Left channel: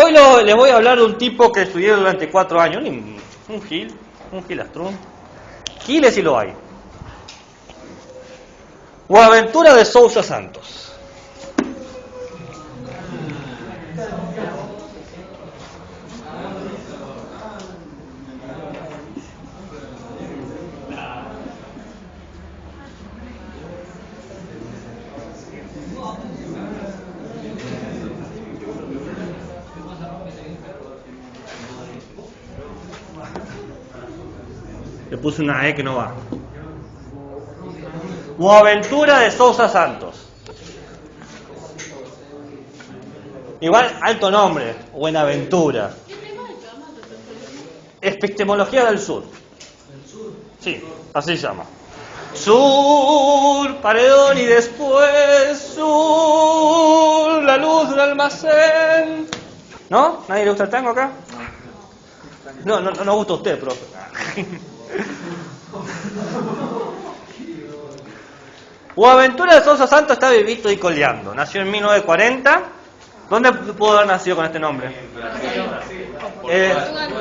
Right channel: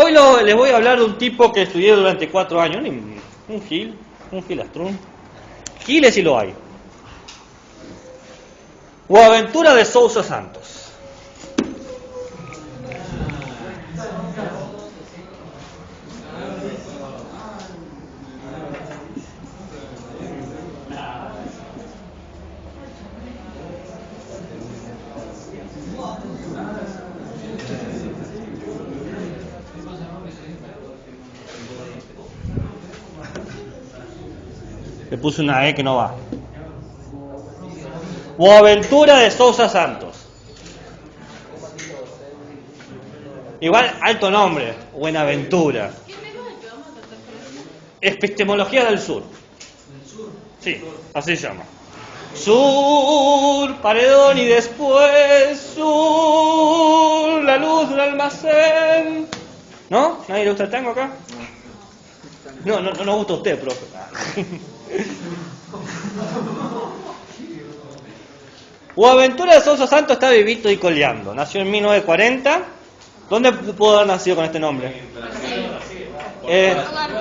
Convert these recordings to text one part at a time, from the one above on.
Hoy les voy a hablar de un tipo que estudié durante 4 años, un gilastrún. Giles sí lo hay. Boaventura de Sousa Santos. Le puse una E que no va. Boaventura de Sousa Santos. Igual, alto nombre, Buenaventura. Epistemología del Sur. Sí, así se llama. Sur, paredón y después sur, la luz del almacén. ¿No? ¿Nadie le gusta el tango acá? No nos gusta a usted, profe. Boaventura de Sousa Santos está vivito y coleando. Nació en 1940. ¿Dónde pudo haber nacido con este nombre?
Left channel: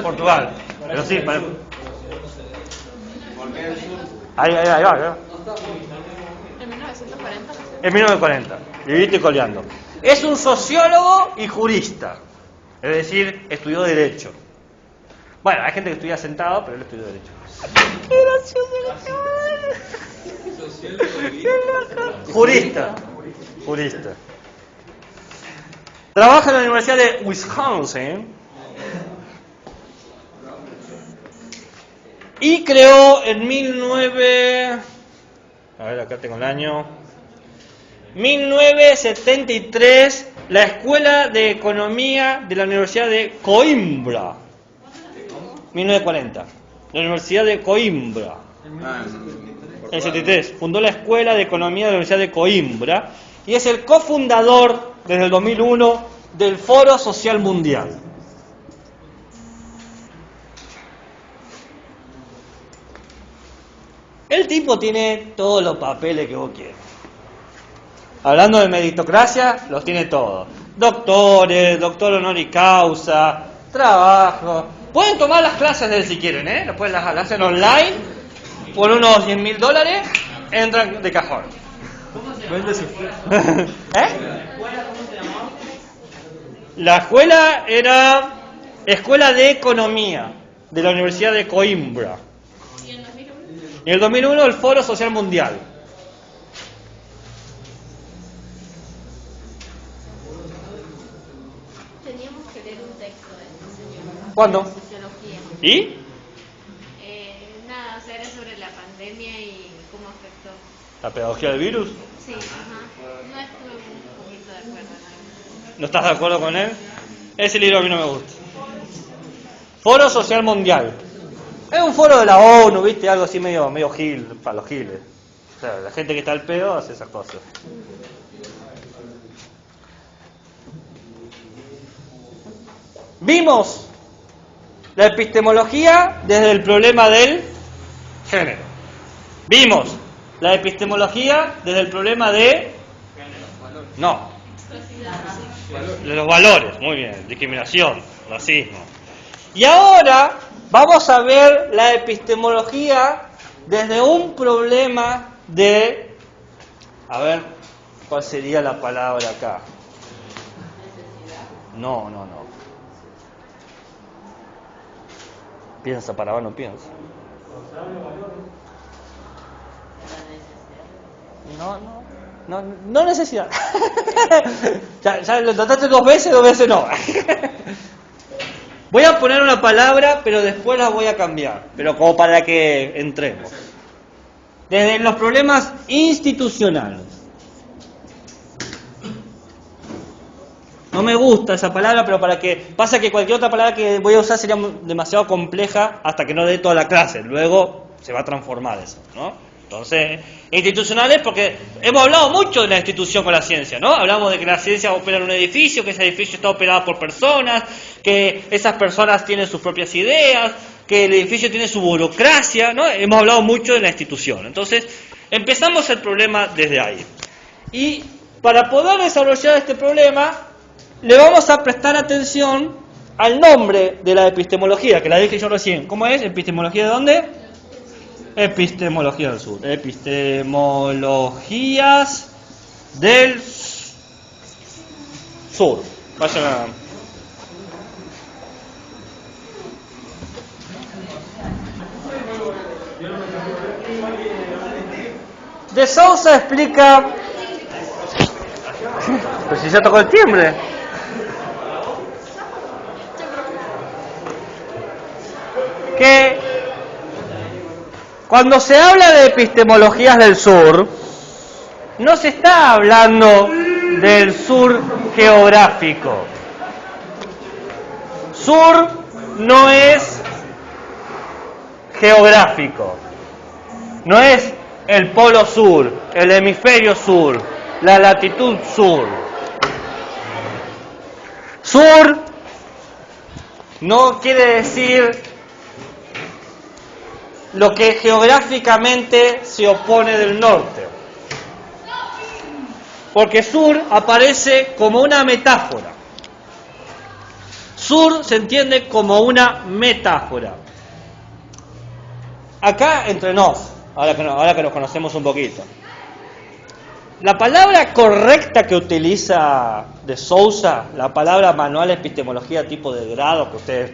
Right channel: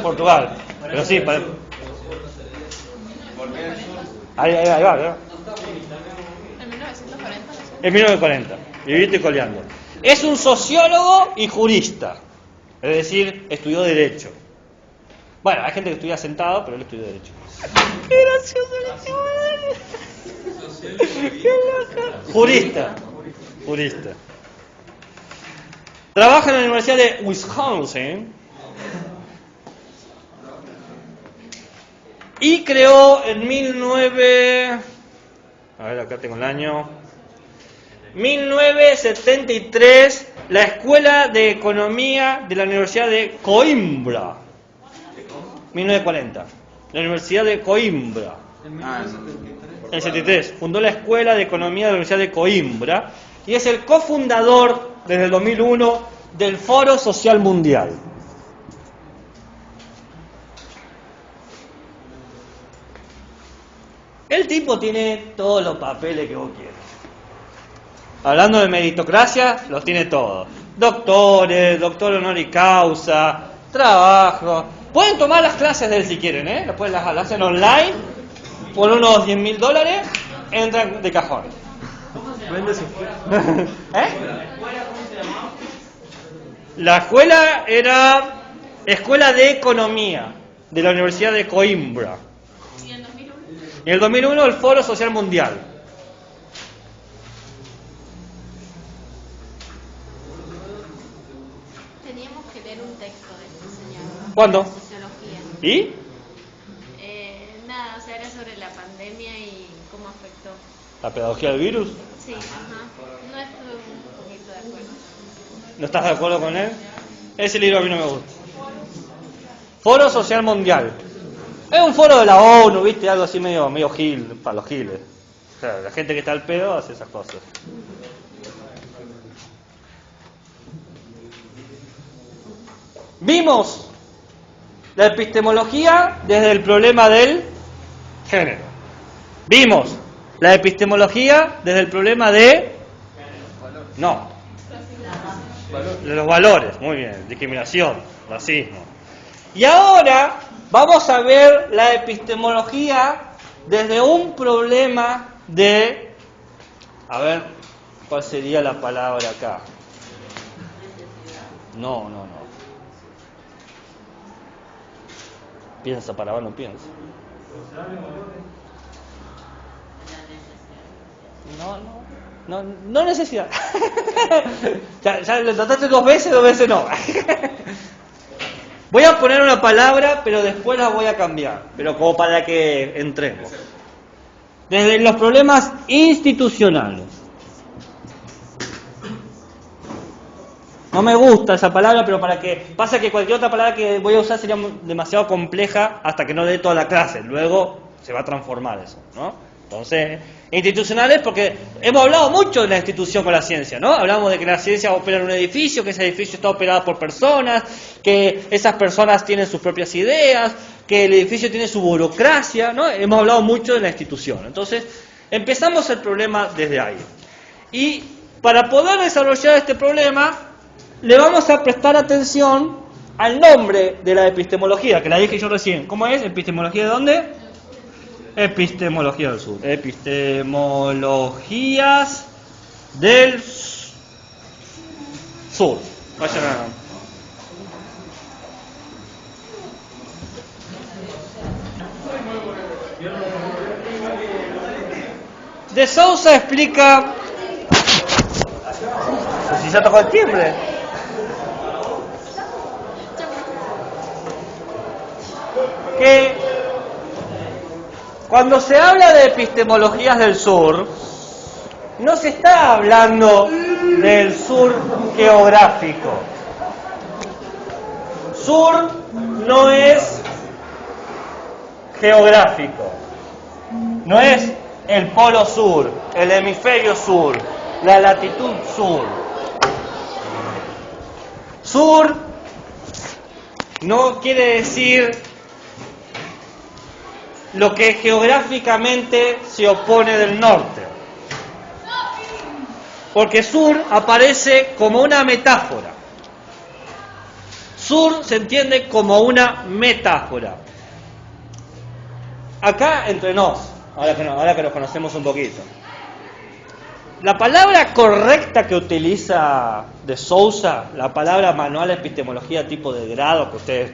Portugal. Pero sí, ahí va. En 1940. Vivito y coleando. Es un sociólogo y jurista. Es decir, estudió Derecho. Bueno, hay gente que estudia sentado, pero él estudió Derecho. ¡Qué gracioso! Jurista. Trabaja en la Universidad de Wisconsin y creó en 1973 la Escuela de Economía de la Universidad de Coimbra. 1940. La Universidad de Coimbra. En el 73 fundó la Escuela de Economía de la Universidad de Coimbra y es el cofundador desde el 2001 del Foro Social Mundial. El tipo tiene todos los papeles que vos quieras. Hablando de meritocracia, los tiene todos. Doctores, doctor honoris causa, trabajo. Pueden tomar las clases de él si quieren, ¿eh? Después las hacen online, por unos $10,000, entran de cajón. ¿Eh? La escuela era Escuela de Economía de la Universidad de Coimbra. ¿Y en 2001? En el 2001 el Foro Social Mundial. Teníamos que leer un texto de este señor. ¿Cuándo? Sociología. ¿Y? Nada, o sea, era sobre la pandemia y cómo afectó. ¿La pedagogía del virus? Sí, ajá. No estuve un poquito de acuerdo. ¿No estás de acuerdo con él? Ese libro a mí no me gusta. Foro Social Mundial. Es un foro de la ONU, ¿viste? Algo así medio gil, para los giles. O sea, la gente que está al pedo hace esas cosas. Vimos la epistemología desde el problema del género. Vimos la epistemología desde el problema de... No. De los valores, muy bien. Discriminación, racismo. Y ahora vamos a ver la epistemología desde un problema de... A ver, ¿cuál sería la palabra acá? No. Piensa, para no piensa. No necesidad. ya lo trataste 2 veces no. Voy a poner una palabra, pero después la voy a cambiar, pero como para que entremos. Desde los problemas institucionales. No me gusta esa palabra, pero para que pasa que cualquier otra palabra que voy a usar sería demasiado compleja hasta que no dé toda la clase. Luego se va a transformar eso, ¿no? Entonces, institucionales porque hemos hablado mucho de la institución con la ciencia, ¿no? Hablamos de que la ciencia opera en un edificio, que ese edificio está operado por personas, que esas personas tienen sus propias ideas, que el edificio tiene su burocracia, ¿no? Hemos hablado mucho de la institución. Entonces, empezamos el problema desde ahí. Y para poder desarrollar este problema, le vamos a prestar atención al nombre de la epistemología, que la dije yo recién. ¿Cómo es? ¿Epistemología de dónde? Epistemología del sur. Epistemologías del sur. Vayan a... De Sousa explica... Pues si ya tocó el timbre. Que cuando se habla de epistemologías del sur, no se está hablando del sur geográfico. Sur no es geográfico, no es el polo sur, el hemisferio sur, la latitud sur. Sur no quiere decir lo que geográficamente se opone del norte, porque sur aparece como una metáfora. Sur se entiende como una metáfora. Acá entre nos, ahora que nos conocemos un poquito, la palabra correcta que utiliza de Sousa, la palabra manual de epistemología tipo de grado, que ustedes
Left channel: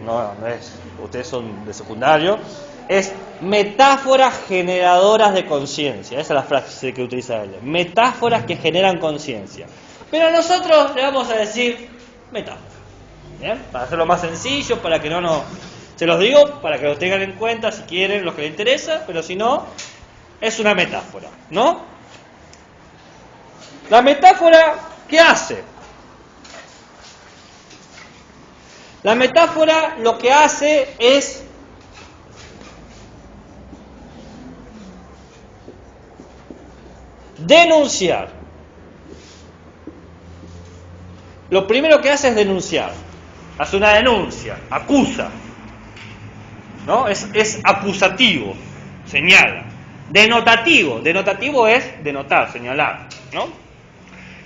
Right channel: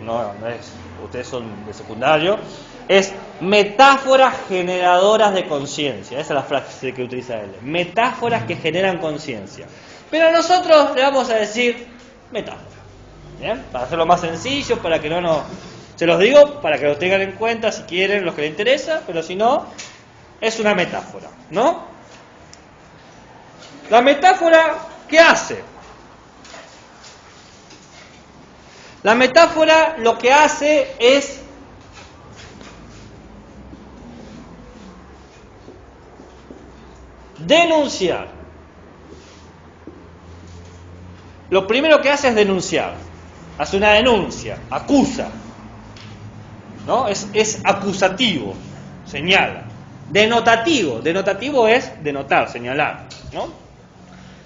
ustedes son de secundario, es metáforas generadoras de conciencia. Esa es la frase que utiliza él. Metáforas que generan conciencia. Pero nosotros le vamos a decir metáfora. ¿Bien? Para hacerlo más sencillo, para que no... Se los digo para que lo tengan en cuenta si quieren, los que les interesa, pero si no, es una metáfora, ¿no? La metáfora, ¿qué hace? La metáfora lo que hace es denunciar. Lo primero que hace es denunciar. Hace una denuncia, acusa. ¿No? Es acusativo, señala. Denotativo es denotar, señalar, ¿no?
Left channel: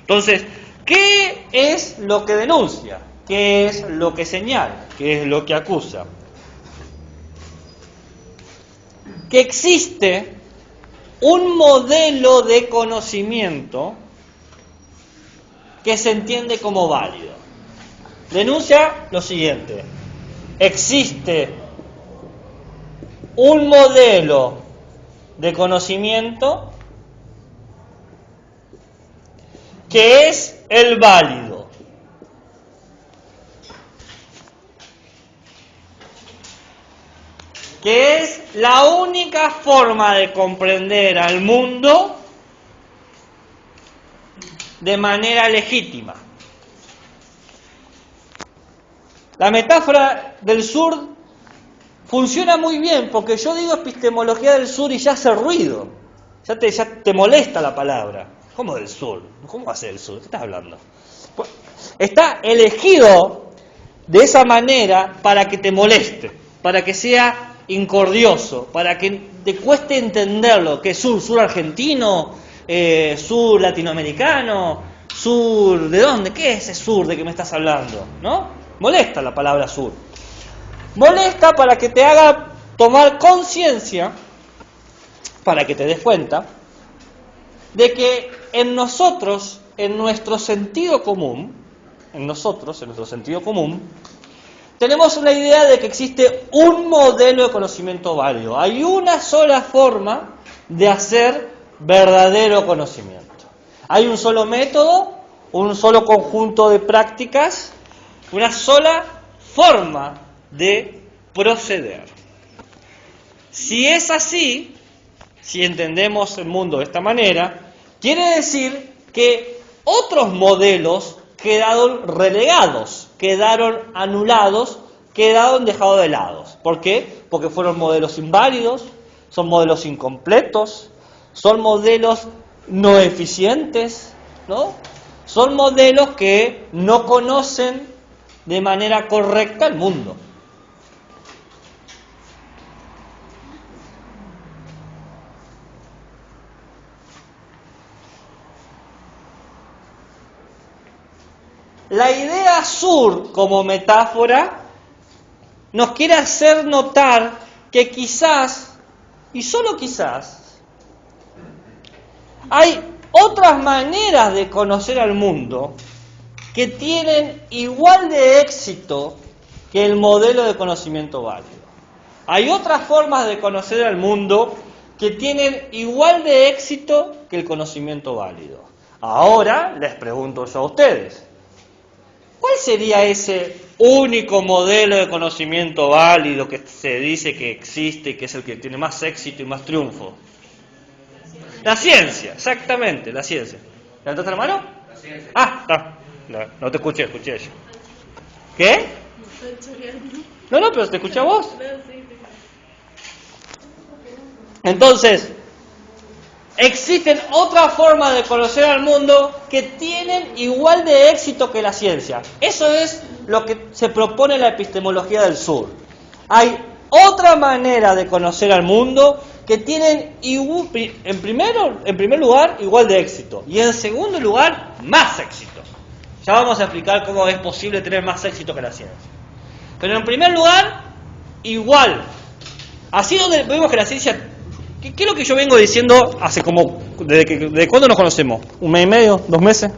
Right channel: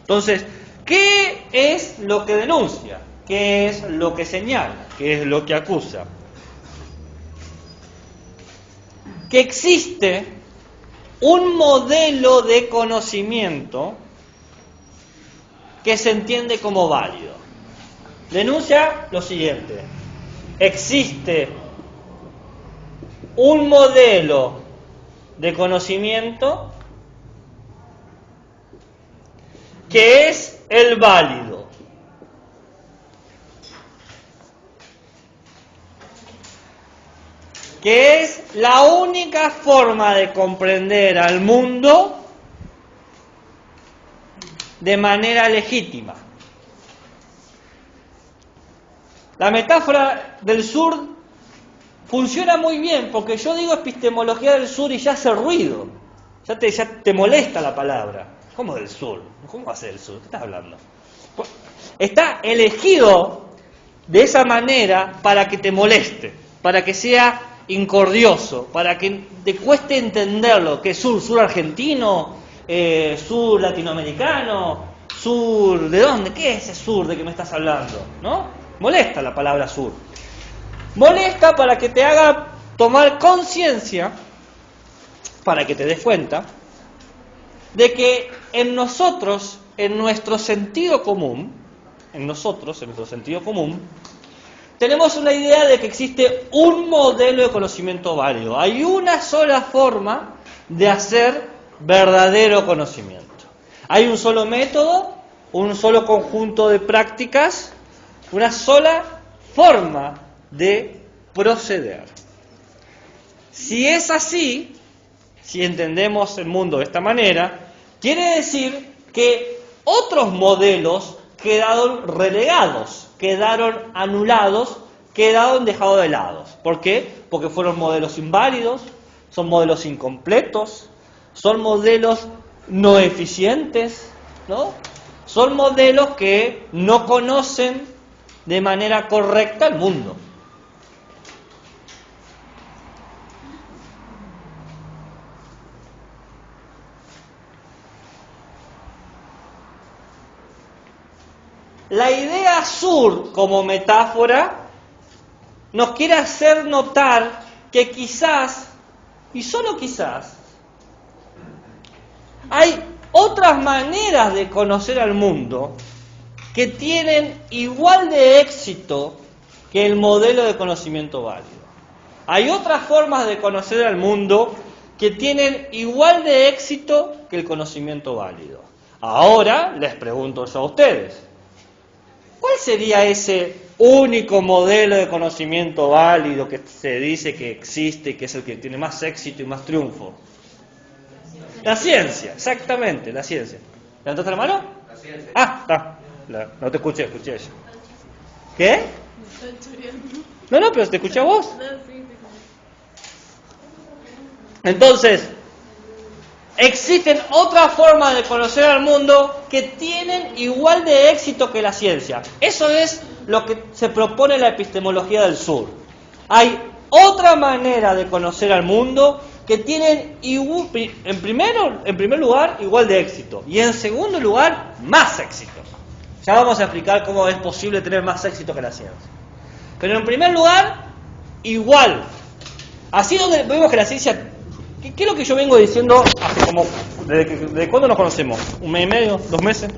Entonces, ¿qué es lo que denuncia? ¿Qué es lo que señala? ¿Qué es lo que acusa? Que existe un modelo de conocimiento que se entiende como válido. Denuncia lo siguiente: existe un modelo de conocimiento que es el válido. Que es la única forma de comprender al mundo de manera legítima. La metáfora del sur funciona muy bien, porque yo digo epistemología del sur y ya hace ruido. Ya te molesta la palabra. ¿Cómo del sur? ¿Cómo va a ser el sur? ¿Qué estás hablando? Pues, está elegido de esa manera para que te moleste, para que sea incordioso, para que te cueste entenderlo. ¿Qué es sur? ¿Sur argentino? ¿Sur latinoamericano? ¿Sur de dónde? ¿Qué es ese sur de que me estás hablando? ¿No? Molesta la palabra sur. Molesta para que te haga tomar conciencia, para que te des cuenta, de que en nosotros, en nuestro sentido común, tenemos una idea de que existe un modelo de conocimiento válido. Hay una sola forma de hacer verdadero conocimiento. Hay un solo método, un solo conjunto de prácticas, una sola forma de proceder. Si es así, si entendemos el mundo de esta manera, quiere decir que otros modelos quedaron relegados, quedaron anulados, quedaron dejados de lado. ¿Por qué? Porque fueron modelos inválidos, son modelos incompletos, son modelos no eficientes, ¿no? Son modelos que no conocen de manera correcta el mundo. la idea sur como metáfora nos quiere hacer notar que quizás, y solo quizás, hay otras maneras de conocer al mundo que tienen igual de éxito que el modelo de conocimiento válido. Hay otras formas de conocer al mundo que tienen igual de éxito que el conocimiento válido. Ahora les pregunto eso a ustedes. ¿Cuál sería ese único modelo de conocimiento válido que se dice que existe y que es el que tiene más éxito y más triunfo? La ciencia, exactamente, la ciencia. ¿Levantaste la mano? La ciencia. Ah, está. No te escuché yo. ¿Qué? No, pero te escuché a vos. Entonces, existen otras formas de conocer al mundo que tienen igual de éxito que la ciencia. Eso es lo que se propone en la epistemología del sur. Hay otra manera de conocer al mundo que tienen, en primer lugar, igual de éxito. Y en segundo lugar, más éxito. Ya vamos a explicar cómo es posible tener más éxito que la ciencia. Pero en primer lugar, igual. Así donde vemos que la ciencia... ¿Qué es lo que yo vengo diciendo hace como... ¿Desde cuándo nos conocemos? ¿Un mes y medio? ¿2 meses?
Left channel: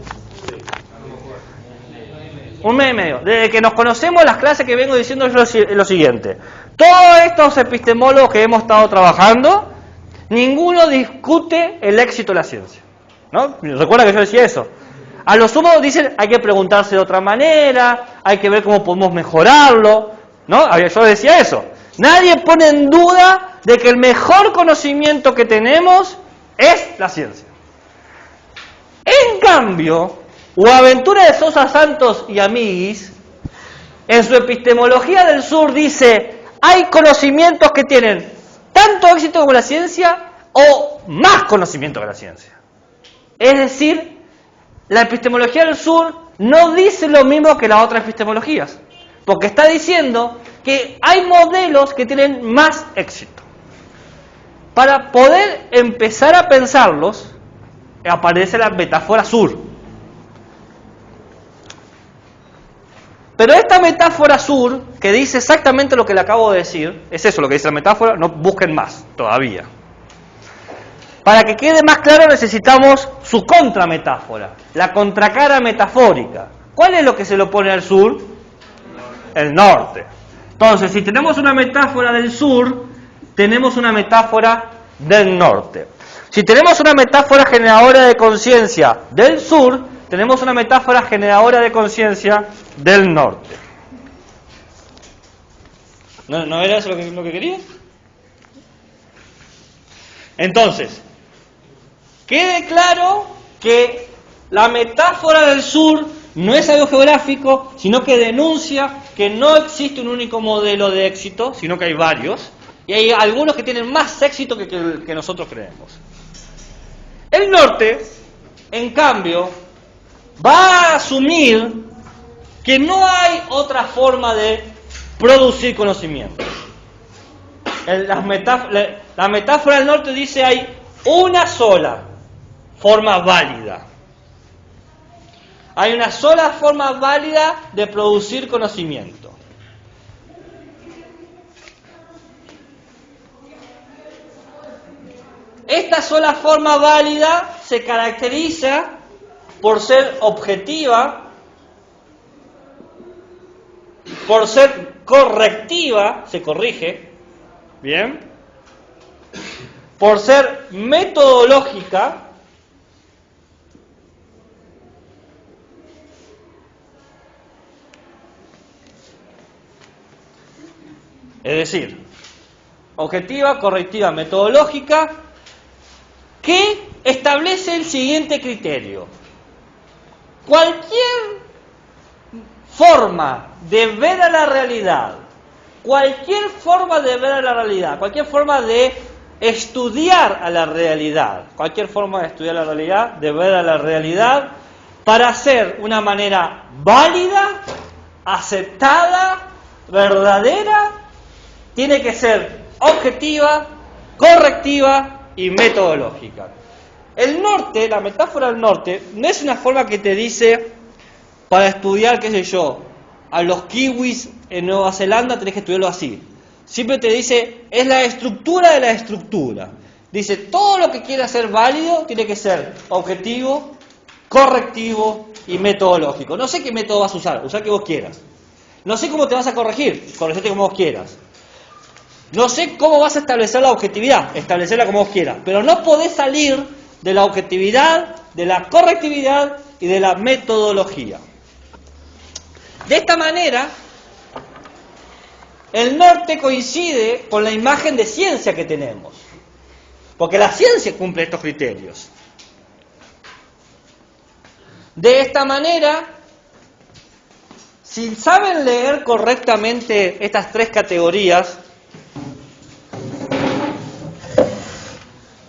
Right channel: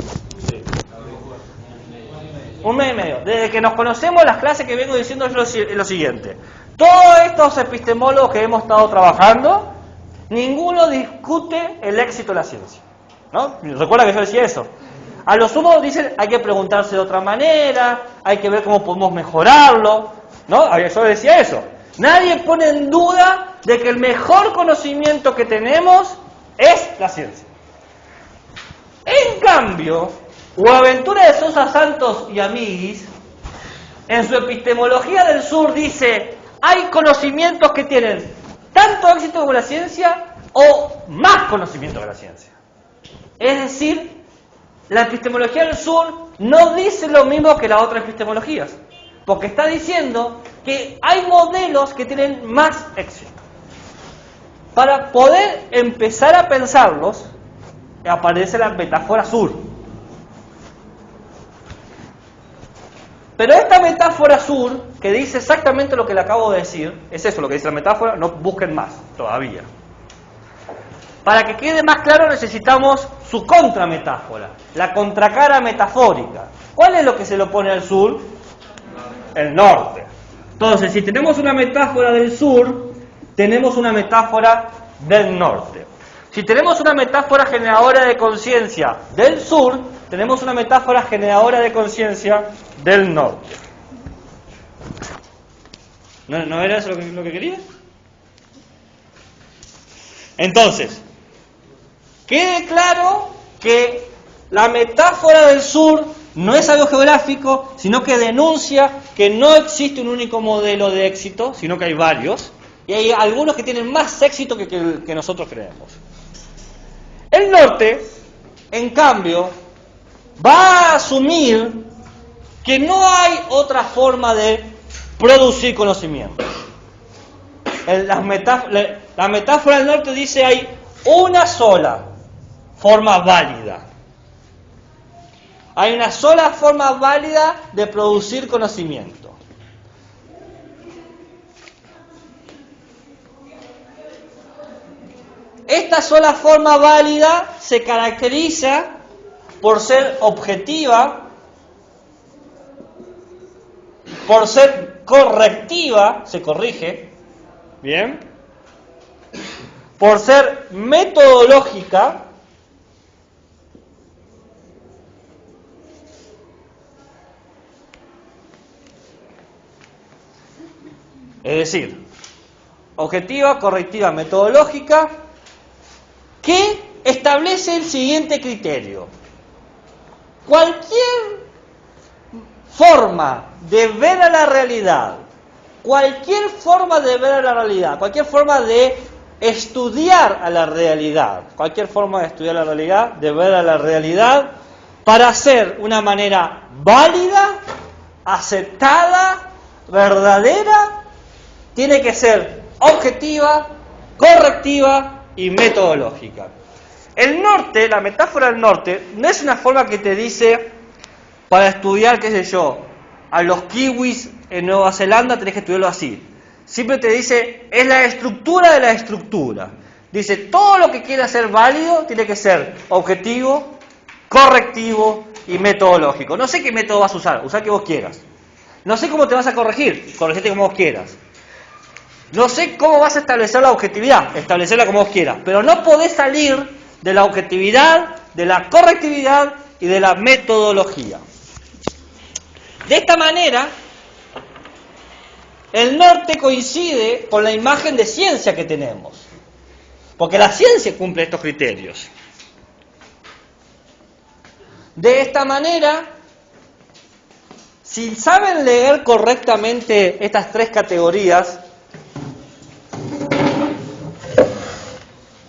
Un mes y medio. Desde que nos conocemos, las clases que vengo diciendo es lo siguiente. Todos estos epistemólogos que hemos estado trabajando, ninguno discute el éxito de la ciencia. ¿No? ¿Recuerda que yo decía eso? A lo sumo dicen hay que preguntarse de otra manera, hay que ver cómo podemos mejorarlo. ¿No? Yo decía eso. Nadie pone en duda de que el mejor conocimiento que tenemos es la ciencia. En cambio, Boaventura de Sousa Santos y amiguis, en su epistemología del sur dice, hay conocimientos que tienen tanto éxito como la ciencia o más conocimiento que la ciencia. Es decir, la epistemología del sur no dice lo mismo que las otras epistemologías, porque está diciendo que hay modelos que tienen más éxito. Para poder empezar a pensarlos, aparece la metáfora sur. Pero esta metáfora sur, que dice exactamente lo que le acabo de decir, es eso lo que dice la metáfora, no busquen más todavía. Para que quede más claro necesitamos su contrametáfora, la contracara metafórica. ¿Cuál es lo que se le opone al sur? El norte. Entonces, si tenemos una metáfora del sur, tenemos una metáfora del norte. Si tenemos una metáfora generadora de conciencia del sur, tenemos una metáfora generadora de conciencia del norte. ¿No era eso lo que quería? Entonces, quede claro que la metáfora del sur no es algo geográfico, sino que denuncia que no existe un único modelo de éxito, sino que hay varios, y hay algunos que tienen más éxito que nosotros creemos. El norte, en cambio, va a asumir que no hay otra forma de producir conocimiento. La metáfora del norte dice hay una sola forma válida. Hay una sola forma válida de producir conocimiento. Esta sola forma válida se caracteriza por ser objetiva, por ser correctiva, se corrige, ¿bien? Por ser metodológica, es decir, objetiva, correctiva, metodológica, que establece el siguiente criterio. Cualquier forma de ver a la realidad, cualquier forma de ver a la realidad, cualquier forma de estudiar a la realidad, cualquier forma de estudiar la realidad, de ver a la realidad, para ser una manera válida, aceptada, verdadera, tiene que ser objetiva, correctiva y metodológica. El norte, la metáfora del norte, no es una forma que te dice para estudiar, qué sé yo, a los kiwis en Nueva Zelanda tenés que estudiarlo así. Siempre te dice, es la estructura de la estructura. Dice, todo lo que quiera ser válido tiene que ser objetivo, correctivo y metodológico. No sé qué método vas a usar, usar que vos quieras. No sé cómo te vas a corregir, corregirte como vos quieras. No sé cómo vas a establecer la objetividad, establecerla como vos quieras. Pero no podés salir de la objetividad, de la correctividad y de la metodología. De esta manera, el norte coincide con la imagen de ciencia que tenemos. Porque la ciencia cumple estos criterios. De esta manera, si saben leer correctamente estas tres categorías,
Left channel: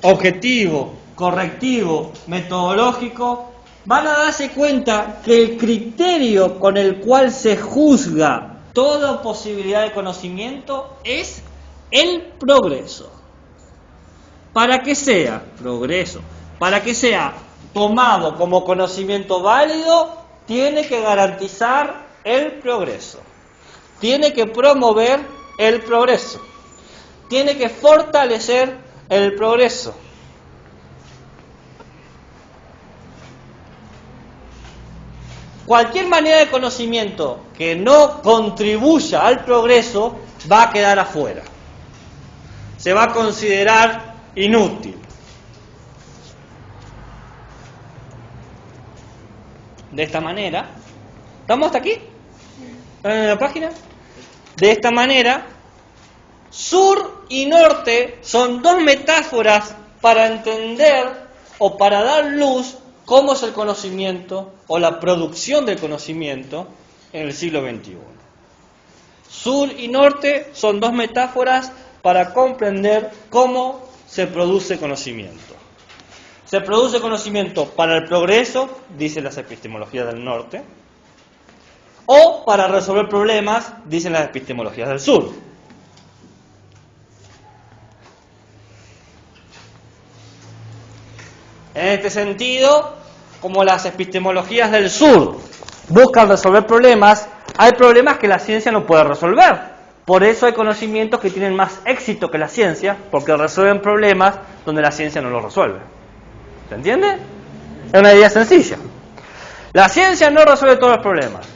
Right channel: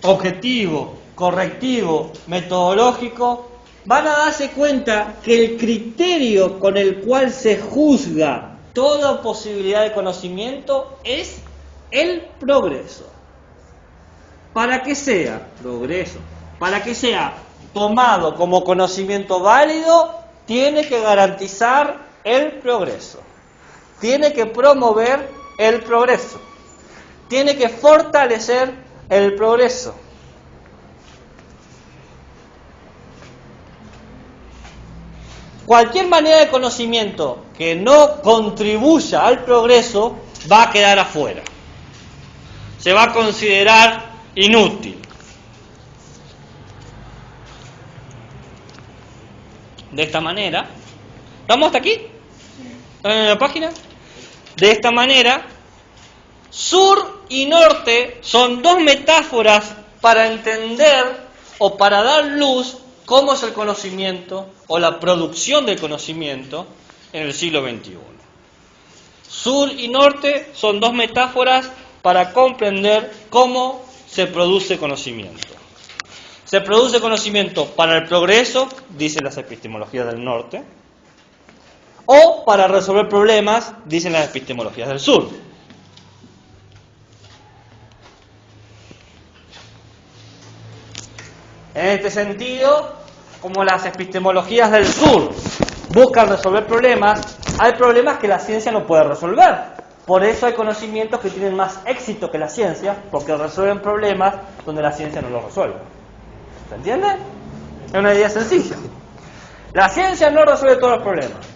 objetivo, correctivo, metodológico, van a darse cuenta que el criterio con el cual se juzga toda posibilidad de conocimiento es el progreso. Para que sea progreso, para que sea tomado como conocimiento válido, tiene que garantizar el progreso, tiene que promover el progreso, tiene que fortalecer el progreso. Cualquier manera de conocimiento que no contribuya al progreso va a quedar afuera. Se va a considerar inútil. De esta manera, ¿estamos hasta aquí? ¿Están en la página? De esta manera, sur y norte son dos metáforas para entender o para dar luz cómo es el conocimiento o la producción del conocimiento en el siglo XXI. Sur y norte son dos metáforas para comprender cómo se produce conocimiento. Se produce conocimiento para el progreso, dicen las epistemologías del norte, o para resolver problemas, dicen las epistemologías del sur. En este sentido, como las epistemologías del sur buscan resolver problemas, hay problemas que la ciencia no puede resolver. Por eso hay conocimientos que tienen más éxito que la ciencia, porque resuelven problemas donde la ciencia no los resuelve. ¿Se entiende? Es una idea sencilla. La ciencia no resuelve todos los problemas.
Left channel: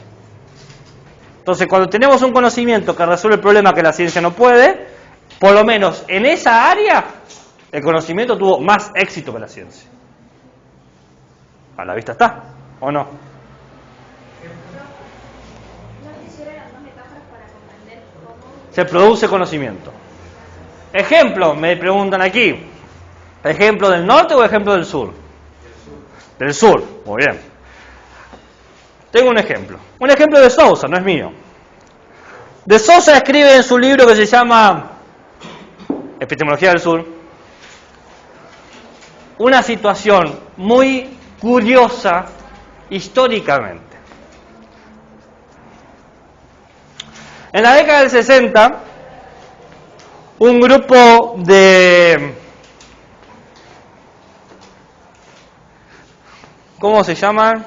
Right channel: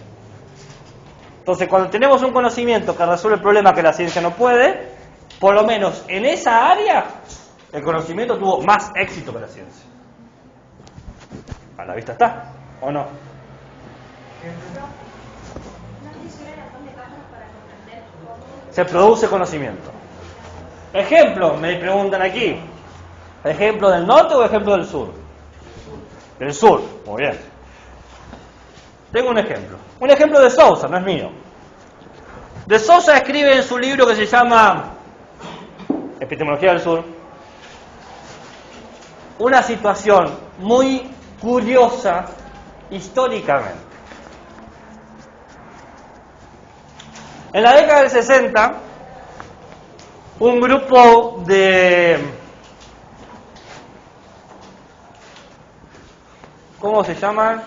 Entonces, cuando tenemos un conocimiento que resuelve el problema que la ciencia no puede, por lo menos en esa área, el conocimiento tuvo más éxito que la ciencia. A la vista está, ¿o no? Se produce conocimiento. Ejemplo, me preguntan aquí. ¿Ejemplo del norte o ejemplo del sur? Del sur, muy bien. Tengo un ejemplo. Un ejemplo de Sousa, no es mío. De Sousa escribe en su libro que se llama Epistemología del Sur una situación muy curiosa históricamente. En la década del 60, un grupo de... ¿Cómo se llama?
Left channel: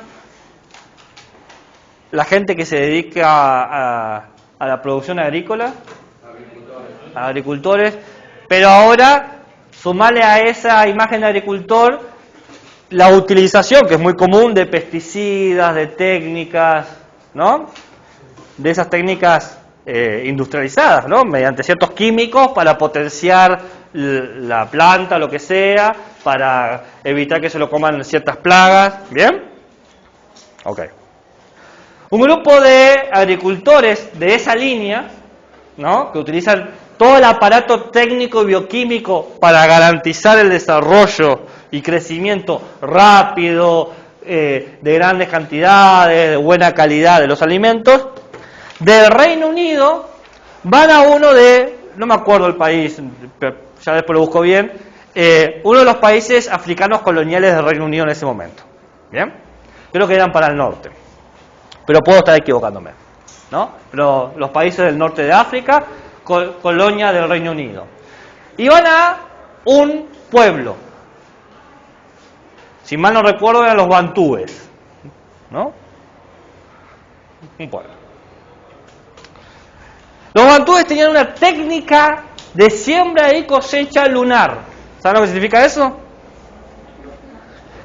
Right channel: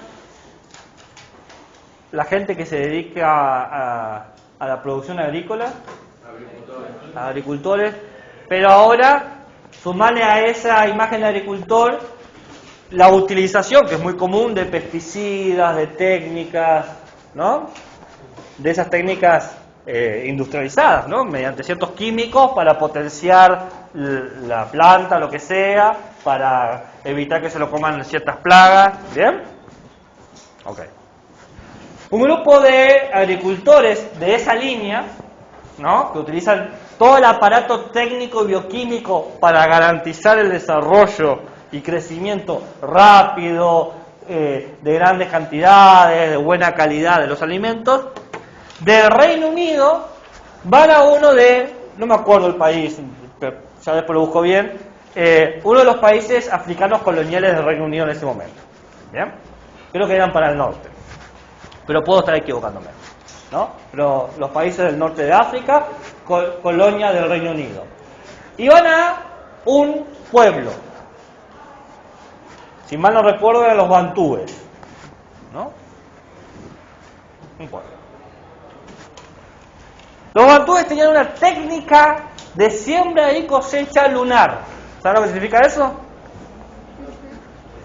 La gente que se dedica a la producción agrícola. Agricultores. Pero ahora, sumarle a esa imagen de agricultor la utilización, que es muy común, de pesticidas, de técnicas, ¿no? De esas técnicas industrializadas, ¿no? Mediante ciertos químicos para potenciar la planta, lo que sea, para evitar que se lo coman ciertas plagas. ¿Bien? Ok. Un grupo de agricultores de esa línea, ¿no? Que utilizan todo el aparato técnico y bioquímico para garantizar el desarrollo y crecimiento rápido, de grandes cantidades, de buena calidad de los alimentos, del Reino Unido van a uno de, no me acuerdo el país, pero ya después lo busco bien, uno de los países africanos coloniales del Reino Unido en ese momento. ¿Bien? Creo que eran para el norte, pero puedo estar equivocándome, ¿no? Pero los países del norte de África, colonia del Reino Unido. Y van a un pueblo, si mal no recuerdo eran los bantúes, ¿no? un pueblo. Los bantúes tenían una técnica de siembra y cosecha lunar. ¿Saben lo que significa eso?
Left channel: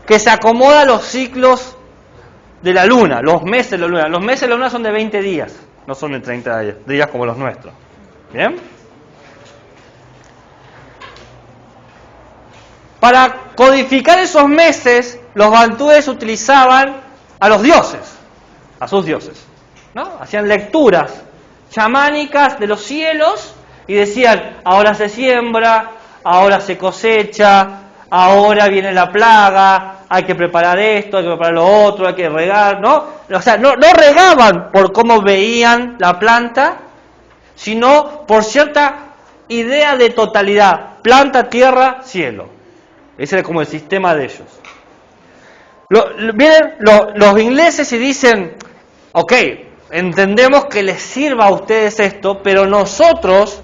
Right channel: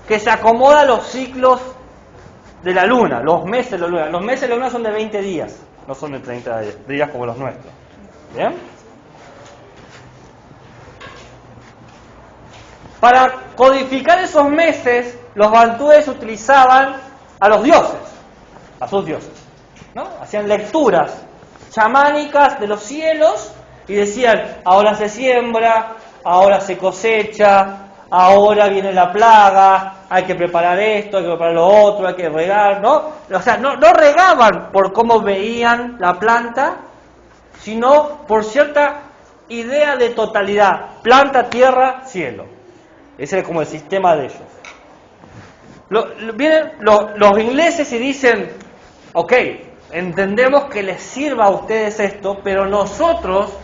Que se acomoda a los ciclos de la luna, los meses de la luna. Los meses de la luna son de 20 días, no son de 30 días como los nuestros. ¿Bien? Para codificar esos meses, los bantúes utilizaban a los dioses, a sus dioses, ¿no? Hacían lecturas chamánicas de los cielos y decían, ahora se siembra, ahora se cosecha, ahora viene la plaga, hay que preparar esto, hay que preparar lo otro, hay que regar, ¿no? O sea, no regaban por cómo veían la planta, sino por cierta idea de totalidad, planta, tierra, cielo. Ese era como el sistema de ellos. Vienen los ingleses y dicen, ok, entendemos que les sirva a ustedes esto, pero nosotros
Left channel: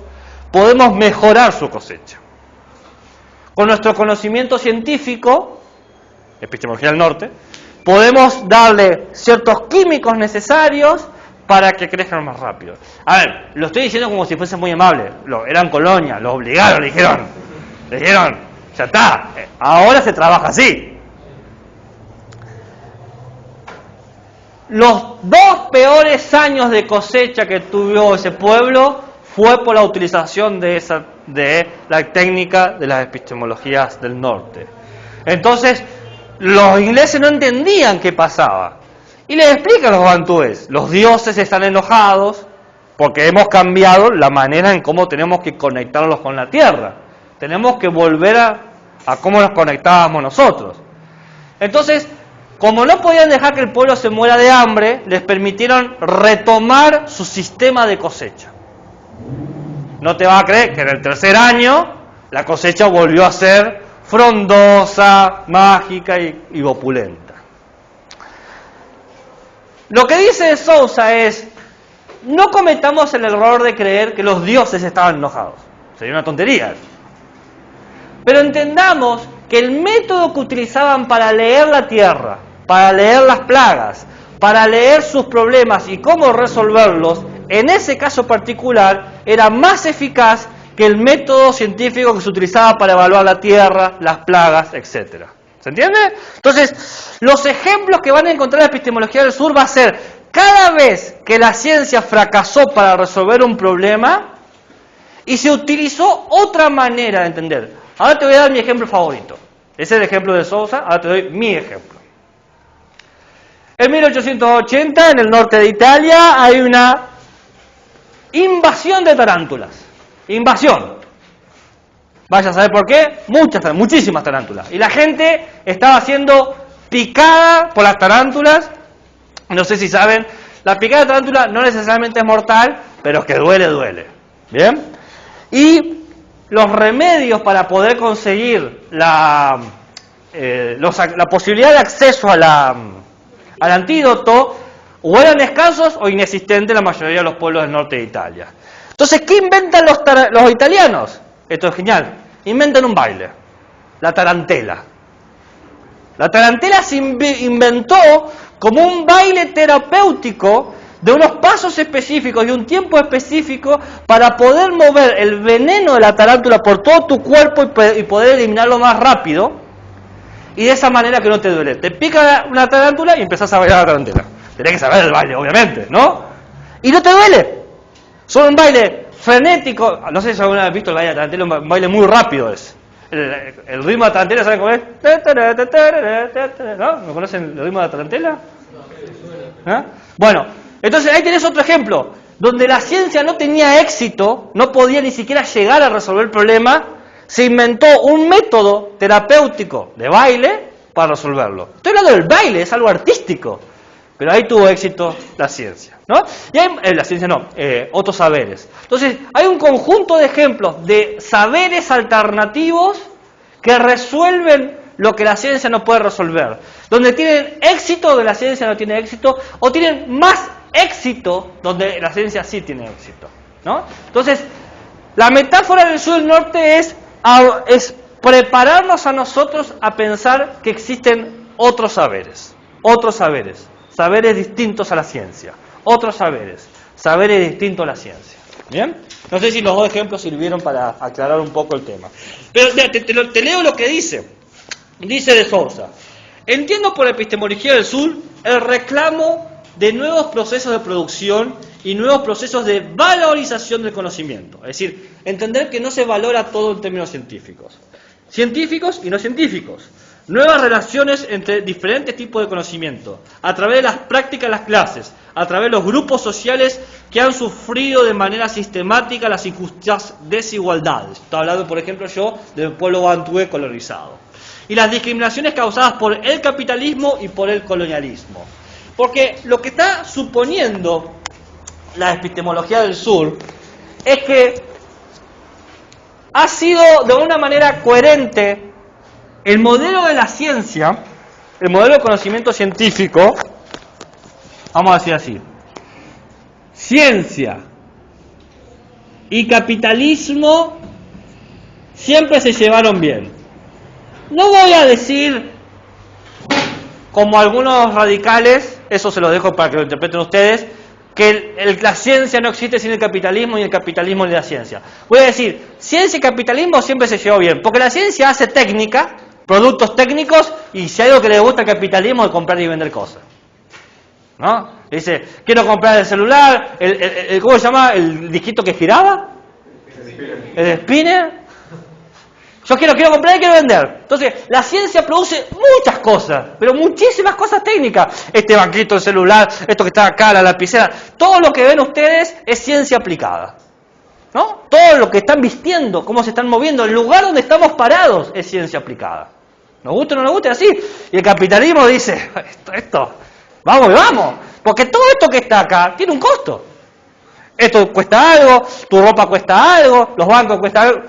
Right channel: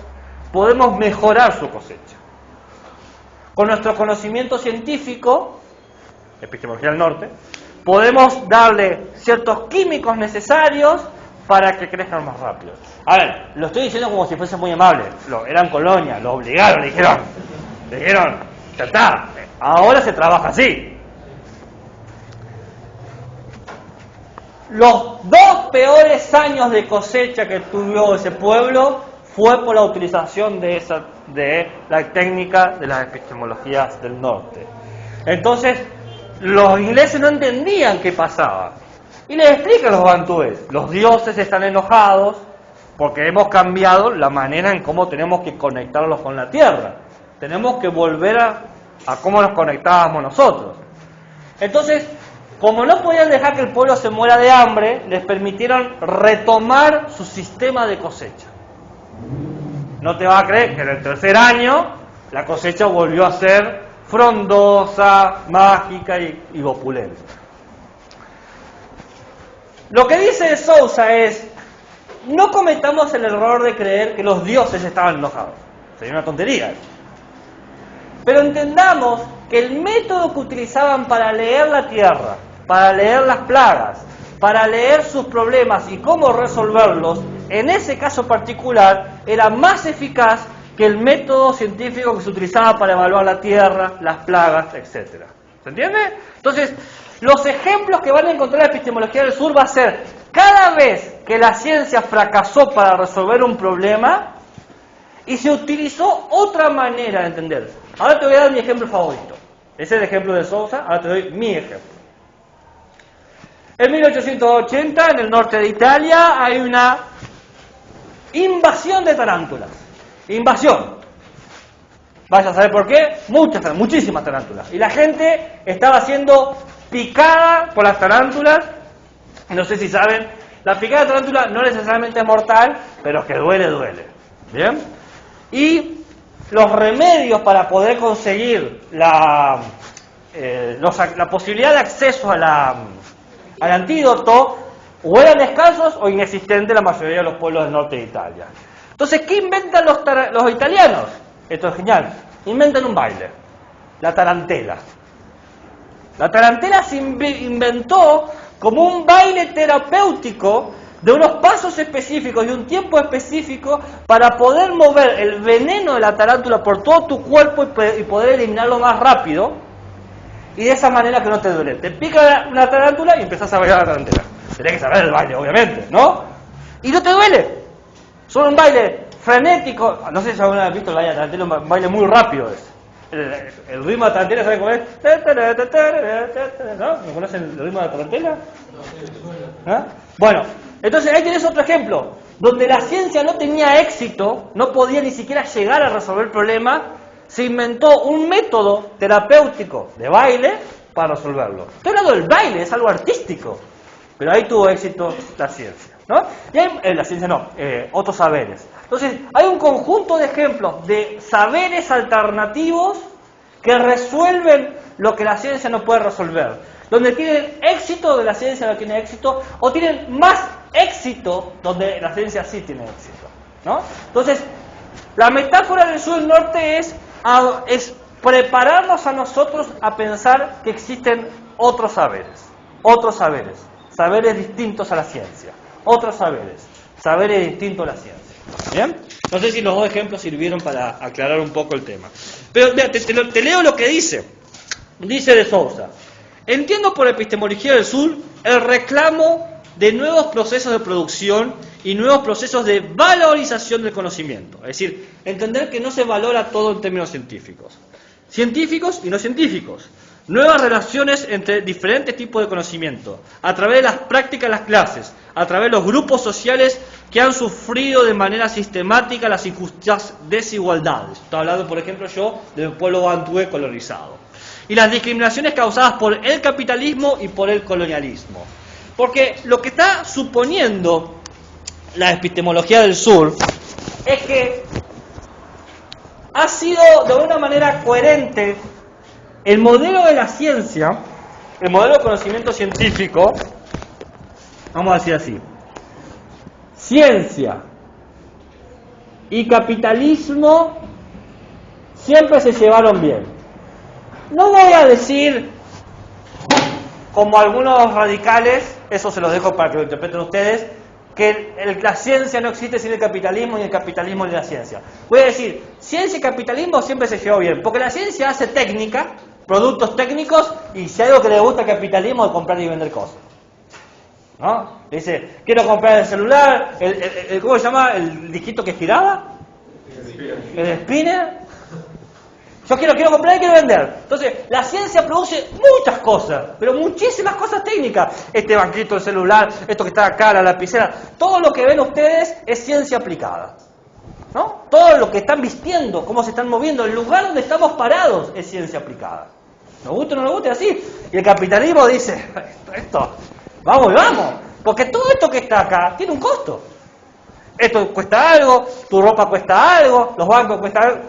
podemos mejorar su cosecha. Con nuestro conocimiento científico, epistemología del norte, podemos darle ciertos químicos necesarios para que crezcan más rápido. A ver, lo estoy diciendo como si fuese muy amable. Eran colonia, lo obligaron, le dijeron, ya está, ahora se trabaja así. Los 2 peores años de cosecha que tuvo ese pueblo fue por la utilización de la técnica de las epistemologías del norte. Entonces, los ingleses no entendían qué pasaba. Y les explican los bantúes, los dioses están enojados porque hemos cambiado la manera en cómo tenemos que conectarlos con la tierra. Tenemos que volver a cómo nos conectábamos nosotros. Entonces, como no podían dejar que el pueblo se muera de hambre, les permitieron retomar su sistema de cosecha. No te vas a creer que en el 3er año la cosecha volvió a ser frondosa, mágica y opulenta. Lo que dice Sousa es, no cometamos el error de creer que los dioses estaban enojados. Sería una tontería. Pero entendamos que el método que utilizaban para leer la tierra, para leer las plagas, para leer sus problemas y cómo resolverlos, en ese caso particular, era más eficaz que el método científico que se utilizaba para evaluar la tierra, las plagas, etc. ¿Se entiende? Entonces, los ejemplos que van a encontrar en la epistemología del sur va a ser cada vez que la ciencia fracasó para resolver un problema y se utilizó otra manera de entender. Ahora te voy a dar mi ejemplo favorito. Ese es el ejemplo de Sousa, ahora te doy mi ejemplo. En 1880, en el norte de Italia, hay una invasión de tarántulas. Invasión. Vais a saber por qué. Muchísimas tarántulas. Y la gente estaba siendo picada por las tarántulas. No sé si saben, la picada de tarántula no necesariamente es mortal, pero es que duele. ¿Bien? Y los remedios para poder conseguir la posibilidad de acceso al antídoto o eran escasos o inexistentes en la mayoría de los pueblos del norte de Italia. Entonces, ¿qué inventan los italianos? Esto es genial. Inventan un baile. La tarantela. La tarantela se inventó como un baile terapéutico de unos pasos específicos y un tiempo específico para poder mover el veneno de la tarántula por todo tu cuerpo y poder eliminarlo más rápido. Y de esa manera que no te duele. Te pica una tarántula y empezás a bailar la tarantela. Tenés que saber el baile, obviamente, ¿no? Y no te duele. Son un baile frenético. No sé si alguna vez has visto el baile de la tarantela, un baile muy rápido es. El ritmo de la tarantela, ¿saben cómo es? ¿No? ¿Me conocen el ritmo de la tarantela? ¿Ah? Bueno, entonces ahí tenés otro ejemplo. Donde la ciencia no tenía éxito, no podía ni siquiera llegar a resolver el problema, se inventó un método terapéutico de baile para resolverlo. Estoy hablando del baile, es algo artístico. Pero ahí tuvo éxito la ciencia, ¿no? Y hay, la ciencia no, otros saberes. Entonces, hay un conjunto de ejemplos de saberes alternativos que resuelven lo que la ciencia no puede resolver. Donde tienen éxito, donde la ciencia no tiene éxito, o tienen más éxito, donde la ciencia sí tiene éxito, ¿no? Entonces, la metáfora del sur y del norte es prepararnos a nosotros a pensar que existen otros saberes. Saberes distintos a la ciencia, otros saberes, saberes distintos a la ciencia. ¿Bien? No sé si los dos ejemplos sirvieron para aclarar un poco el tema. Pero mira, te leo lo que dice. Dice de Sousa: entiendo por epistemología del sur el reclamo de nuevos procesos de producción y nuevos procesos de valorización del conocimiento. Es decir, entender que no se valora todo en términos científicos. Científicos y no científicos. Nuevas relaciones entre diferentes tipos de conocimiento, a través de las prácticas de las clases, a través de los grupos sociales que han sufrido de manera sistemática las injustas desigualdades. Estoy hablando, por ejemplo, yo del pueblo bantú colonizado. Y las discriminaciones causadas por el capitalismo y por el colonialismo. Porque lo que está suponiendo la epistemología del sur es que ha sido de una manera coherente el modelo de la ciencia, el modelo de conocimiento científico, vamos a decir así: ciencia y capitalismo siempre se llevaron bien. No voy a decir, como algunos radicales, eso se los dejo para que lo interpreten ustedes, que la ciencia no existe sin el capitalismo y el capitalismo sin la ciencia. Voy a decir, ciencia y capitalismo siempre se llevó bien, porque la ciencia hace técnica, productos técnicos, y si hay algo que le gusta al capitalismo es comprar y vender cosas. ¿No? Dice, quiero comprar el celular, ¿cómo se llama? ¿El disquito que giraba? El spinner. Yo quiero comprar y quiero vender. Entonces, la ciencia produce muchas cosas, pero muchísimas cosas técnicas. Este banquito, el celular, esto que está acá, la lapicera, todo lo que ven ustedes es ciencia aplicada. ¿No? Todo lo que están vistiendo, cómo se están moviendo, el lugar donde estamos parados es ciencia aplicada. Nos gusta o no nos gusta, así. Y el capitalismo dice, esto, vamos. Porque todo esto que está acá tiene un costo. Esto cuesta algo, tu ropa cuesta algo, los bancos cuestan algo.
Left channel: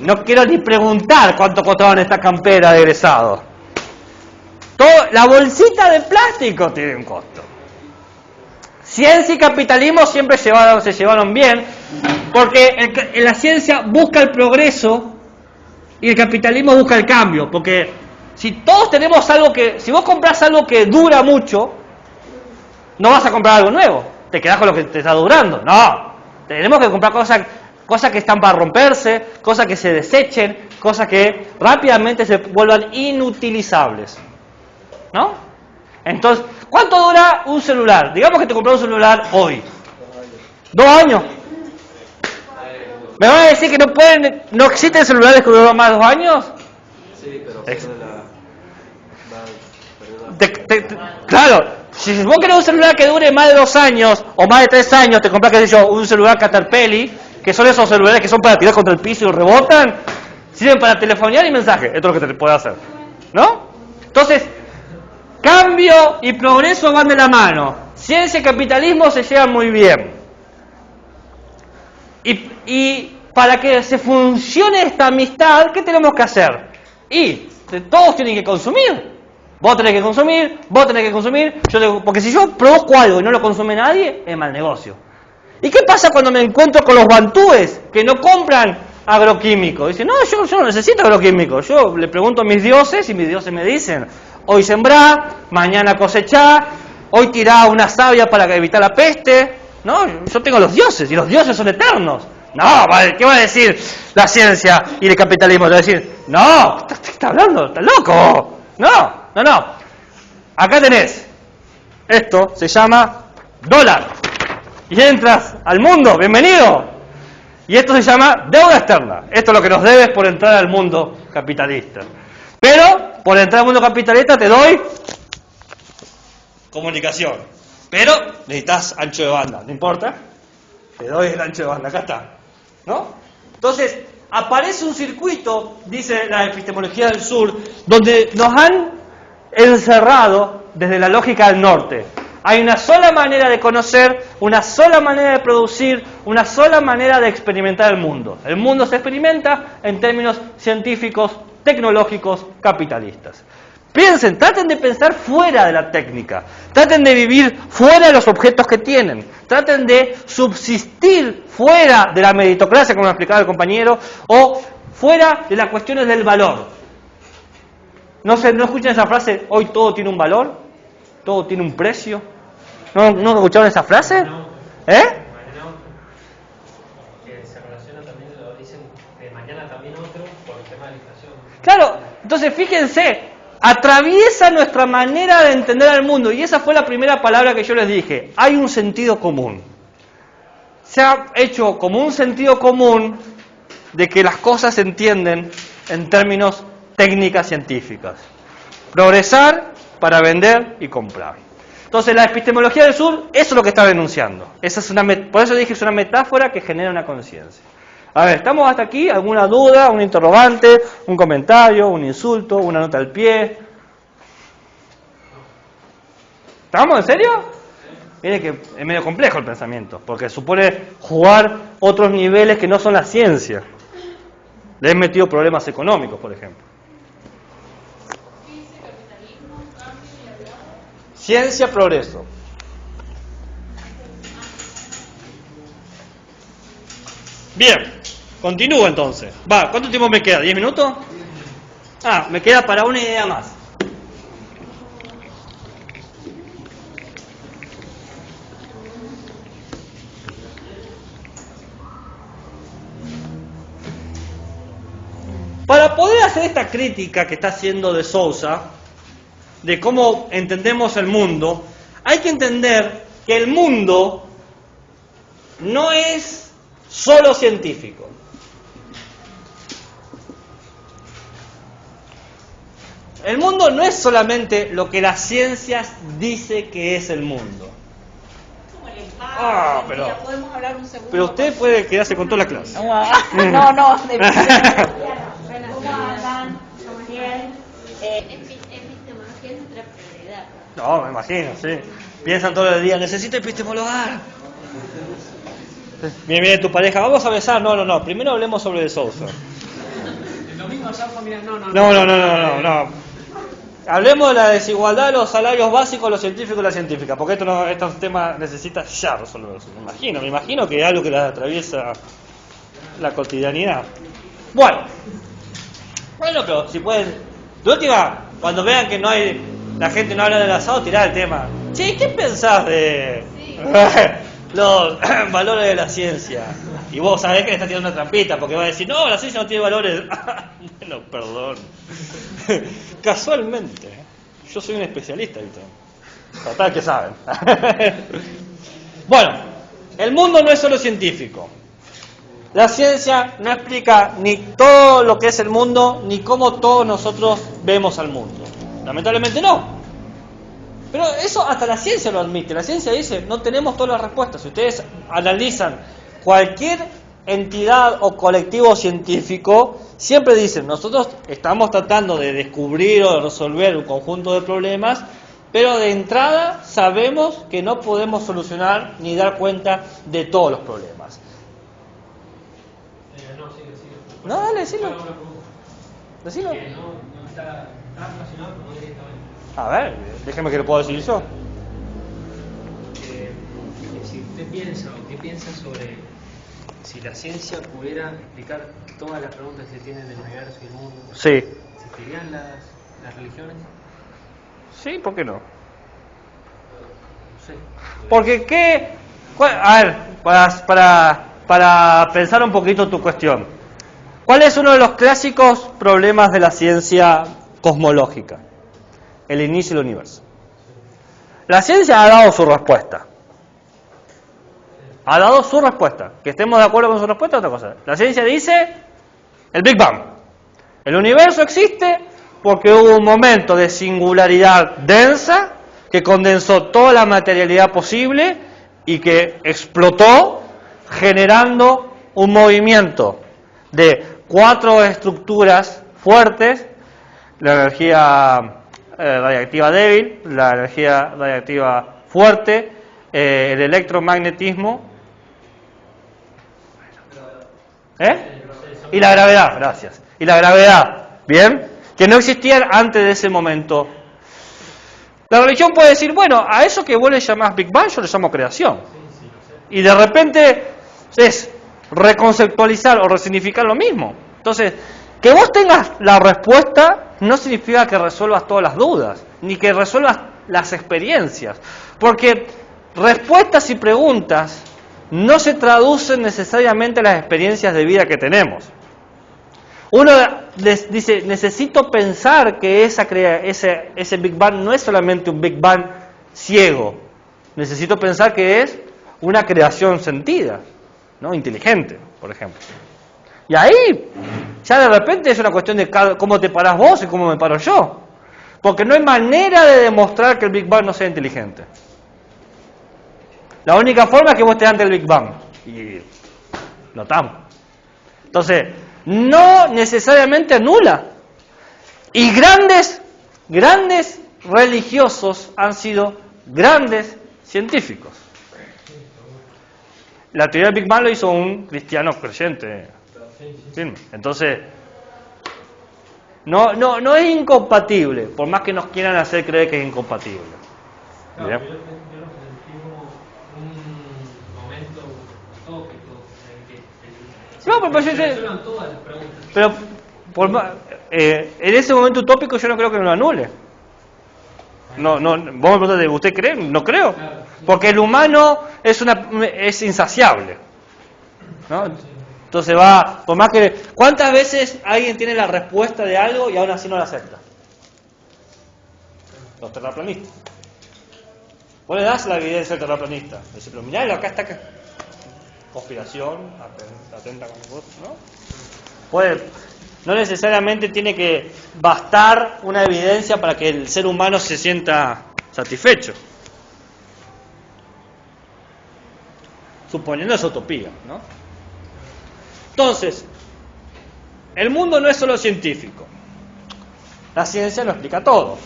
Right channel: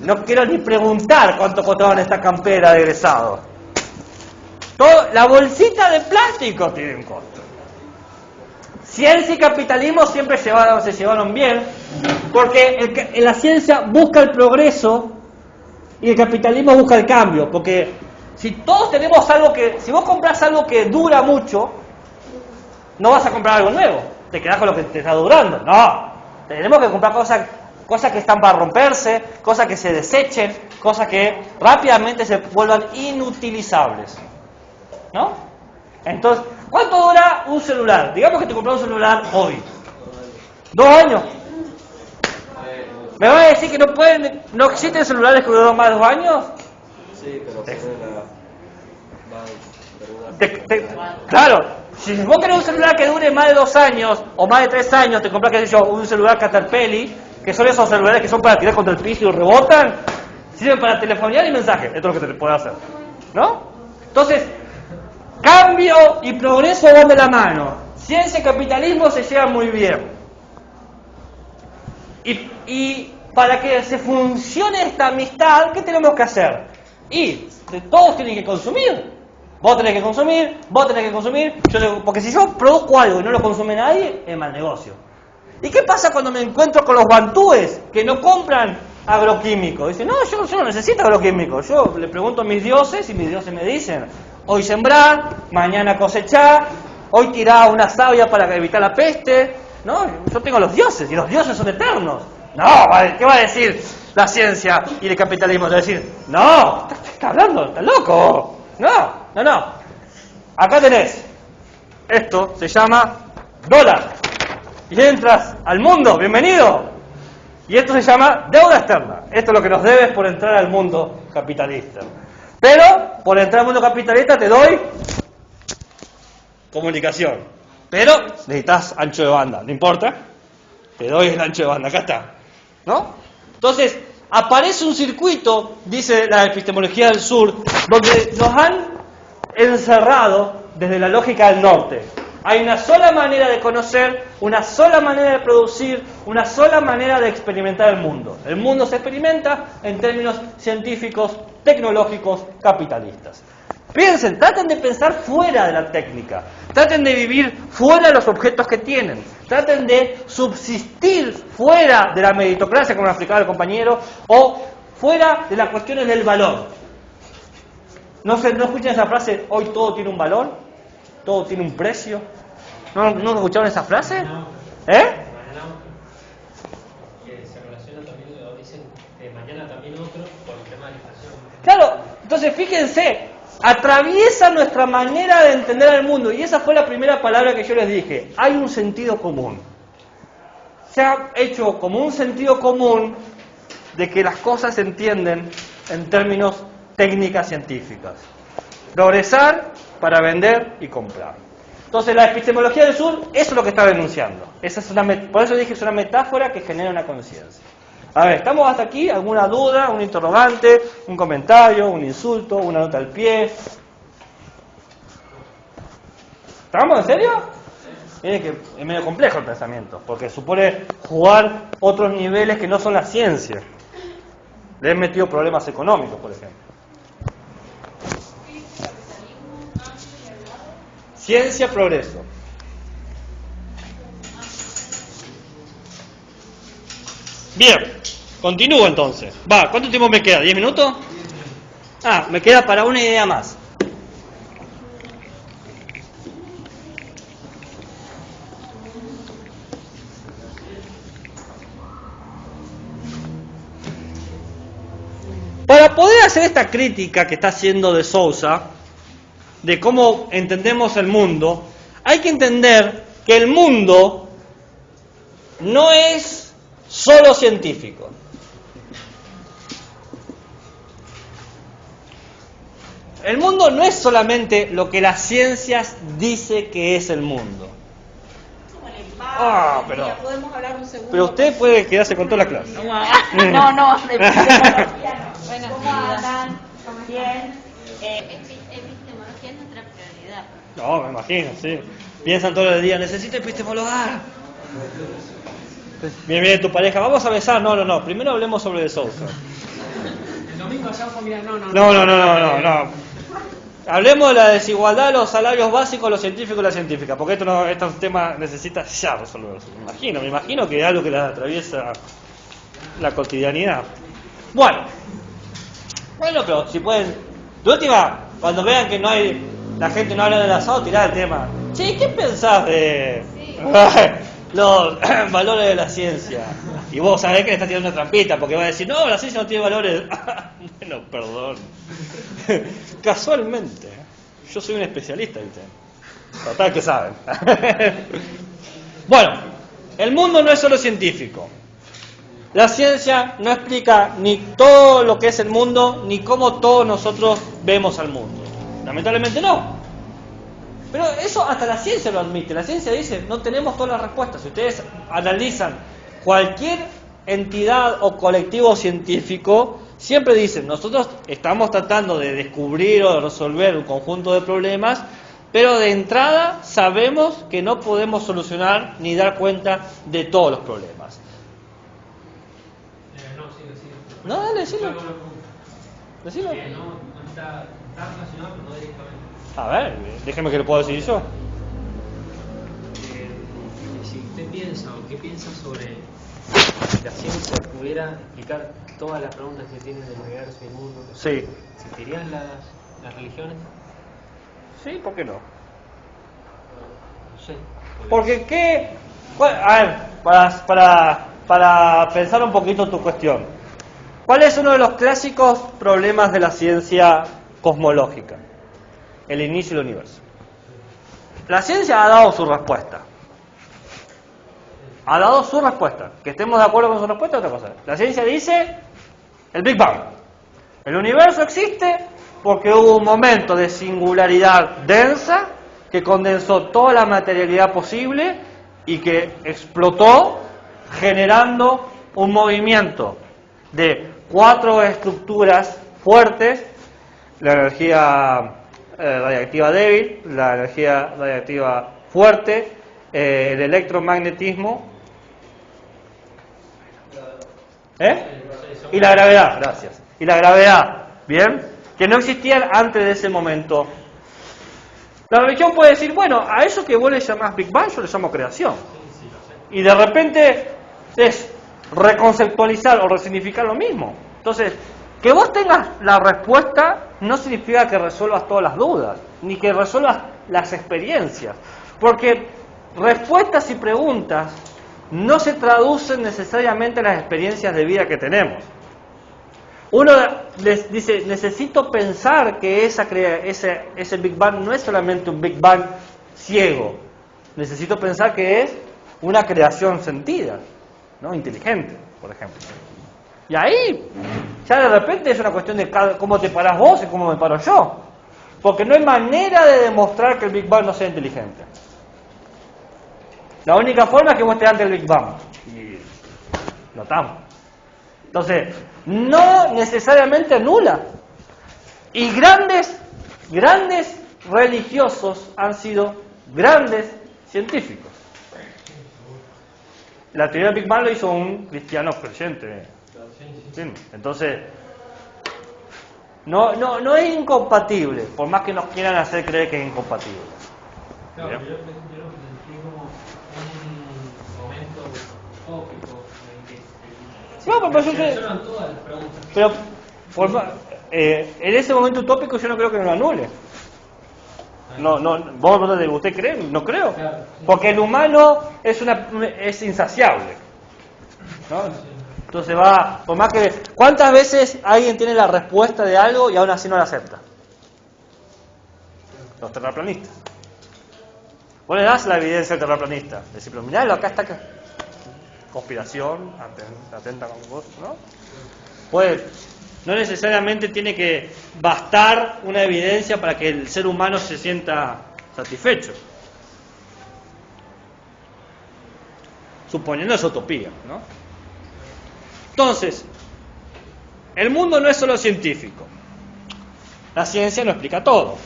No quiero ni preguntar cuánto costaban esta campera de egresados. La bolsita de plástico tiene un costo. Ciencia y capitalismo siempre se llevaron bien, porque la ciencia busca el progreso y el capitalismo busca el cambio. Porque si todos tenemos si vos compras algo que dura mucho, no vas a comprar algo nuevo, te quedás con lo que te está durando. No, tenemos que comprar cosas que están para romperse, cosas que se desechen, cosas que rápidamente se vuelvan inutilizables. ¿No? Entonces, ¿cuánto dura un celular? Digamos que te compras un celular hoy. 2 años. ¿Me van a decir que no existen celulares que duran más de 2 años? Sí, pero claro, si vos querés un celular que dure más de 2 años o más de 3 años, te compras, qué sé yo, un celular Caterpillar, que son esos celulares que son para tirar contra el piso y rebotan, sirven para telefonear y mensaje. Esto es lo que te puede hacer, ¿no? Entonces, cambio y progreso van de la mano. Ciencia y capitalismo se llevan muy bien. Y para que se funcione esta amistad, ¿qué tenemos que hacer? Y todos tienen que consumir. Vos tenés que consumir, porque si yo produzco algo y no lo consume nadie, es mal negocio. ¿Y qué pasa cuando me encuentro con los bantúes que no compran agroquímicos? Dicen, no, yo no necesito agroquímicos. Yo le pregunto a mis dioses y mis dioses me dicen, hoy sembrá, mañana cosechá, hoy tirá una savia para evitar la peste. No, yo tengo los dioses y los dioses son eternos. No, ¿qué va a decir la ciencia y el capitalismo? Te va a decir, no, ¿qué estás hablando? ¿Estás loco? No. Acá tenés, esto se llama dólar. Y entras al mundo, bienvenido. Y esto se llama deuda externa. Esto es lo que nos debes por entrar al mundo capitalista. Pero, por entrar al mundo capitalista te doy comunicación. Pero necesitas ancho de banda, no importa. Te doy el ancho de banda, acá está. ¿No? Entonces, aparece un circuito, dice la epistemología del sur, donde nos han encerrado desde la lógica del norte. Hay una sola manera de conocer, una sola manera de producir, una sola manera de experimentar el mundo. El mundo se experimenta en términos científicos, tecnológicos, capitalistas. Piensen, traten de pensar fuera de la técnica, traten de vivir fuera de los objetos que tienen, traten de subsistir fuera de la meritocracia, como me explicaba el compañero, o fuera de las cuestiones del valor. ¿No escuchan esa frase? Hoy todo tiene un valor, todo tiene un precio. ¿No escucharon esa frase? ¿Eh? Que se relaciona también, lo dicen, que mañana también otro por el tema de la inflación. Claro, entonces fíjense, atraviesa nuestra manera de entender el mundo, y esa fue la primera palabra que yo les dije. Hay un sentido común. Se ha hecho como un sentido común de que las cosas se entienden en términos técnicas científicas. Progresar para vender y comprar. Entonces la epistemología del sur, eso es lo que está denunciando. Por eso dije que es una metáfora que genera una conciencia. A ver, ¿estamos hasta aquí? ¿Alguna duda, un interrogante, un comentario, un insulto, una nota al pie? ¿Estamos en serio? Miren que es medio complejo el pensamiento, porque supone jugar otros niveles que no son la ciencia. Le he metido problemas económicos, por ejemplo. Ciencia, progreso. Bien, continúo entonces. ¿Cuánto tiempo me queda? ¿10 minutos? Me queda para una idea más. Para poder hacer esta crítica que está haciendo de Sousa, de cómo entendemos el mundo, hay que entender que el mundo no es solo científico. El mundo no es solamente lo que las ciencias dice que es el mundo. Pero podemos hablar un segundo. Pero usted puede quedarse con toda la clase. No, de ¿cómo andan? Bien. Epistemología es nuestra prioridad. No, me imagino, sí. Piensan todo el día, necesito epistemologar. Viene tu pareja, vamos a besar. No. Primero hablemos sobre de Sousa. El domingo allá familiar, No. Hablemos de la desigualdad de los salarios básicos de los científicos y las científicas, porque este tema necesita ya resolverse. Me imagino que es algo que les atraviesa la cotidianidad. Bueno, pero si pueden, de última, cuando vean que la gente no habla del asado, tirá el tema. Sí, ¿qué pensás de los valores de la ciencia? Y vos sabés que le estás tirando una trampita, porque va a decir, no, la ciencia no tiene valores. Bueno, perdón. Casualmente, yo soy un especialista, ¿viste? Total que saben. Bueno, el mundo no es solo científico. La ciencia no explica ni todo lo que es el mundo, ni cómo todos nosotros vemos al mundo. Lamentablemente no. Pero eso hasta la ciencia lo admite. La ciencia dice, no tenemos todas las respuestas. Si ustedes analizan cualquier entidad o colectivo científico, siempre dicen, nosotros estamos tratando de descubrir o de resolver un conjunto de problemas, pero de entrada sabemos que no podemos solucionar ni dar cuenta de todos los problemas. No, dale, decilo. Decilo. No está relacionado, pero no directamente. A ver, déjeme que lo puedo decir yo. Si usted piensa o qué piensa sobre si la ciencia pudiera explicar todas las preguntas que tienen del universo y del mundo, Sí. ¿existirían las religiones? Sí, ¿por qué no? No sé. Porque qué... Bueno, a ver, para pensar un poquito tu cuestión. ¿Cuál es uno de los clásicos problemas de la ciencia cosmológica? El inicio del universo. La ciencia ha dado su respuesta. Ha dado su respuesta. Que estemos de acuerdo con su respuesta es otra cosa. La ciencia dice el Big Bang. El universo existe porque hubo un momento de singularidad densa que condensó toda la materialidad posible y que explotó generando un movimiento de 4 estructuras fuertes: la energía radiactiva débil, la energía radiactiva fuerte, el electromagnetismo y la gravedad, gracias. Y la gravedad, ¿bien? Que no existían antes de ese momento. La religión puede decir, bueno, a eso que vos le llamás Big Bang, yo le llamo creación. Y de repente es reconceptualizar o resignificar lo mismo. Entonces, Que vos tengas la respuesta no significa que resuelvas todas las dudas, ni que resuelvas las experiencias. Porque respuestas y preguntas no se traducen necesariamente a las experiencias de vida que tenemos. Uno dice, necesito pensar que ese Big Bang no es solamente un Big Bang ciego. Necesito pensar que es una creación sentida, ¿no? Inteligente, por ejemplo. Y ahí, ya de repente es una cuestión de cómo te parás vos y cómo me paro yo. Porque no hay manera de demostrar que el Big Bang no sea inteligente. La única forma es que vos estés ante el Big Bang. Y lo estamos. Entonces, no necesariamente anula. Y grandes religiosos han sido grandes científicos. La teoría del Big Bang lo hizo un cristiano creyente. Sí. Entonces, no es incompatible, por más que nos quieran hacer creer que es incompatible. Claro, yo lo sentí como un momento utópico en el que se resuelvan todas las preguntas. Pero en ese momento utópico yo no creo que lo anule. No, vos me preguntaste, ¿usted cree? No creo. Claro. Porque el humano es insaciable, ¿no? Entonces va, por más que... ¿Cuántas veces alguien tiene la respuesta de algo y aún así no la acepta? Los terraplanistas. Vos le das la evidencia al terraplanista. Decís, pero miralo, acá está. Conspiración, atenta con vos, ¿no? No necesariamente tiene que bastar una evidencia para que el ser humano se sienta satisfecho. Suponiendo esa utopía, ¿no? Entonces, el mundo no es solo científico. La ciencia lo explica todo.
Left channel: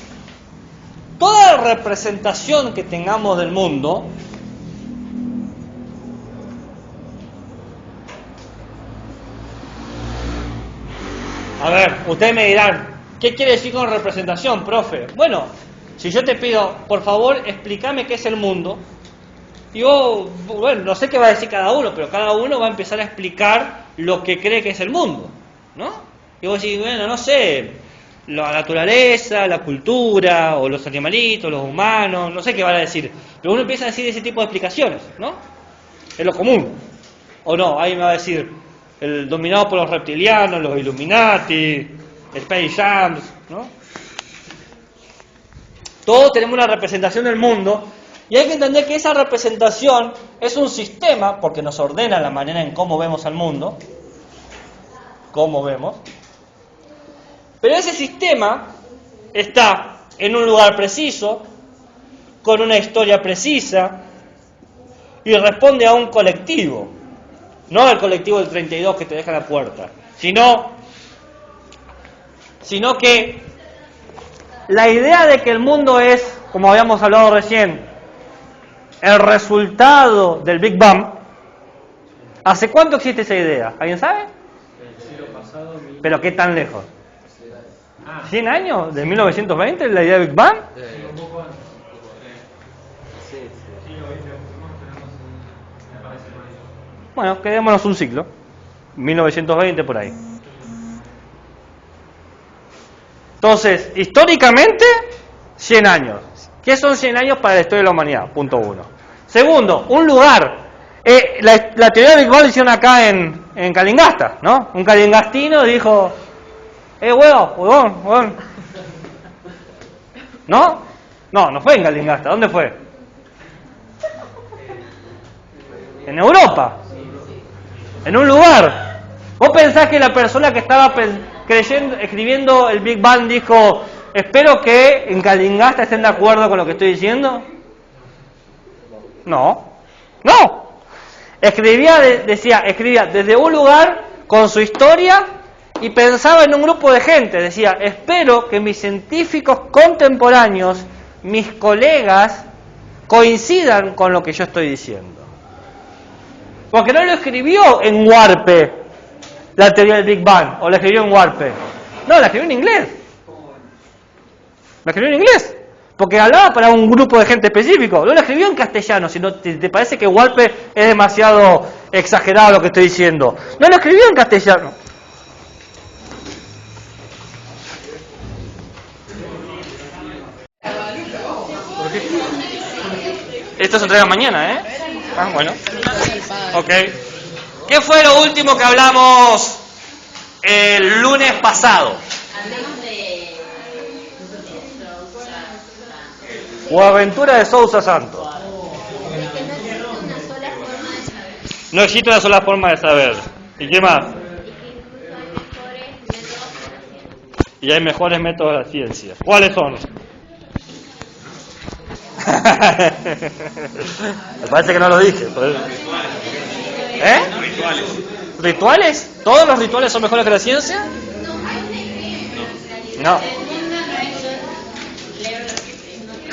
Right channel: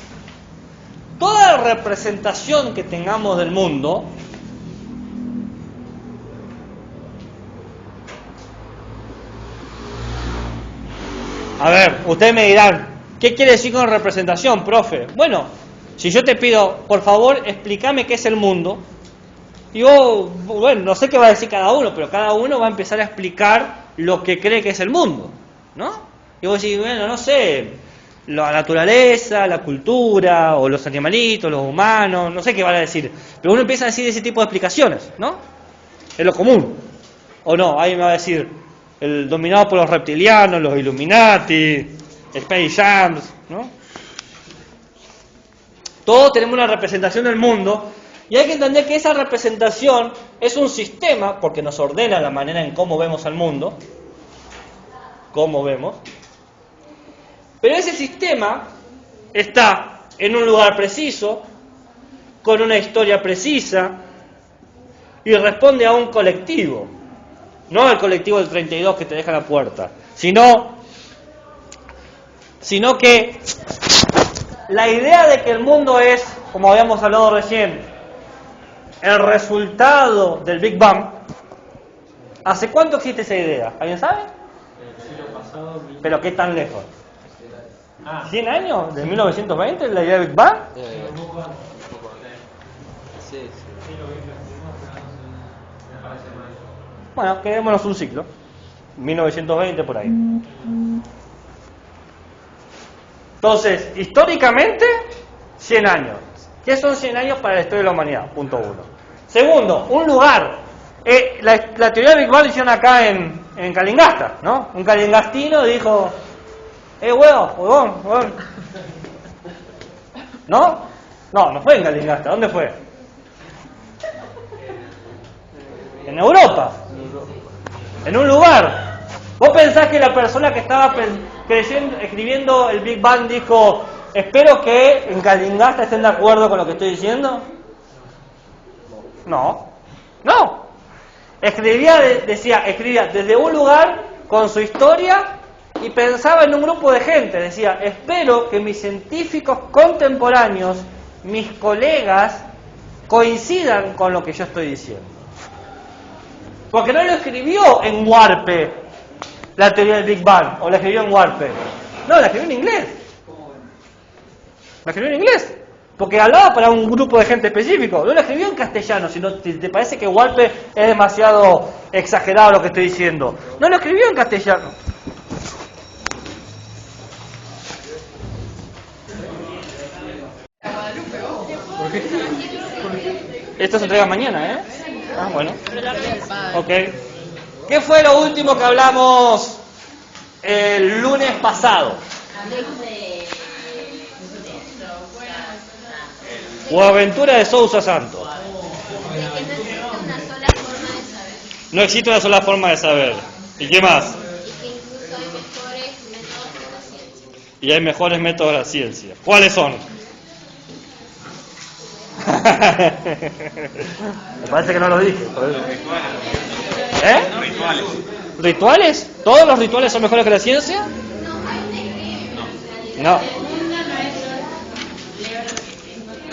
Toda representación que tengamos del mundo a ver, ustedes me dirán, ¿qué quiere decir con representación, profe? Bueno, si yo te pido, por favor, explícame qué es el mundo, yo, bueno, no sé qué va a decir cada uno, pero cada uno va a empezar a explicar lo que cree que es el mundo, ¿no? Y vos decís, bueno, no sé, la naturaleza, la cultura, o los animalitos, los humanos, no sé qué van a decir, pero uno empieza a decir ese tipo de explicaciones, ¿no? Es lo común, o no, alguien me va a decir, el dominado por los reptilianos, los Illuminati, Space Jam, ¿no? Todos tenemos una representación del mundo y hay que entender que esa representación es un sistema porque nos ordena la manera en cómo vemos al mundo, cómo vemos, pero ese sistema está en un lugar preciso, con una historia precisa y responde a un colectivo. No al colectivo del 32 que te deja la puerta, sino que la idea de que el mundo es, como habíamos hablado recién, el resultado del Big Bang. ¿Hace cuánto existe esa idea? ¿Alguien sabe? El siglo pasado. ¿Pero qué tan lejos? ¿100 años? ¿De 1920 la idea del Big Bang? Un poco antes. Sí. Bueno, quedémonos un siglo. 1920 por ahí. Entonces, históricamente, 100 años. ¿Qué son 100 años para la historia de la humanidad? Punto 1. Segundo, un lugar. La teoría del Big Bang la hicieron acá en Calingasta, ¿no? Un calingastino dijo, huevón. ¿No? No fue en Calingasta. ¿Dónde fue? En Europa. En un lugar. ¿Vos pensás que la persona que estaba escribiendo el Big Bang dijo, espero que en Calingasta estén de acuerdo con lo que estoy diciendo? No. Escribía desde un lugar con su historia y pensaba en un grupo de gente. Decía, espero que mis científicos contemporáneos, mis colegas, coincidan con lo que yo estoy diciendo. Porque no lo escribió en Warpe, la teoría del Big Bang, o la escribió en Warpe. No, la escribió en inglés. La escribió en inglés. Porque hablaba para un grupo de gente específico. No la escribió en castellano, sino te parece que Warpe es demasiado exagerado lo que estoy diciendo. No lo escribió en castellano. Esto se entrega mañana, ¿eh? Ah, bueno. Ok. ¿Qué fue lo último que hablamos el lunes pasado? Hablamos de Boaventura de Sousa Santos. que no existe una sola forma de saber No existe una sola forma de saber. ¿Y qué más? y que incluso hay mejores métodos de la ciencia. Y hay mejores métodos de la ciencia. ¿Cuáles son? Me parece que no lo dije. ¿Eh? ¿Rituales? ¿Todos los rituales son mejores que la ciencia? No.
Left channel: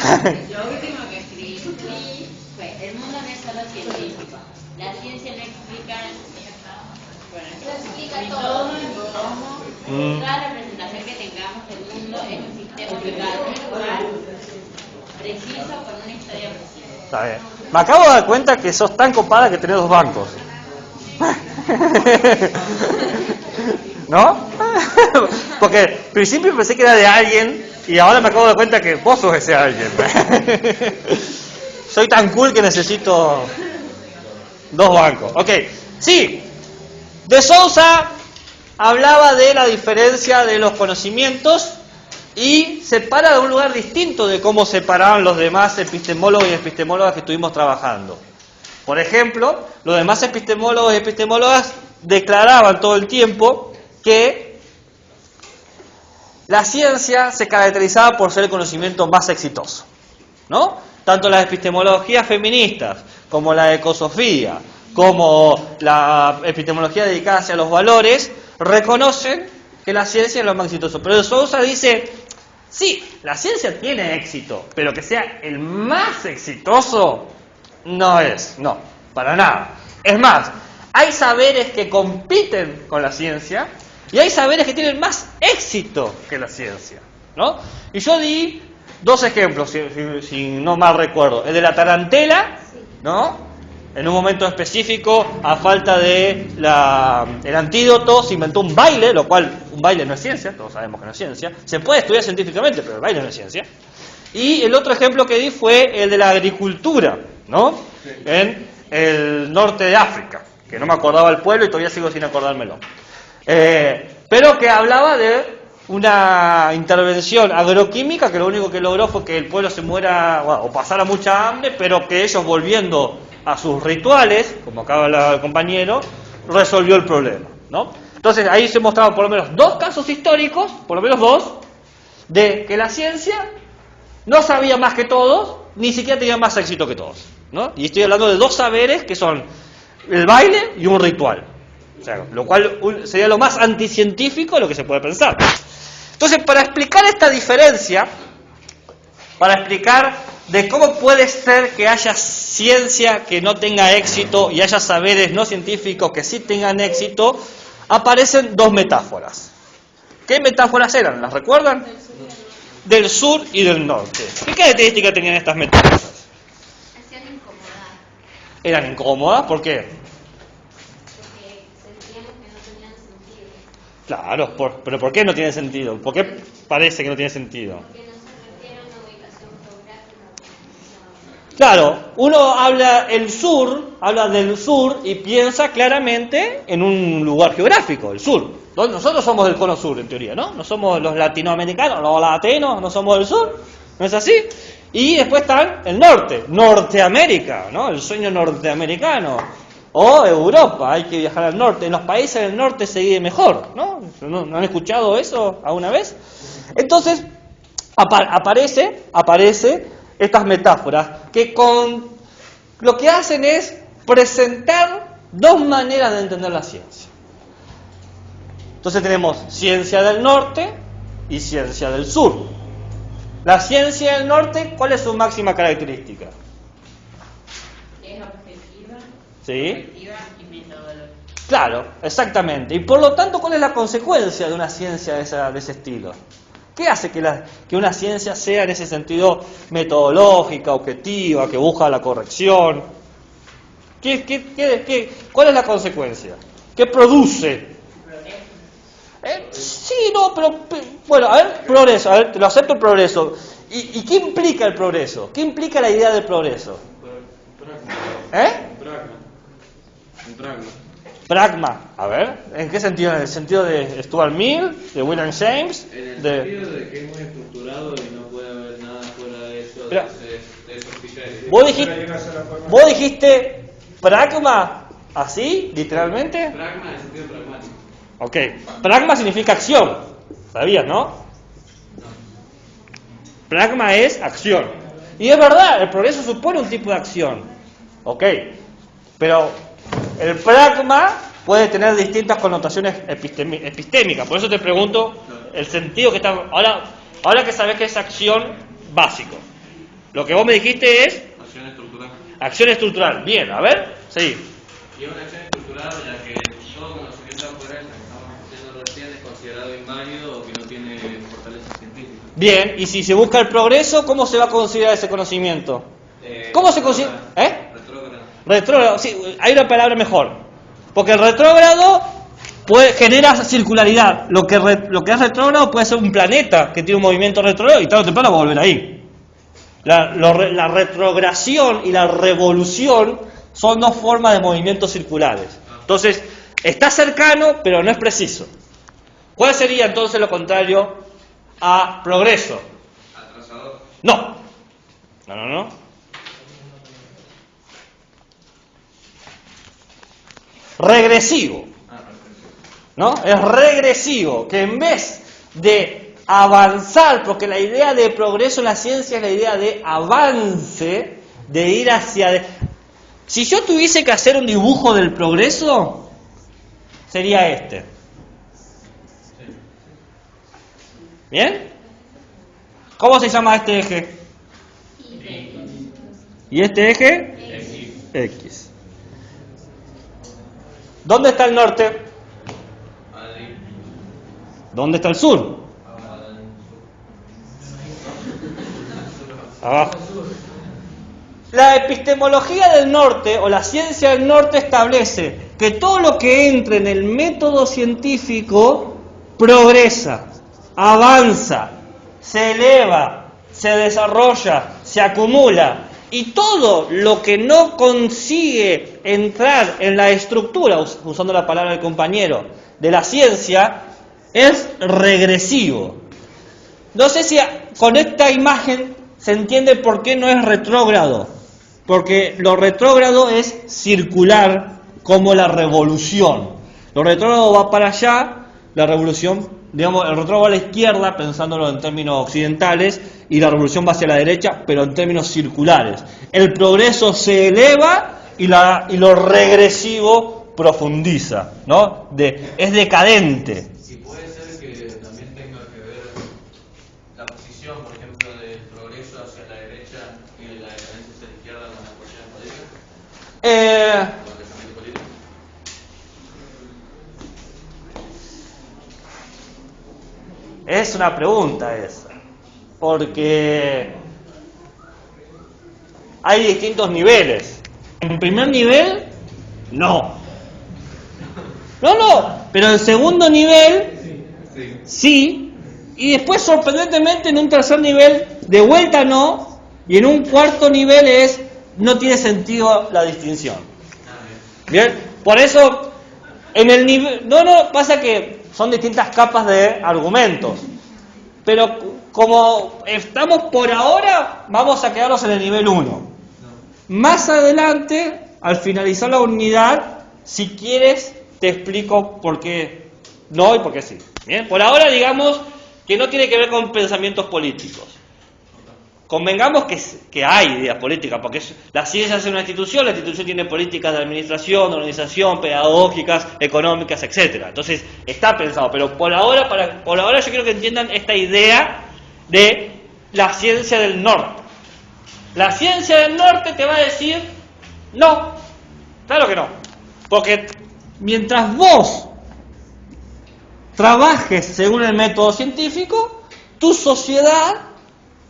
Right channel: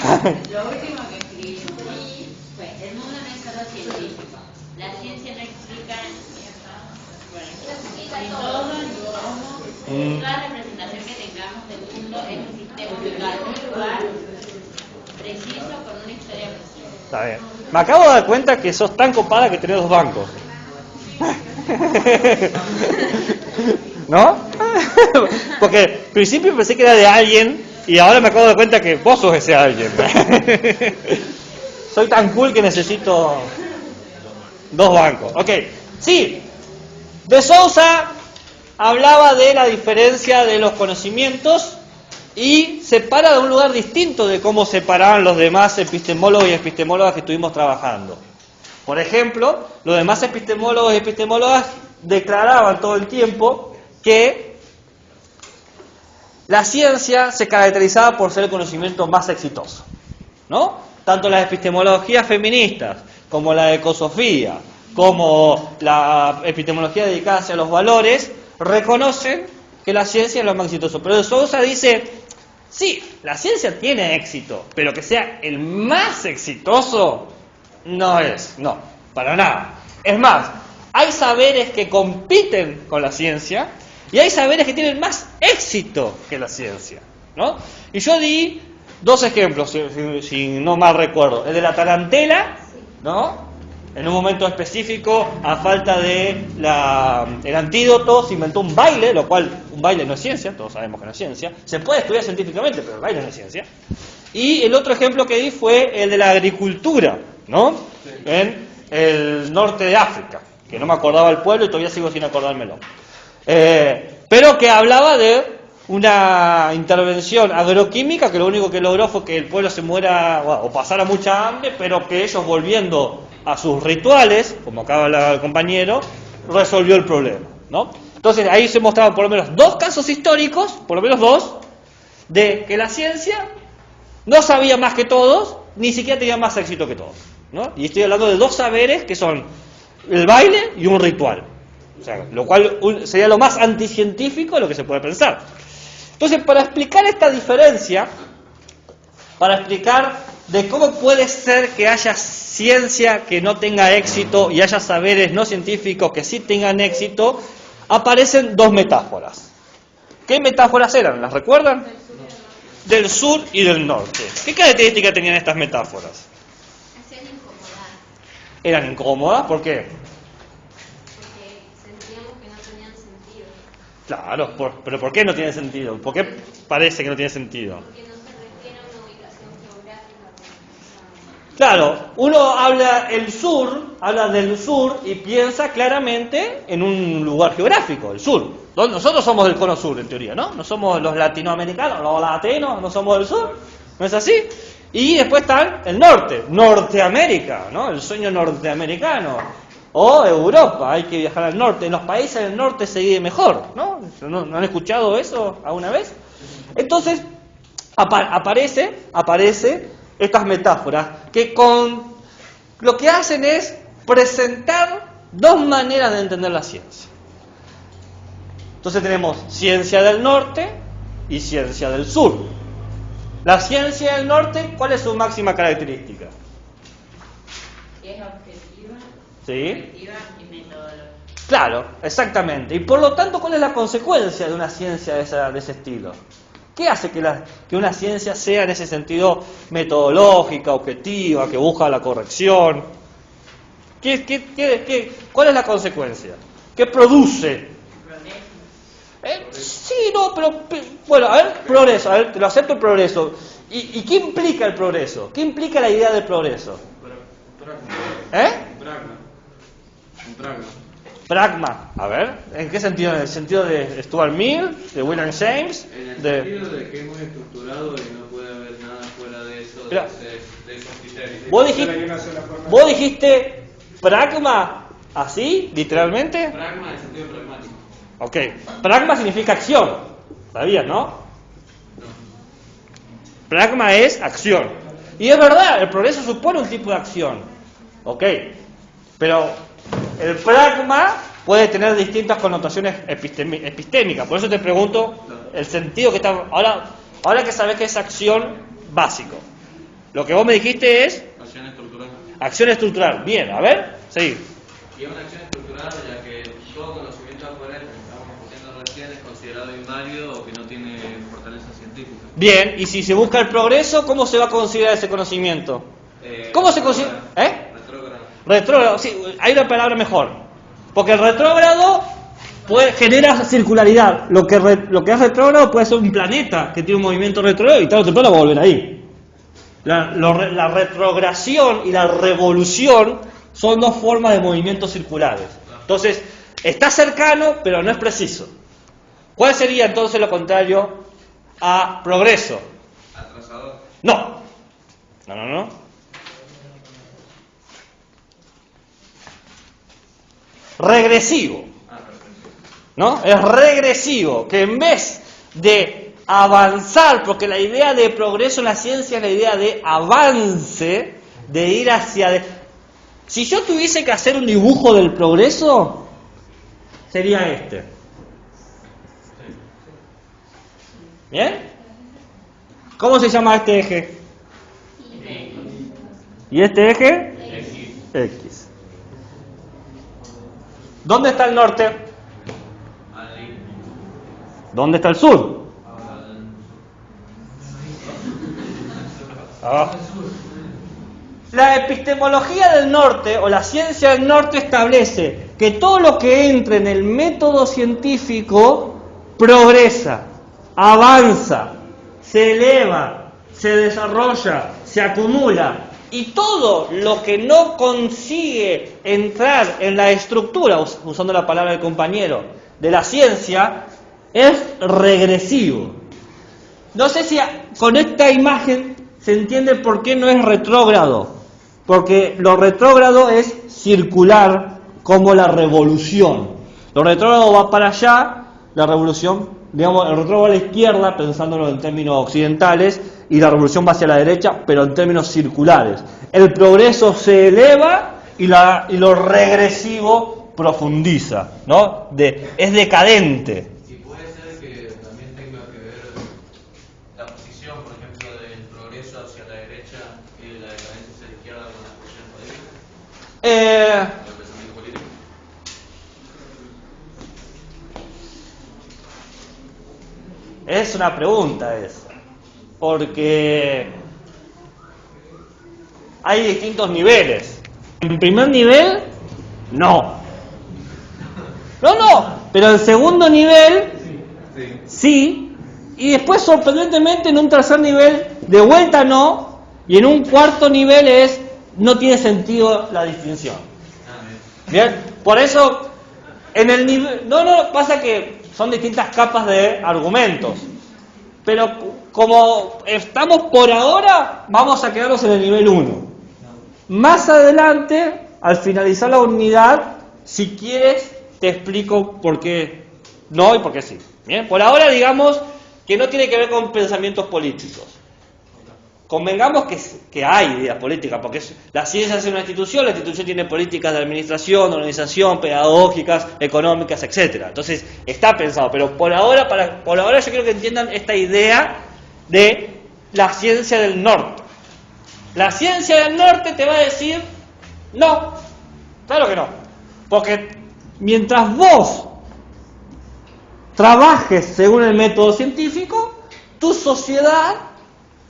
Lo último que escribí fue: el mundo no es solo científico. La ciencia no explica, ni todo, cómo. Toda representación que tengamos del mundo es un sistema ubicado en un lugar preciso con una historia precisa. Está bien. Me acabo de dar cuenta que sos tan copada que tenés 2 bancos. ¿No? Porque al principio pensé que era de alguien y ahora me acabo de dar cuenta que vos sos ese alguien. Soy tan cool que necesito 2 bancos. Ok, sí. De Sousa hablaba de la diferencia de los conocimientos y se para de un lugar distinto de cómo se paraban los demás epistemólogos y epistemólogas que estuvimos trabajando. Por ejemplo, los demás epistemólogos y epistemólogas declaraban todo el tiempo que la ciencia se caracterizaba por ser el conocimiento más exitoso, ¿no? Tanto las epistemologías feministas como la ecosofía, como la epistemología dedicada hacia los valores, reconocen que la ciencia es lo más exitoso. Pero de Sousa dice, sí, la ciencia tiene éxito, pero que sea el más exitoso no es, no, para nada. Es más, hay saberes que compiten con la ciencia y hay saberes que tienen más éxito que la ciencia, ¿no? Y yo di 2 ejemplos, si no mal recuerdo. El de la tarantela, ¿no? En un momento específico, a falta de el antídoto, se inventó un baile, lo cual un baile no es ciencia, todos sabemos que no es ciencia. Se puede estudiar científicamente, pero el baile no es ciencia. Y el otro ejemplo que di fue el de la agricultura, ¿no? En el norte de África, que no me acordaba el pueblo y todavía sigo sin acordármelo. Pero que hablaba de una intervención agroquímica que lo único que logró fue que el pueblo se muera, bueno, o pasara mucha hambre, pero que ellos, volviendo a sus rituales, como acaba el compañero, resolvió el problema, ¿no? Entonces ahí se mostraban por lo menos 2 casos históricos, por lo menos 2, de que la ciencia no sabía más que todos, ni siquiera tenía más éxito que todos, ¿no? Y estoy hablando de 2 saberes que son el baile y un ritual. O sea, lo cual sería lo más anticientífico de lo que se puede pensar. Entonces, para explicar esta diferencia, para explicar de cómo puede ser que haya ciencia que no tenga éxito y haya saberes no científicos que sí tengan éxito, aparecen 2 metáforas. ¿Qué metáforas eran? ¿Las recuerdan? Del sur y del norte. ¿Qué características tenían estas metáforas? Hacían incomodar, ¿Eran incómodas? ¿Por qué? porque sentíamos que no tenían sentido, Claro, pero ¿por qué no tiene sentido? ¿Por qué parece que no tiene sentido? porque no se refiere a una ubicación geográfica. Claro, uno habla del sur y piensa claramente en un lugar geográfico, el sur. Nosotros somos del cono sur, en teoría, ¿no? No somos los latinoamericanos, los latinos, no somos del sur, ¿no es así? Y después está el norte, Norteamérica, ¿no? El sueño norteamericano. O Europa, hay que viajar al norte. En los países del norte se vive mejor, ¿no? ¿No han escuchado eso alguna vez? Entonces, aparece estas metáforas que lo que hacen es presentar 2 maneras de entender la ciencia. Entonces tenemos ciencia del norte y ciencia del sur. La ciencia del norte, ¿cuál es su máxima característica? Es objetiva, ¿Sí? objetiva y metodológica. Claro, exactamente. Y por lo tanto, ¿cuál es la consecuencia de una ciencia de ese estilo? ¿Qué hace que una ciencia sea en ese sentido metodológica, objetiva, que busca la corrección? ¿Cuál es la consecuencia? ¿Qué produce? Sí, no, pero bueno, a ver, progreso, a ver, te lo acepto el progreso. ¿Y qué implica el progreso? ¿Qué implica la idea del progreso? Un pragma. Pragma. A ver, ¿en qué sentido? ¿En el sentido de Stuart Mill, de William James? En el De... sentido de que hemos estructurado y no puede haber nada fuera de eso, Pero- de esos criterios. ¿Vos dijiste pragma así, literalmente? Pragma en el sentido pragmático. Ok. Pragma significa acción. ¿Sabías, no? Pragma es acción. Y es verdad, el progreso supone un tipo de acción. Ok. Pero el pragma puede tener distintas connotaciones epistémicas. Por eso te pregunto el sentido que está... Ahora que sabes que es acción básico. Lo que vos me dijiste es Acción estructural. acción estructural. Bien, a ver. Sí. Y es una acción estructural ya que todo conocimiento forense que estamos discutiendo recién es considerado inválido o que no tiene fortaleza científica. Bien, y si se busca el progreso, ¿cómo se va a considerar ese conocimiento? ¿Cómo se considera? Retrógrado. Retrógrado, sí, hay una palabra mejor. Porque el retrógrado genera circularidad. Lo que es retrógrado puede ser un planeta que tiene un movimiento retrógrado y tarde o temprano va a volver ahí. La retrogradación y la revolución son dos formas de movimientos circulares. Entonces, está cercano, pero no es preciso. ¿Cuál sería entonces lo contrario a progreso? Atrasador. No. Regresivo. ¿No? Es regresivo, que en vez de avanzar, porque la idea de progreso en la ciencia es la idea de avance, de ir hacia... Si yo tuviese que hacer un dibujo del progreso, sería este. ¿Bien? ¿Cómo se llama este eje? ¿Y este eje? X. ¿Dónde está el norte? ¿Dónde está el sur? Abajo. La epistemología del norte o la ciencia del norte establece que todo lo que entre en el método científico progresa, avanza, se eleva, se desarrolla, se acumula. Y todo lo que no consigue entrar en la estructura, usando la palabra del compañero, de la ciencia, es regresivo. No sé si con esta imagen se entiende por qué no es retrógrado. Porque lo retrógrado es circular como la revolución. Lo retrógrado va para allá, la revolución, digamos, el retrógrado va a la izquierda, pensándolo en términos occidentales, y la revolución va hacia la derecha, pero en términos circulares. El progreso se eleva y lo regresivo profundiza, ¿no? Es decadente. Y puede ser que también tenga que ver la posición, por ejemplo, del progreso hacia la derecha y de la decadencia hacia la izquierda con la posición política, con el pensamiento político. Es una pregunta esa, porque hay distintos niveles. En primer nivel, no. Pero en segundo nivel, sí. Y después, sorprendentemente, en un tercer nivel, de vuelta no. Y en un cuarto nivel no tiene sentido la distinción. Bien, por eso, en el nivel... pasa que son distintas capas de argumentos. Pero como estamos por ahora, vamos a quedarnos en el nivel 1. Más adelante, al finalizar la unidad, si quieres, te explico por qué no y por qué sí. Bien, por ahora digamos que no tiene que ver con pensamientos políticos. Convengamos que hay ideas políticas, porque la ciencia es una institución, la institución tiene políticas de administración, de organización, pedagógicas, económicas, etcétera. Entonces está pensado, pero por ahora yo quiero que entiendan esta idea de la ciencia del norte. La ciencia del norte te va a decir no, claro que no, porque mientras vos trabajes según el método científico, tu sociedad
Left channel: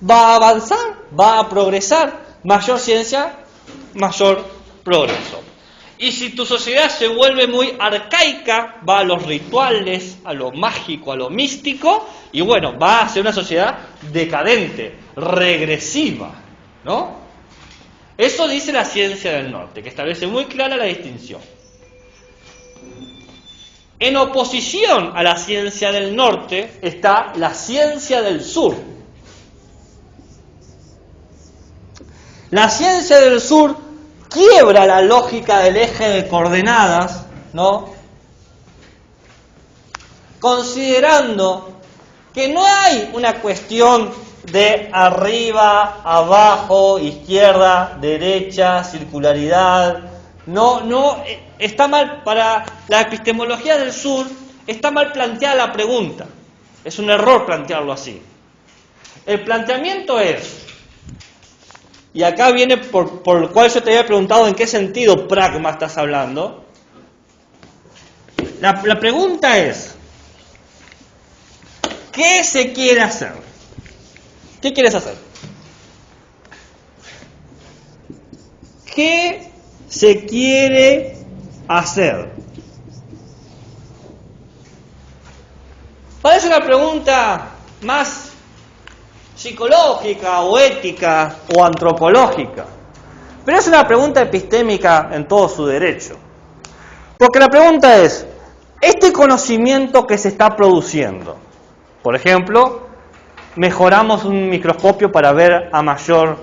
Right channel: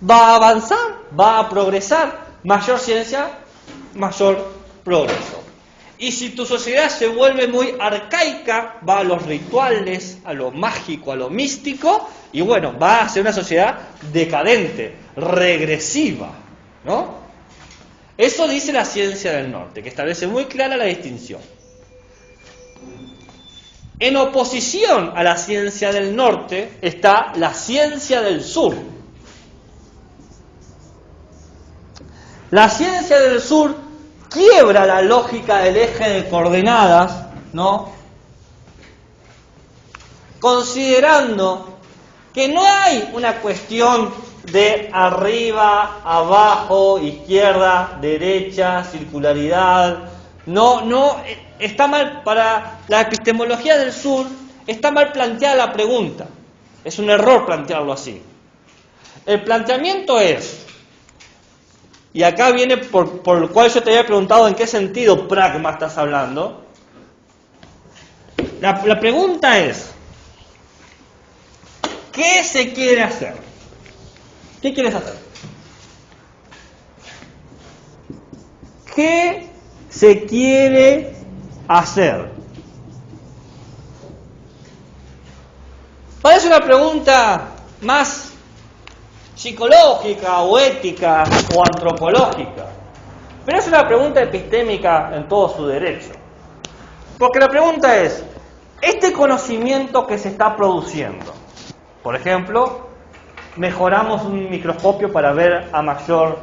va a avanzar, va a progresar. Mayor ciencia, mayor progreso. Y si tu sociedad se vuelve muy arcaica, va a los rituales, a lo mágico, a lo místico, y bueno, va a ser una sociedad decadente, regresiva, ¿no? Eso dice la ciencia del norte, que establece muy clara la distinción. En oposición a la ciencia del norte está la ciencia del sur. La ciencia del sur quiebra la lógica del eje de coordenadas, ¿no? Considerando que no hay una cuestión de arriba, abajo, izquierda, derecha, circularidad. No, está mal, para la epistemología del sur, está mal planteada la pregunta. Es un error plantearlo así. El planteamiento es, y acá viene por lo cual yo te había preguntado en qué sentido pragma estás hablando. La pregunta es, ¿qué se quiere hacer? ¿Qué quieres hacer? ¿Qué se quiere hacer? Parece una pregunta más psicológica o ética o antropológica, pero es una pregunta epistémica en todo su derecho. Porque la pregunta es, este conocimiento que se está produciendo, por ejemplo, mejoramos un microscopio para ver a mayor,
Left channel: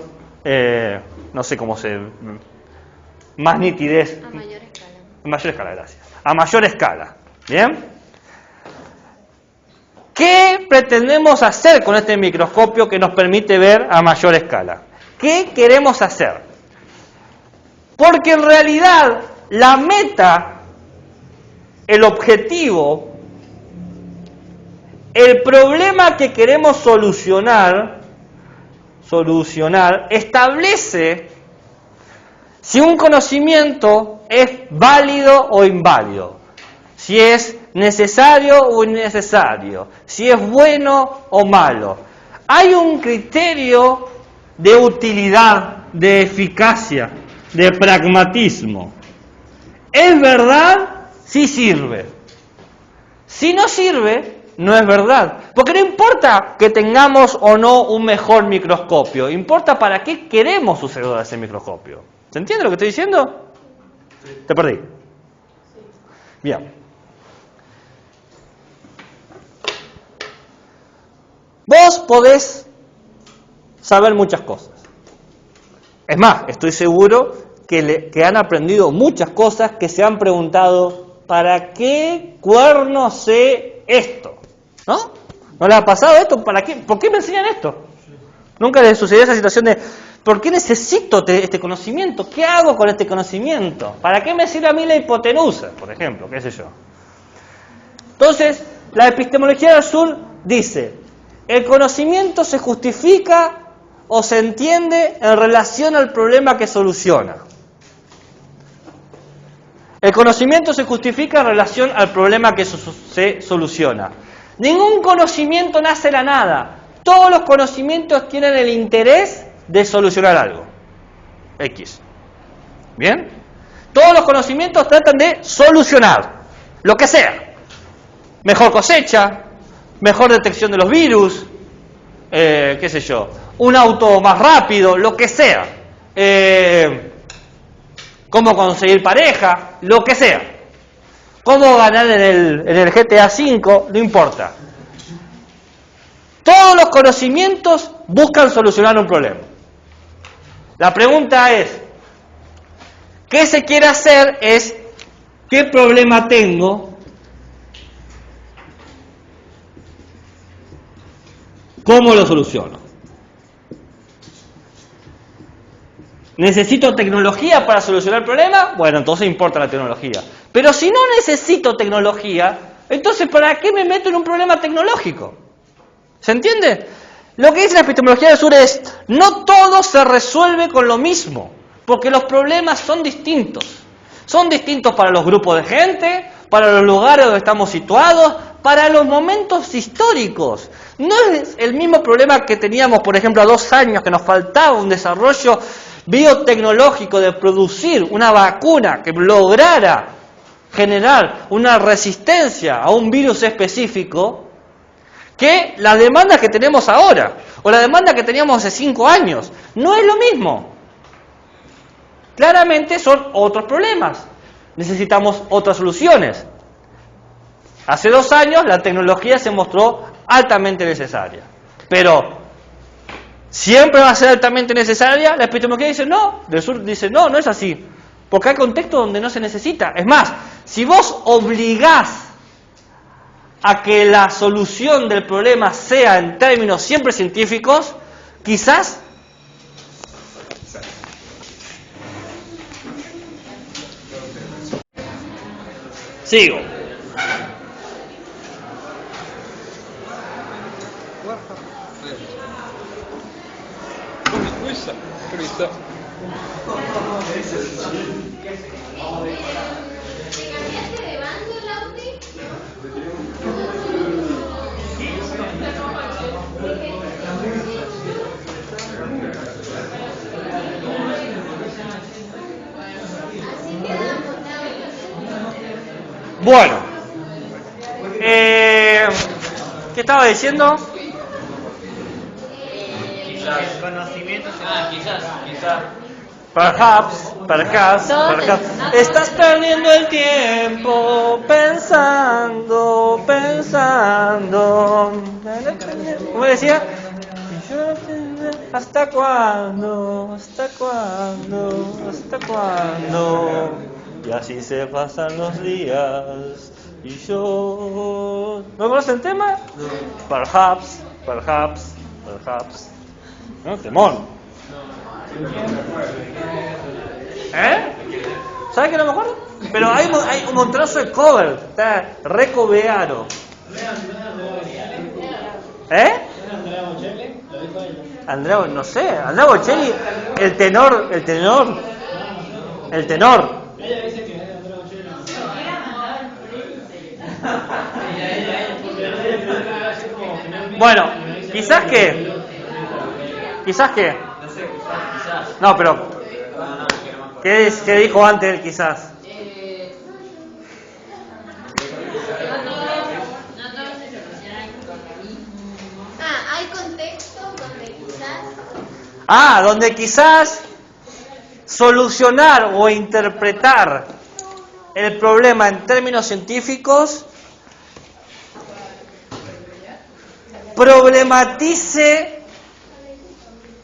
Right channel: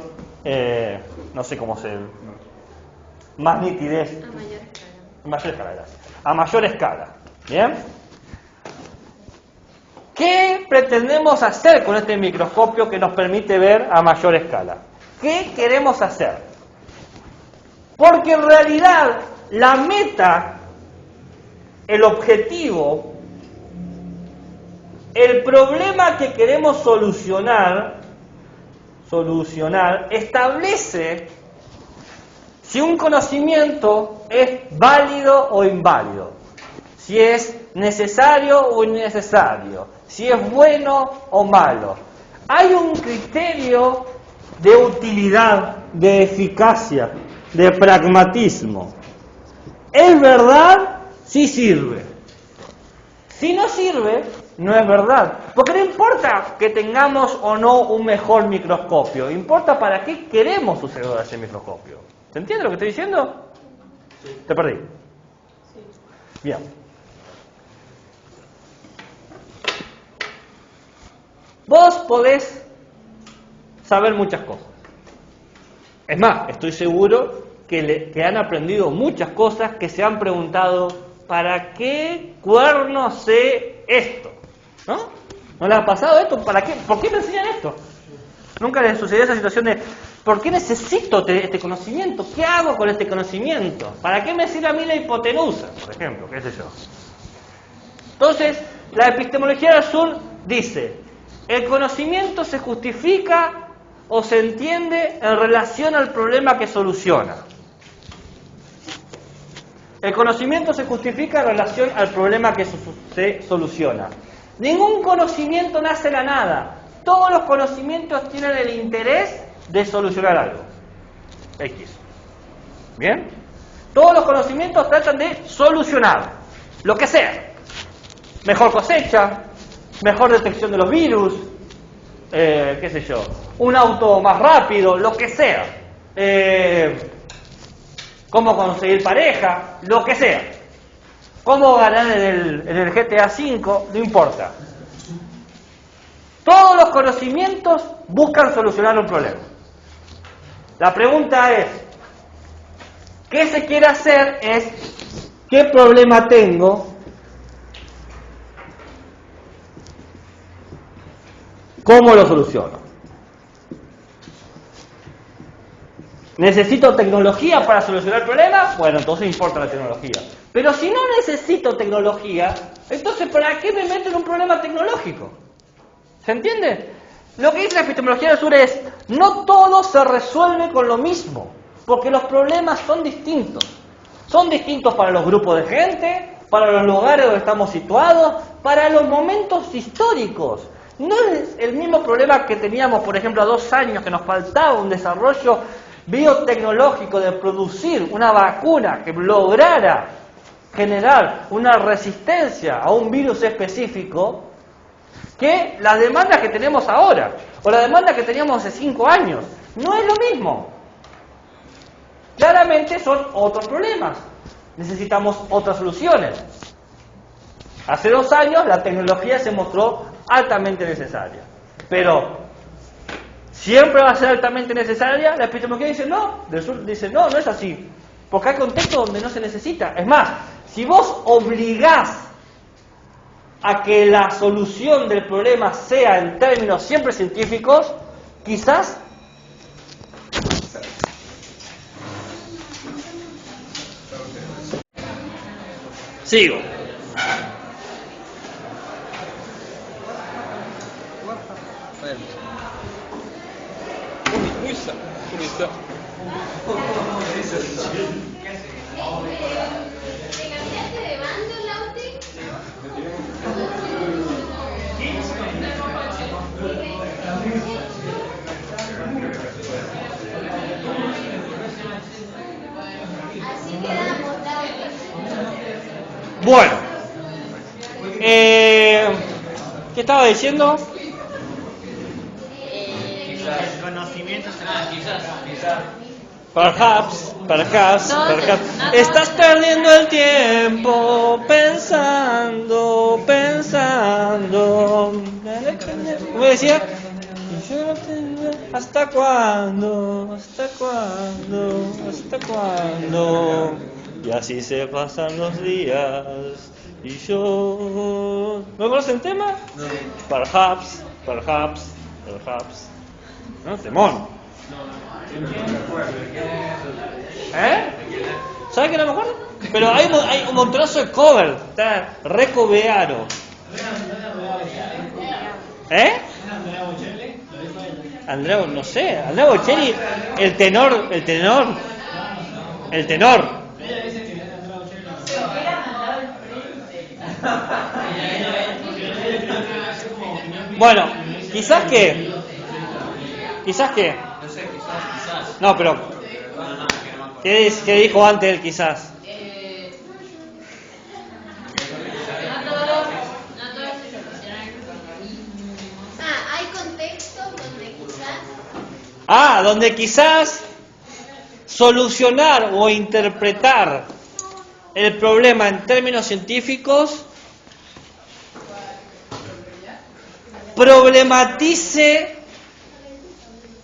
no sé cómo se... más nitidez. A mayor escala. A mayor escala, gracias. A mayor escala. ¿Bien? ¿Qué pretendemos hacer con este microscopio que nos permite ver a mayor escala? ¿Qué queremos hacer? Porque en realidad la meta, el objetivo, el problema que queremos solucionar establece si un conocimiento es válido o inválido, si es necesario o innecesario, si es bueno o malo. Hay un criterio de utilidad, de eficacia, de pragmatismo. ¿Es verdad? Sí sirve. Si no sirve, no es verdad. Porque no importa que tengamos o no un mejor microscopio, importa para qué queremos usar ese microscopio. ¿Se entiende lo que estoy diciendo? Sí. Te perdí. Sí. Bien. Vos podés saber muchas cosas. Es más, estoy seguro que han aprendido muchas cosas, que se han preguntado, ¿para qué cuerno sé esto? ¿No? ¿No les ha pasado esto? ¿Para qué? ¿Por qué me enseñan esto? ¿Nunca les sucedió esa situación de ¿por qué necesito este conocimiento? ¿Qué hago con este conocimiento? ¿Para qué me sirve a mí la hipotenusa, por ejemplo? ¿Qué sé yo? Entonces, la epistemología del sur dice, el conocimiento se justifica o se entiende en relación al problema que soluciona. El conocimiento se justifica en relación al problema que se soluciona. Ningún conocimiento nace de la nada. Todos los conocimientos tienen el interés de solucionar algo. X. ¿Bien? Todos los conocimientos tratan de solucionar lo que sea. Mejor cosecha, mejor detección de los virus, qué sé yo, un auto más rápido, lo que sea. Cómo conseguir pareja, lo que sea. Cómo ganar en el GTA V, no importa. Todos los conocimientos buscan solucionar un problema. La pregunta es, ¿qué se quiere hacer? Es, ¿qué problema tengo? ¿Cómo lo soluciono? ¿Necesito tecnología para solucionar el problema? Bueno, entonces importa la tecnología. Pero si no necesito tecnología, entonces ¿para qué me meto en un problema tecnológico? ¿Se entiende? Lo que dice la epistemología del sur es, no todo se resuelve con lo mismo, porque los problemas son distintos. Son distintos para los grupos de gente, para los lugares donde estamos situados, para los momentos históricos. No es el mismo problema que teníamos, por ejemplo, a 2 años, que nos faltaba un desarrollo biotecnológico de producir una vacuna que lograra generar una resistencia a un virus específico, que la demanda que tenemos ahora, o la demanda que teníamos hace 5 años. No es lo mismo. Claramente son otros problemas. Necesitamos otras soluciones. Hace 2 años la tecnología se mostró altamente necesaria. Pero, ¿siempre va a ser altamente necesaria? La epistemología dice no. Del sur dice no, no es así. Porque hay contextos donde no se necesita. Es más, si vos obligás a que la solución del problema sea en términos siempre científicos, quizás sigo. Bueno, ¿qué estaba diciendo? Quizás. Perhaps. Estás perdiendo el tiempo pensando. ¿Cómo decía? ¿Hasta cuándo? Y así se pasan los días. Y yo... ¿No conocen el tema? Perhaps. ¿No? Temón. ¿Sabes que no me acuerdo? Pero hay un montonazo de cover. Está recoveado. Andrea, no sé. Andrea Bocelli, el tenor. Bueno, quizás que. No, pero ¿qué dijo antes del quizás? Hay contextos donde quizás solucionar o interpretar el problema en términos científicos problematice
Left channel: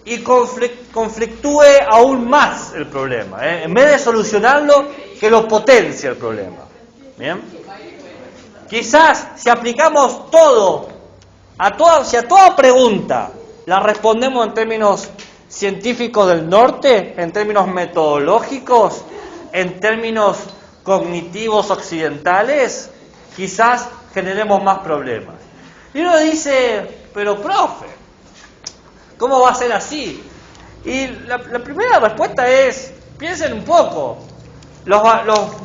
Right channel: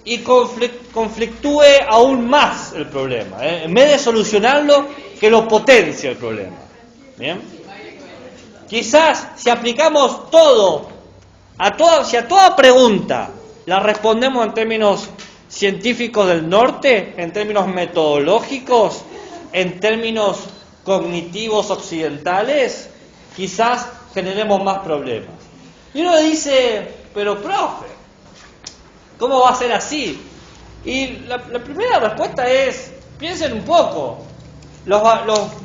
y conflictúe aún más el problema, en vez de solucionarlo, que lo potencie el problema. ¿Bien? Quizás si aplicamos si a toda pregunta la respondemos en términos científicos del norte, en términos metodológicos, en términos cognitivos occidentales, quizás generemos más problemas. Y uno dice, pero profe, ¿cómo va a ser así? Y la primera respuesta es, piensen un poco, los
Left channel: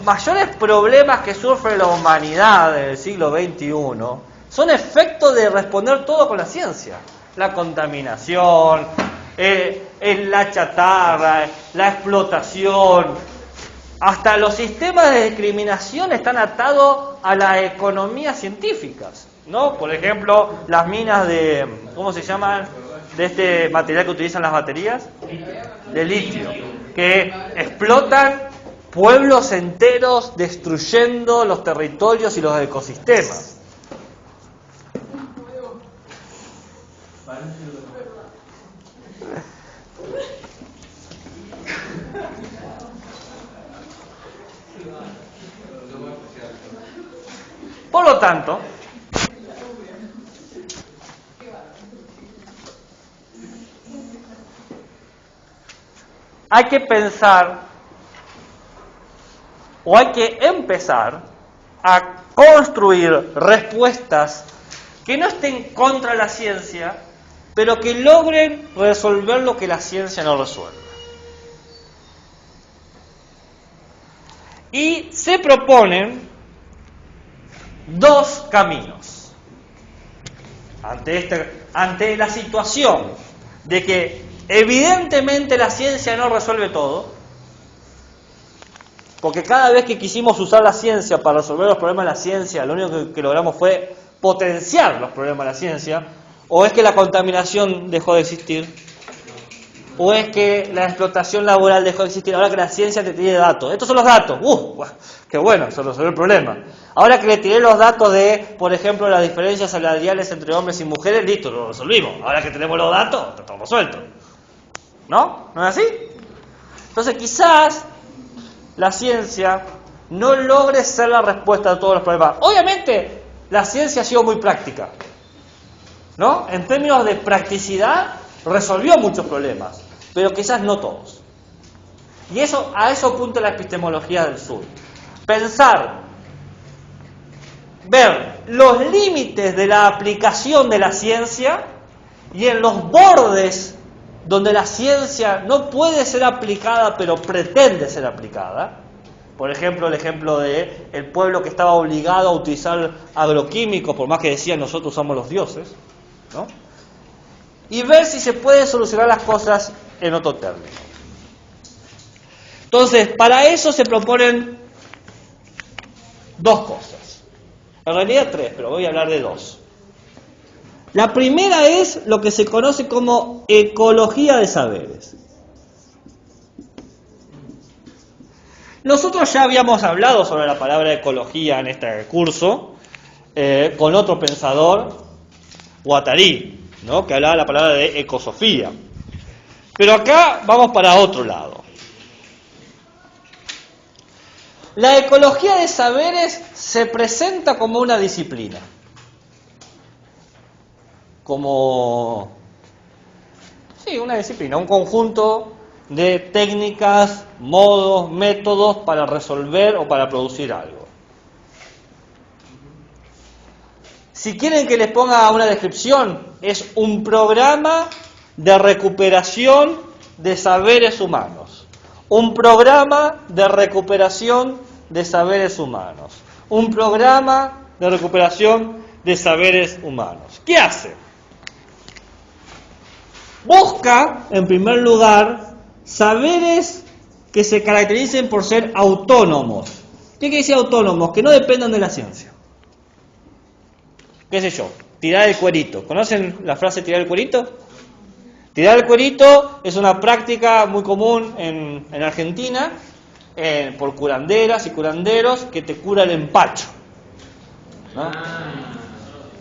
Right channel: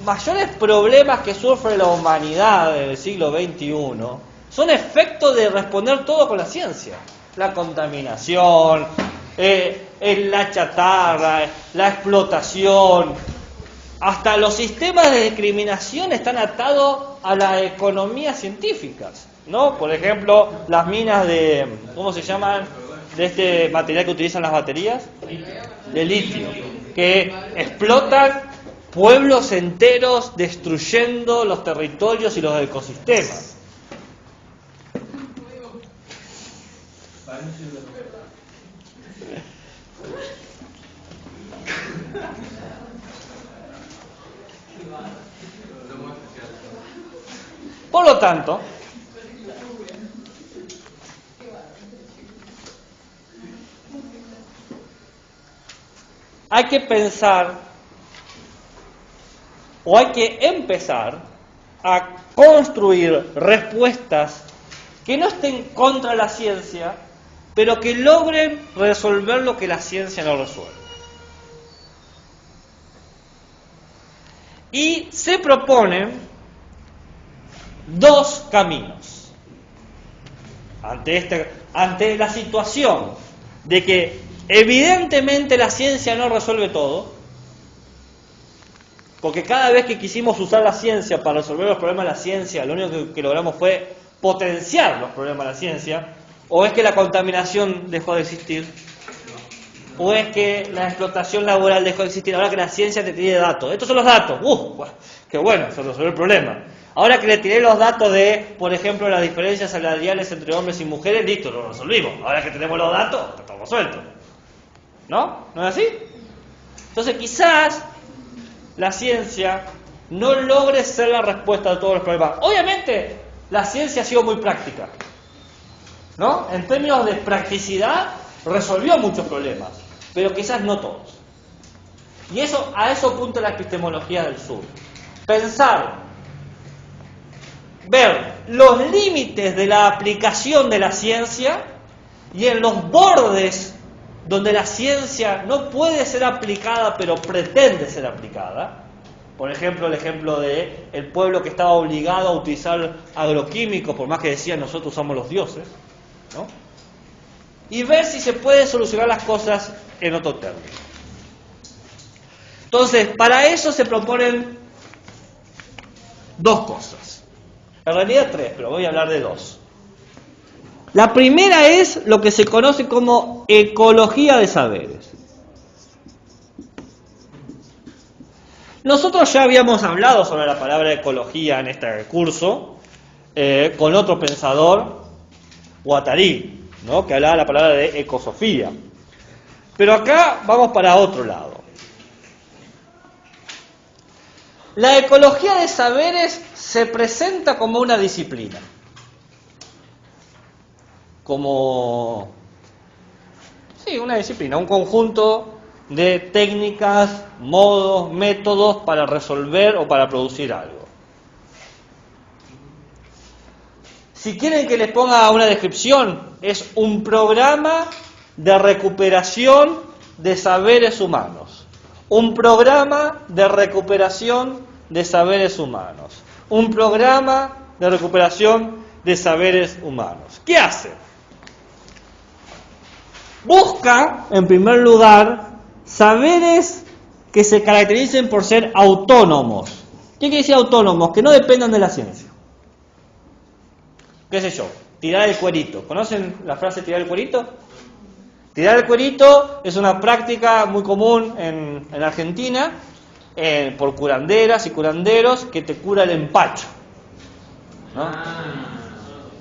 mayores problemas que sufre la humanidad en el siglo XXI son efecto de responder todo con la ciencia. La contaminación, la chatarra, la explotación, hasta los sistemas de discriminación están atados a las economías científicas, ¿no? Por ejemplo, las minas de, ¿cómo se llaman? De este material que utilizan las baterías, de litio, que explotan pueblos enteros destruyendo los territorios y los ecosistemas. Por lo tanto, hay que pensar o hay que empezar a construir respuestas que no estén contra la ciencia, pero que logren resolver lo que la ciencia no resuelve. Y se proponen 2 caminos ante la situación de que evidentemente la ciencia no resuelve todo, porque cada vez que quisimos usar la ciencia para resolver los problemas de la ciencia, lo único que logramos fue potenciar los problemas de la ciencia, o es que la contaminación dejó de existir, o es que la explotación laboral dejó de existir, ahora que la ciencia te tiene datos. Estos son los datos. ¡Qué bueno! Se resolvió el problema. Ahora que le tiré los datos de, por ejemplo, las diferencias salariales entre hombres y mujeres, listo, lo resolvimos. Ahora que tenemos los datos, está todo resuelto. ¿No? ¿No es así? Entonces quizás la ciencia no logre ser la respuesta a todos los problemas. Obviamente, la ciencia ha sido muy práctica, ¿no? En términos de practicidad, resolvió muchos problemas, pero quizás no todos. Y a eso apunta la epistemología del sur. Pensar, ver los límites de la aplicación de la ciencia y en los bordes donde la ciencia no puede ser aplicada, pero pretende ser aplicada. Por ejemplo, el ejemplo de el pueblo que estaba obligado a utilizar agroquímicos, por más que decían nosotros somos los dioses, ¿no? Y ver si se puede solucionar las cosas en otro término. Entonces, para eso se proponen dos cosas. En realidad tres, pero voy a hablar de dos. La primera es lo que se conoce como ecología de saberes. Nosotros ya habíamos hablado sobre la palabra ecología en este curso con otro pensador, Guattari, ¿no? Que hablaba la palabra de ecosofía. Pero acá vamos para otro lado. La ecología de saberes se presenta como una disciplina, como una disciplina, un conjunto de técnicas, modos, métodos para resolver o para producir algo. Si quieren que les ponga una descripción, es un programa de recuperación de saberes humanos. Un programa de recuperación de saberes humanos. Un programa de recuperación de saberes humanos. ¿Qué hace? Busca, en primer lugar, saberes que se caractericen por ser autónomos. ¿Qué quiere decir autónomos? Que no dependan de la ciencia. ¿Qué sé yo? Tirar el cuerito. ¿Conocen la frase tirar el cuerito? Tirar el cuerito es una práctica muy común en Argentina por curanderas y curanderos que te cura el empacho.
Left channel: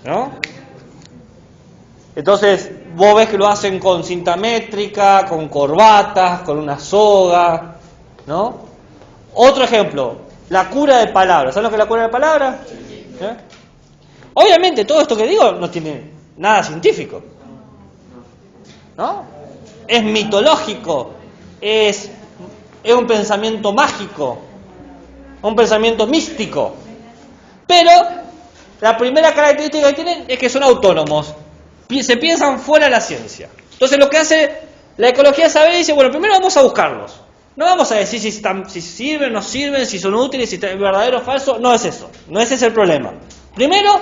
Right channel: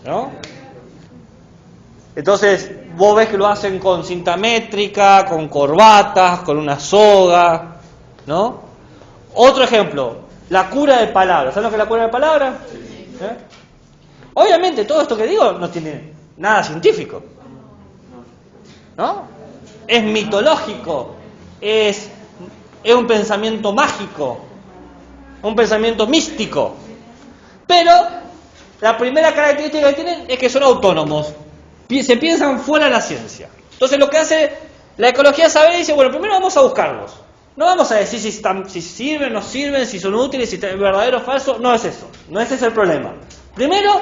¿No? Entonces, vos ves que lo hacen con cinta métrica, con corbatas, con una soga, ¿no? Otro ejemplo, la cura de palabras. ¿Saben lo que es la cura de palabras? ¿Eh? Obviamente, todo esto que digo no tiene nada científico, ¿no? Es mitológico, es un pensamiento mágico, un pensamiento místico. Pero la primera característica que tienen es que son autónomos. Se piensan fuera de la ciencia. Entonces lo que hace la ecología de saber dice, bueno, primero vamos a buscarlos. No vamos a decir si sirven, no sirven, si son útiles, si es verdadero o falso. No es eso. No ese es el problema. Primero,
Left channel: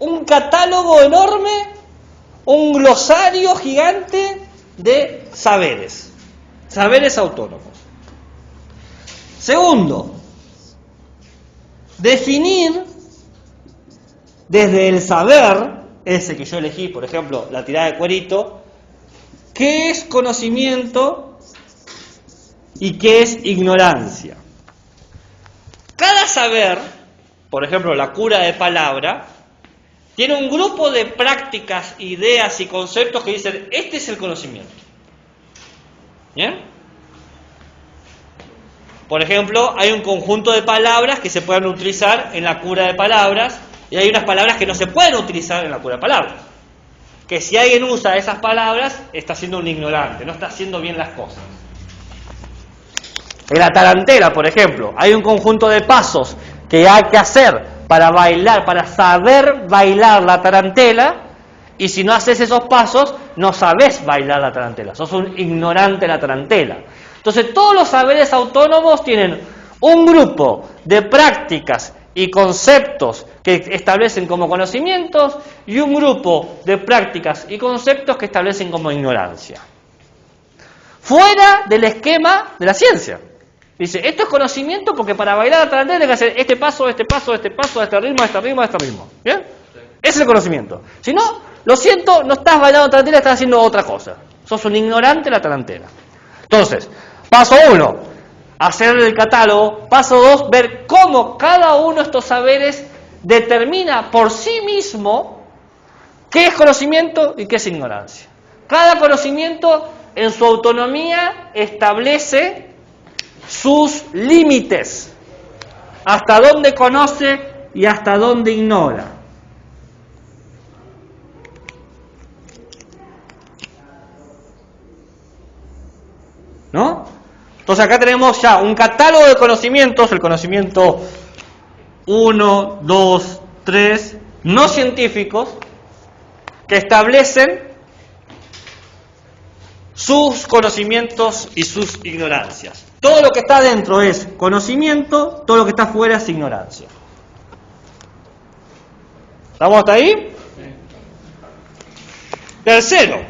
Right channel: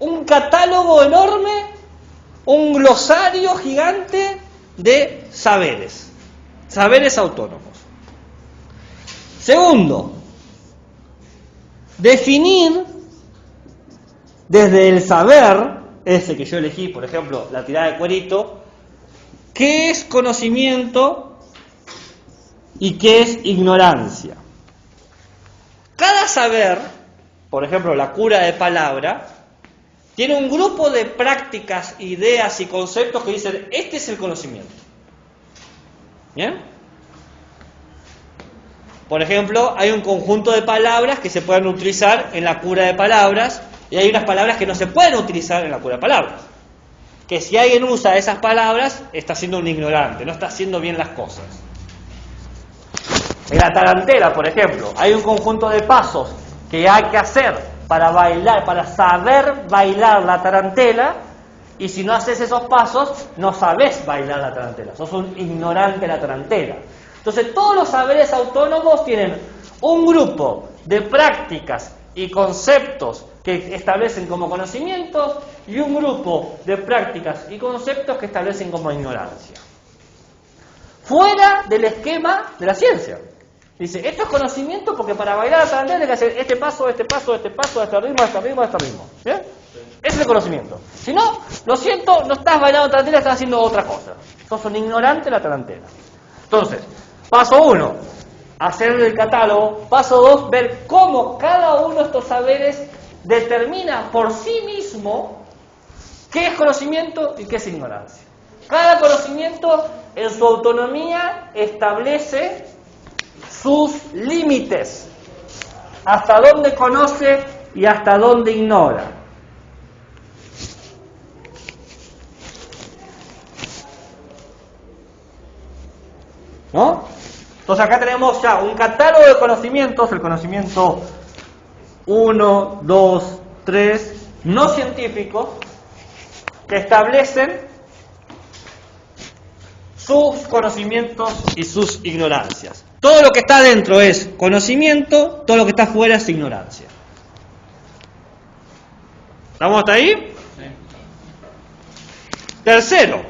un catálogo enorme, un glosario gigante de saberes. Saberes autónomos. Segundo, definir desde el saber, ese que yo elegí, por ejemplo, la tirada de cuerito, qué es conocimiento y qué es ignorancia. Cada saber, por ejemplo, la cura de palabra, tiene un grupo de prácticas, ideas y conceptos que dicen, este es el conocimiento. ¿Bien? Por ejemplo, hay un conjunto de palabras que se pueden utilizar en la cura de palabras, y hay unas palabras que no se pueden utilizar en la cura de palabras. Que si alguien usa esas palabras, está siendo un ignorante, no está haciendo bien las cosas. En la tarantela, por ejemplo, hay un conjunto de pasos que hay que hacer para bailar, para saber bailar la tarantela, y si no haces esos pasos, no sabes bailar la tarantela, sos un ignorante de la tarantela. Entonces, todos los saberes autónomos tienen un grupo de prácticas y conceptos que establecen como conocimientos y un grupo de prácticas y conceptos que establecen como ignorancia. Fuera del esquema de la ciencia. Dice, esto es conocimiento porque para bailar la tarantela hay que hacer este paso, este paso, este paso, este ritmo, este ritmo, este ritmo. ¿Bien? Ese es el conocimiento. Si no, lo siento, no estás bailando tarantela, estás haciendo otra cosa. Sos un ignorante de la tarantela. Entonces, paso 1, hacer el catálogo. Paso 2, ver cómo cada uno de estos saberes determina por sí mismo qué es conocimiento y qué es ignorancia. Cada conocimiento en su autonomía establece sus límites, hasta dónde conoce y hasta dónde ignora. ¿No? Entonces acá tenemos ya un catálogo de conocimientos, el conocimiento 1, 2, 3, no científicos, que establecen sus conocimientos y sus ignorancias. Todo lo que está dentro es conocimiento, todo lo que está fuera es ignorancia. ¿Estamos hasta ahí? Tercero,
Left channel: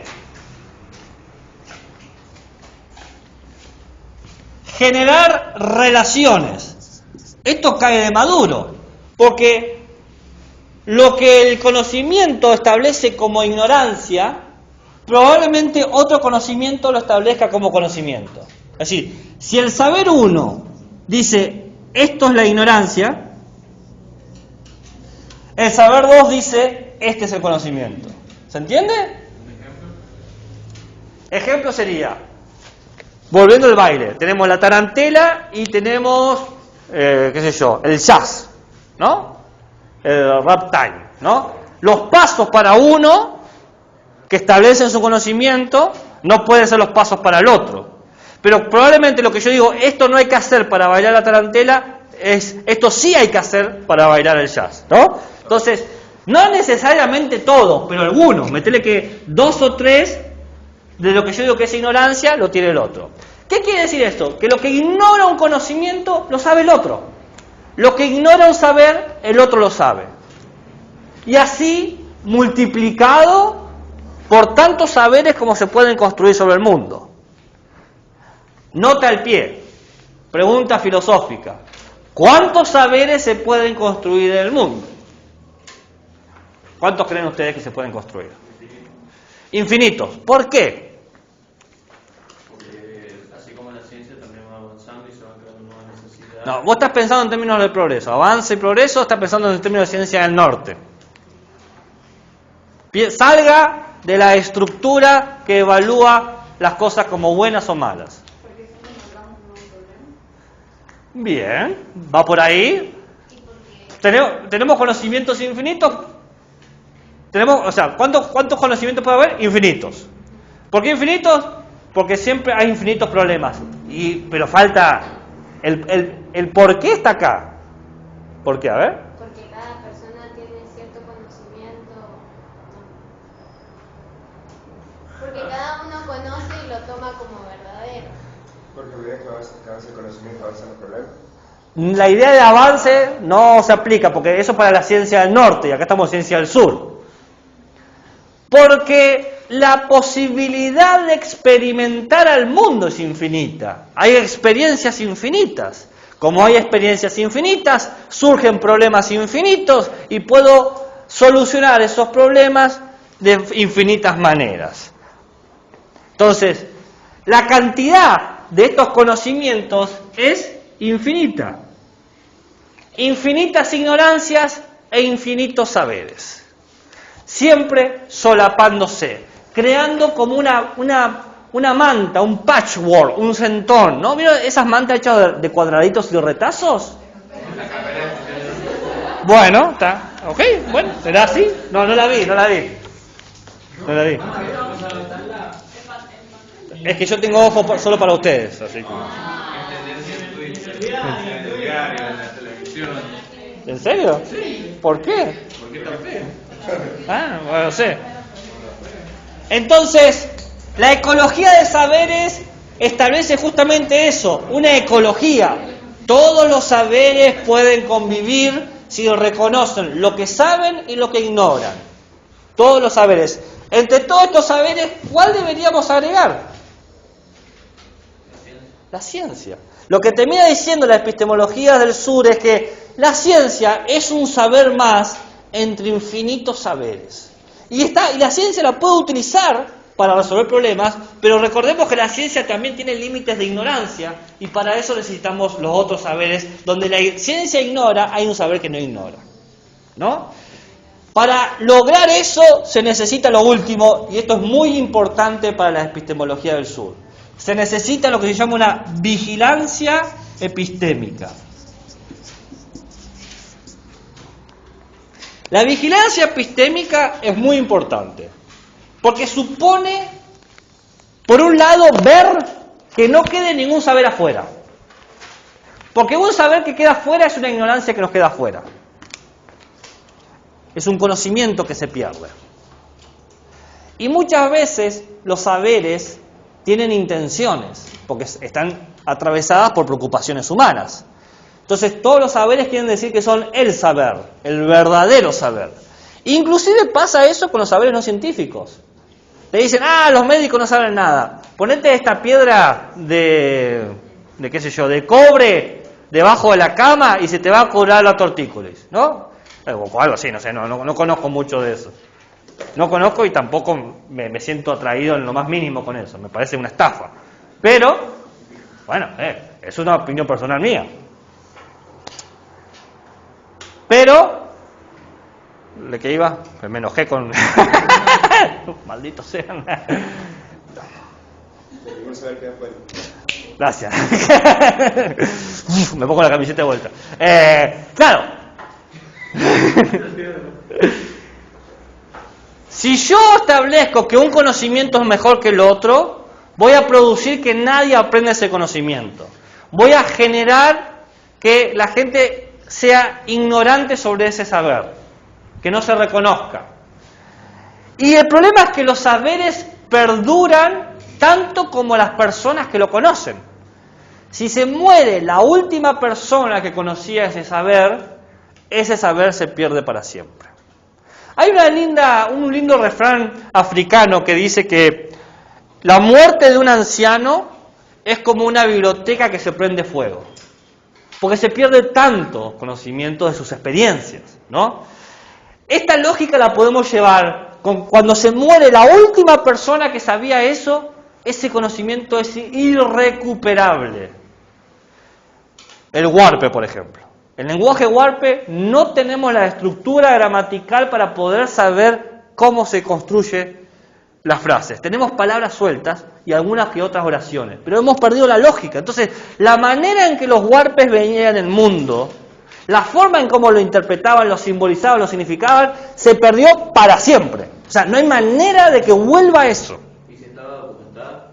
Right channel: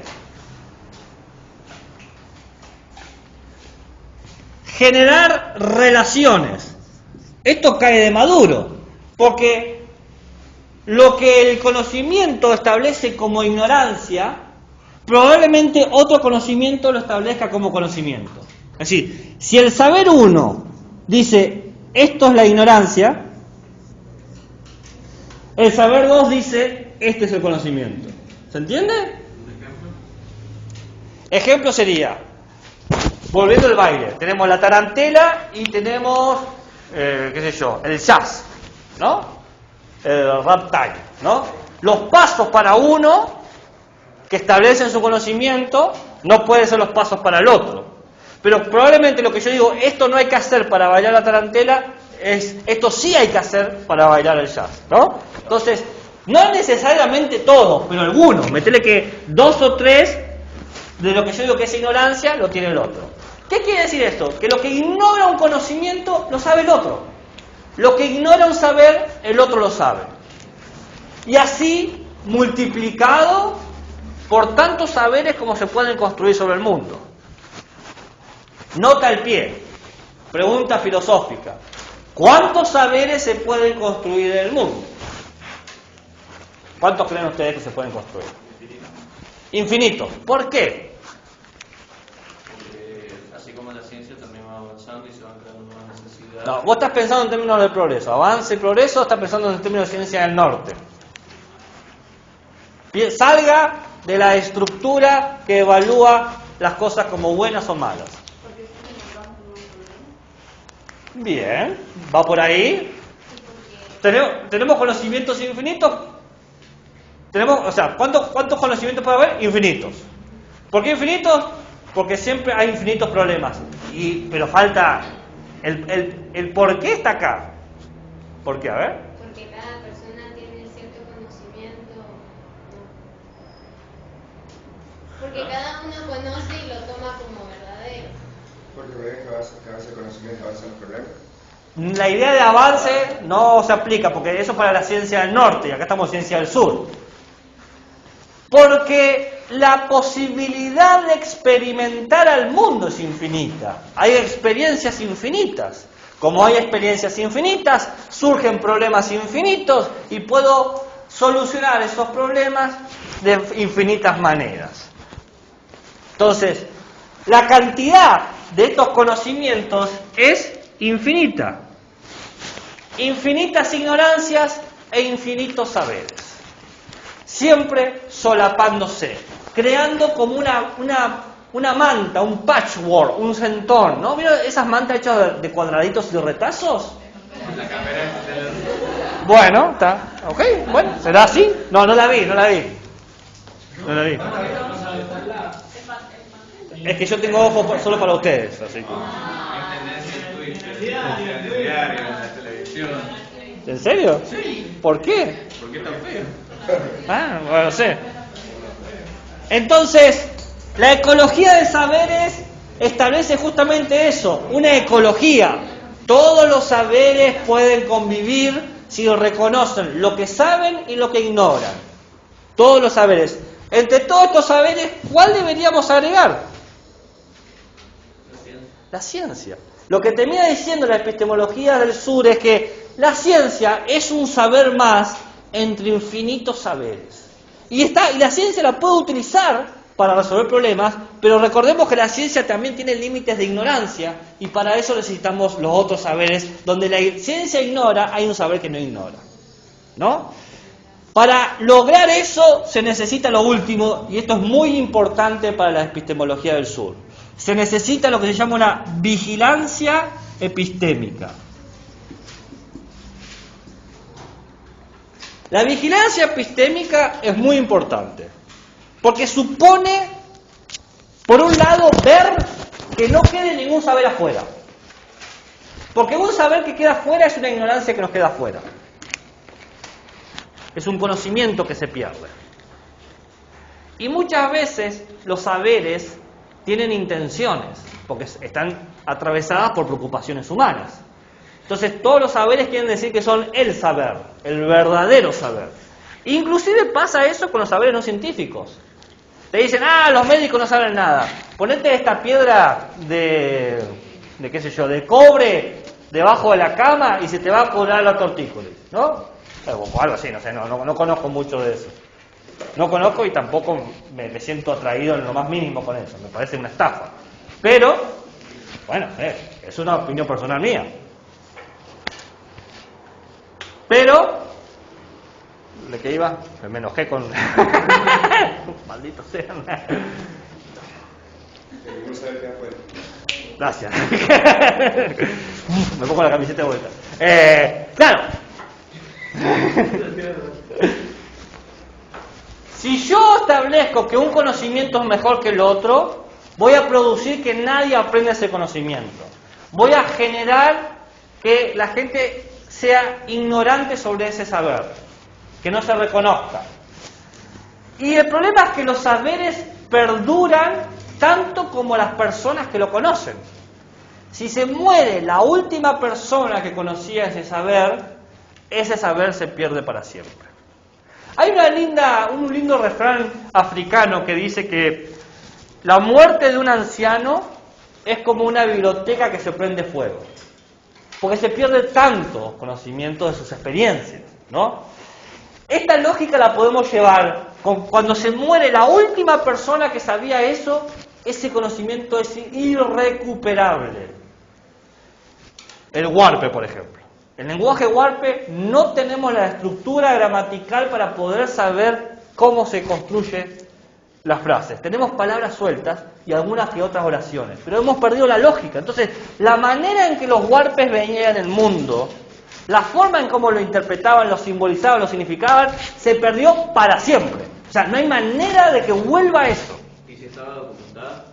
generar relaciones. Esto cae de maduro, porque lo que el conocimiento establece como ignorancia, probablemente otro conocimiento lo establezca como conocimiento. Es decir, si el saber uno dice, esto es la ignorancia, el saber dos dice, este es el conocimiento. ¿Se entiende? Ejemplo sería, volviendo al baile, tenemos la tarantela y tenemos, qué sé yo, el jazz, ¿no? El ragtime, ¿no? Los pasos para uno que establecen su conocimiento no pueden ser los pasos para el otro. Pero probablemente lo que yo digo, esto no hay que hacer para bailar la tarantela, esto sí hay que hacer para bailar el jazz, ¿no? Entonces, no necesariamente todos, pero algunos. Metele que 2 o 3 de lo que yo digo que es ignorancia, lo tiene el otro. ¿Qué quiere decir esto? Que lo que ignora un conocimiento, lo sabe el otro. Lo que ignora un saber, el otro lo sabe. Y así, multiplicado por tantos saberes como se pueden construir sobre el mundo. Nota al pie. Pregunta filosófica. ¿Cuántos saberes se pueden construir en el mundo? ¿Cuántos creen ustedes que se pueden construir? Infinitos. ¿Por qué? Porque así como la ciencia también va avanzando y se van creando nuevas necesidades. No, vos estás pensando en términos del progreso. Avance y progreso, estás pensando en términos de ciencia del norte. Salga de la estructura que evalúa las cosas como buenas o malas. Bien, va por ahí. ¿Tenemos conocimientos infinitos? ¿Cuántos conocimientos puede haber? Infinitos. ¿Por qué infinitos? Porque siempre hay infinitos problemas. Pero falta el por qué está acá. ¿Por qué? A ver. Porque cada persona tiene cierto conocimiento. Porque cada uno conoce y lo toma como verdadero. Porque me deja que avance el conocimiento, avanzan los problemas. La idea de avance no se aplica, porque eso es para la ciencia del norte, y acá estamos en ciencia del sur. Porque la posibilidad de experimentar al mundo es infinita. Hay experiencias infinitas. Como hay experiencias infinitas, surgen problemas infinitos y puedo solucionar esos problemas de infinitas maneras. Entonces, la cantidad de estos conocimientos es infinita. Infinitas ignorancias e infinitos saberes. Siempre solapándose, creando como una manta, un patchwork, un centón, ¿no? ¿Vieron esas mantas hechas de cuadraditos y retazos? Bueno, está, ok, bueno, ¿será así? No la vi. Es que yo tengo ojos solo para ustedes, así que... ¿En serio? ¿Por qué? ¿Por qué tan feo? Bueno, no sé. Entonces, la ecología de saberes establece justamente eso, una ecología. Todos los saberes pueden convivir si reconocen lo que saben y lo que ignoran. Todos los saberes. Entre todos estos saberes, ¿cuál deberíamos agregar? La ciencia. Lo que termina diciendo la epistemología del sur es que la ciencia es un saber más entre infinitos saberes. Y la ciencia la puede utilizar para resolver problemas, pero recordemos que la ciencia también tiene límites de ignorancia, y para eso necesitamos los otros saberes. Donde la ciencia ignora, hay un saber que no ignora, ¿no? Para lograr eso se necesita lo último, y esto es muy importante para la epistemología del sur. Se necesita lo que se llama una vigilancia epistémica. La vigilancia epistémica es muy importante, porque supone, por un lado, ver que no quede ningún saber afuera. Porque un saber que queda afuera es una ignorancia que nos queda afuera. Es un conocimiento que se pierde. Y muchas veces los saberes tienen intenciones, porque están atravesadas por preocupaciones humanas. Entonces todos los saberes quieren decir que son el saber, el verdadero saber. Inclusive pasa eso con los saberes no científicos. Te dicen, los médicos no saben nada. Ponete esta piedra de qué sé yo, de cobre debajo de la cama y se te va a curar la tortícolis, ¿no? O algo así, no sé, no conozco mucho de eso. No conozco y tampoco me siento atraído en lo más mínimo con eso. Me parece una estafa. Pero, bueno, es una opinión personal mía. Pero, ¿de qué iba? Me enojé con... Malditos sean. Gracias. Me pongo la camiseta de vuelta. Claro. Si yo establezco que un conocimiento es mejor que el otro, voy a producir que nadie aprenda ese conocimiento. Voy a generar que la gente sea ignorante sobre ese saber, que no se reconozca. Y el problema es que los saberes perduran tanto como las personas que lo conocen. Si se muere la última persona que conocía ese saber se pierde para siempre. Hay un lindo refrán africano que dice que la muerte de un anciano es como una biblioteca que se prende fuego, porque se pierde tanto conocimiento de sus experiencias, ¿no? Esta lógica la podemos llevar cuando se muere la última persona que sabía eso, ese conocimiento es irrecuperable. El huarpe, por ejemplo. En el lenguaje huarpe no tenemos la estructura gramatical para poder saber cómo se construyen las frases. Tenemos palabras sueltas y algunas que otras oraciones, pero hemos perdido la lógica. Entonces, la manera en que los huarpes veían el mundo, la forma en cómo lo interpretaban, lo simbolizaban, lo significaban, se perdió para siempre. O sea, no hay manera de que vuelva eso. ¿Y si estaba documentada?